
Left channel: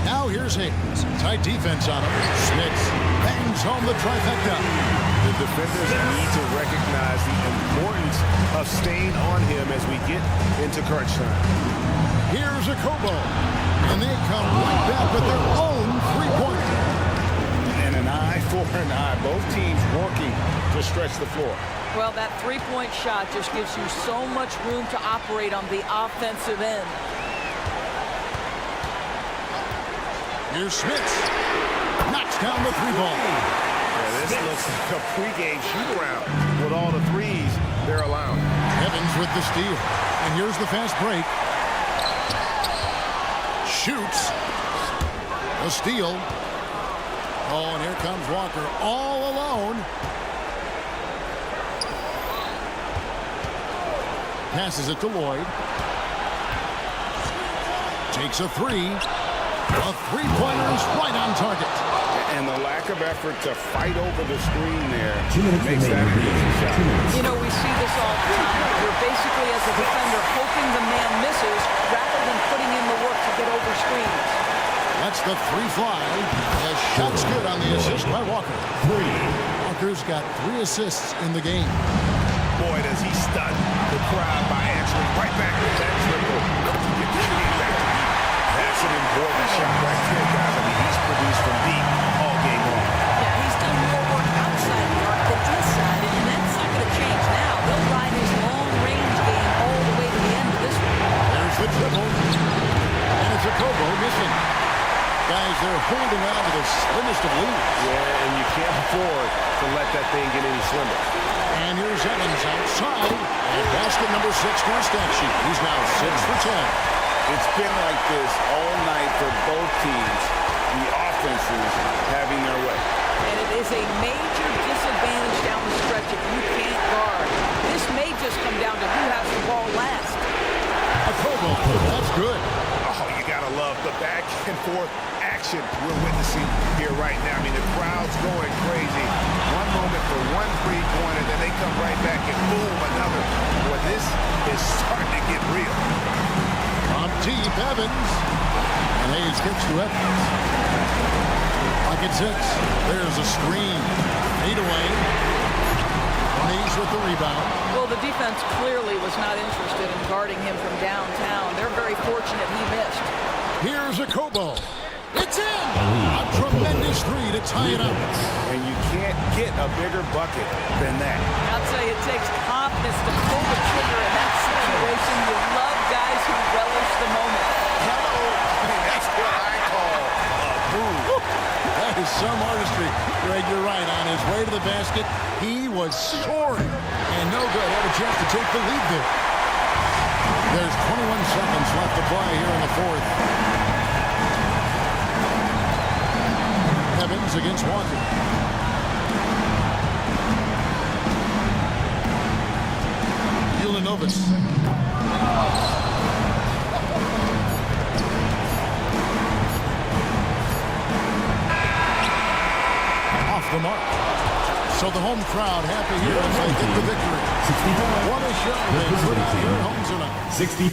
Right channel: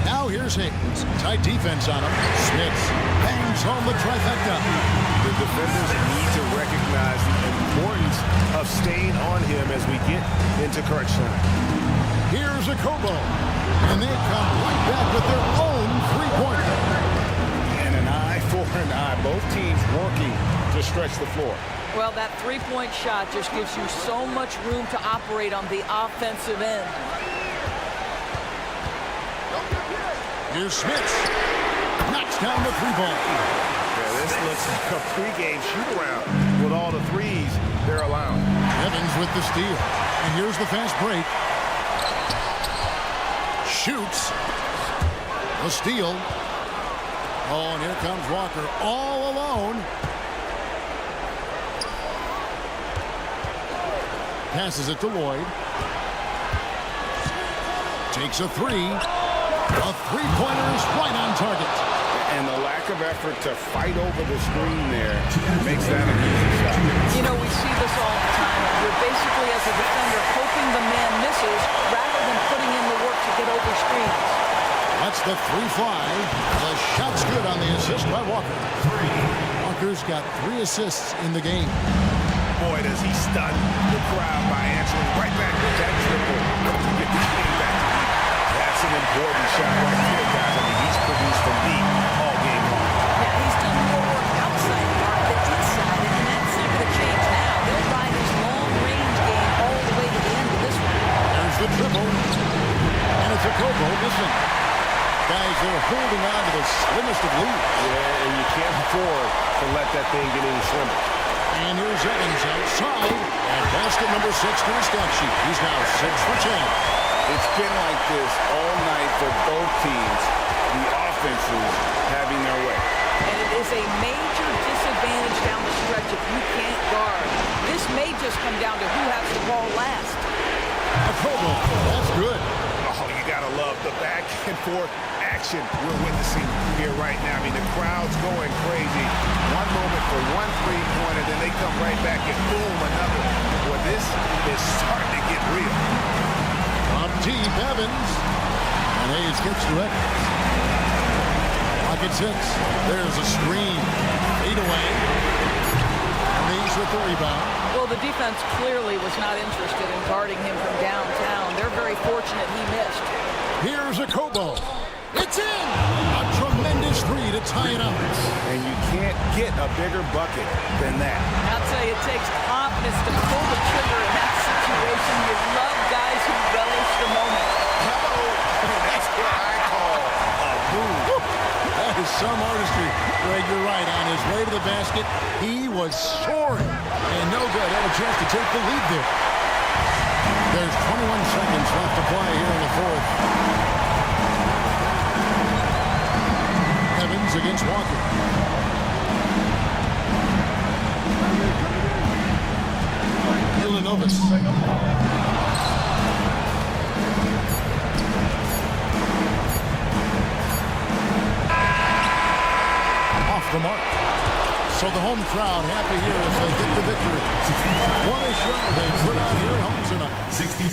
Now here's Hayes. Tight defense on him. Smits bangs home the trifecta. The defenders need to recognize the importance of staying on him as we get into crunch time. Here's a Kobo. And they come right back with their own three-pointer. And an eye for an eye. Both teams working to stretch the floor. Well, that three-point shot just gives you so much room to operate on the offensive end. Here's Smits. Knocks down the 3-ball. Yeah, this looks like a pregame shoot-around with all the threes they're allowing. Evans with the steal. And here's the fast break. Shoots. The steal. Oh, and here comes Walker all alone. Passes it to Lloyd. Takes a 3. A three-pointer is right on target. And the lack of effort to fight over the screen there makes that an easy shot. You know, we see this all the time. You're basically, as a defender, hoping the man misses rather than putting in the work to get over screens. Lets the 3 fly. The shot's good on the assist by Walker. 3. Walker's got 3 assists in the game. Boy, does he stun the crowd by answering right back with that triple to get the game back to even. That's an important shot right there, guys. I mean, he's produced from deep all game long. Yeah, he's done more work outside the arc than inside it, and that's not going to change now. They'll ride his long-range game all the way to the end of this one. There's the triple. And it's a Kobo missing. Guys, they're holding on to the slimmest of leads. Yeah, and you can't afford to let that thing get any slimmer. And here's Evans outside. And basket number 6 to his stat sheet. He's now 6 for 10. It's been like this all night for both teams. The offenses having their way. And it is a major disadvantage down the stretch if you can't guard. This may just come down to who has the ball last. A Kobo. That's good. Oh, you got to love the back and forth action we're witnessing here right now. I mean, the crowd's going crazy. One moment for one three-pointer, then they come right back and boom, another. Boy, this is starting to get real. From deep, Evans. And Hayes kicks to Evans. Pocket 6. There's a screen. 8 away. Hayes with the rebound. Well, the defense clearly was not interested in guarding him from downtown. They're very fortunate he missed. Here's a Kobo. It's in! A tremendous 3 to tie it up. And you can't get a bigger bucket than that. I'll tell you, it takes confidence to pull the trigger in that situation. You love guys who relish the moment. Hello. That's what I call a move. That is some artistry. Greg, you're right. On his way to the basket, he was soaring. And no good. Had a chance to take the lead there. There's 21 seconds left to play here in the fourth. Evans against Walker. Ulanovas. Off the mark. So the home crowd happy here as they get the victory. What a show they put out here at home tonight. 60.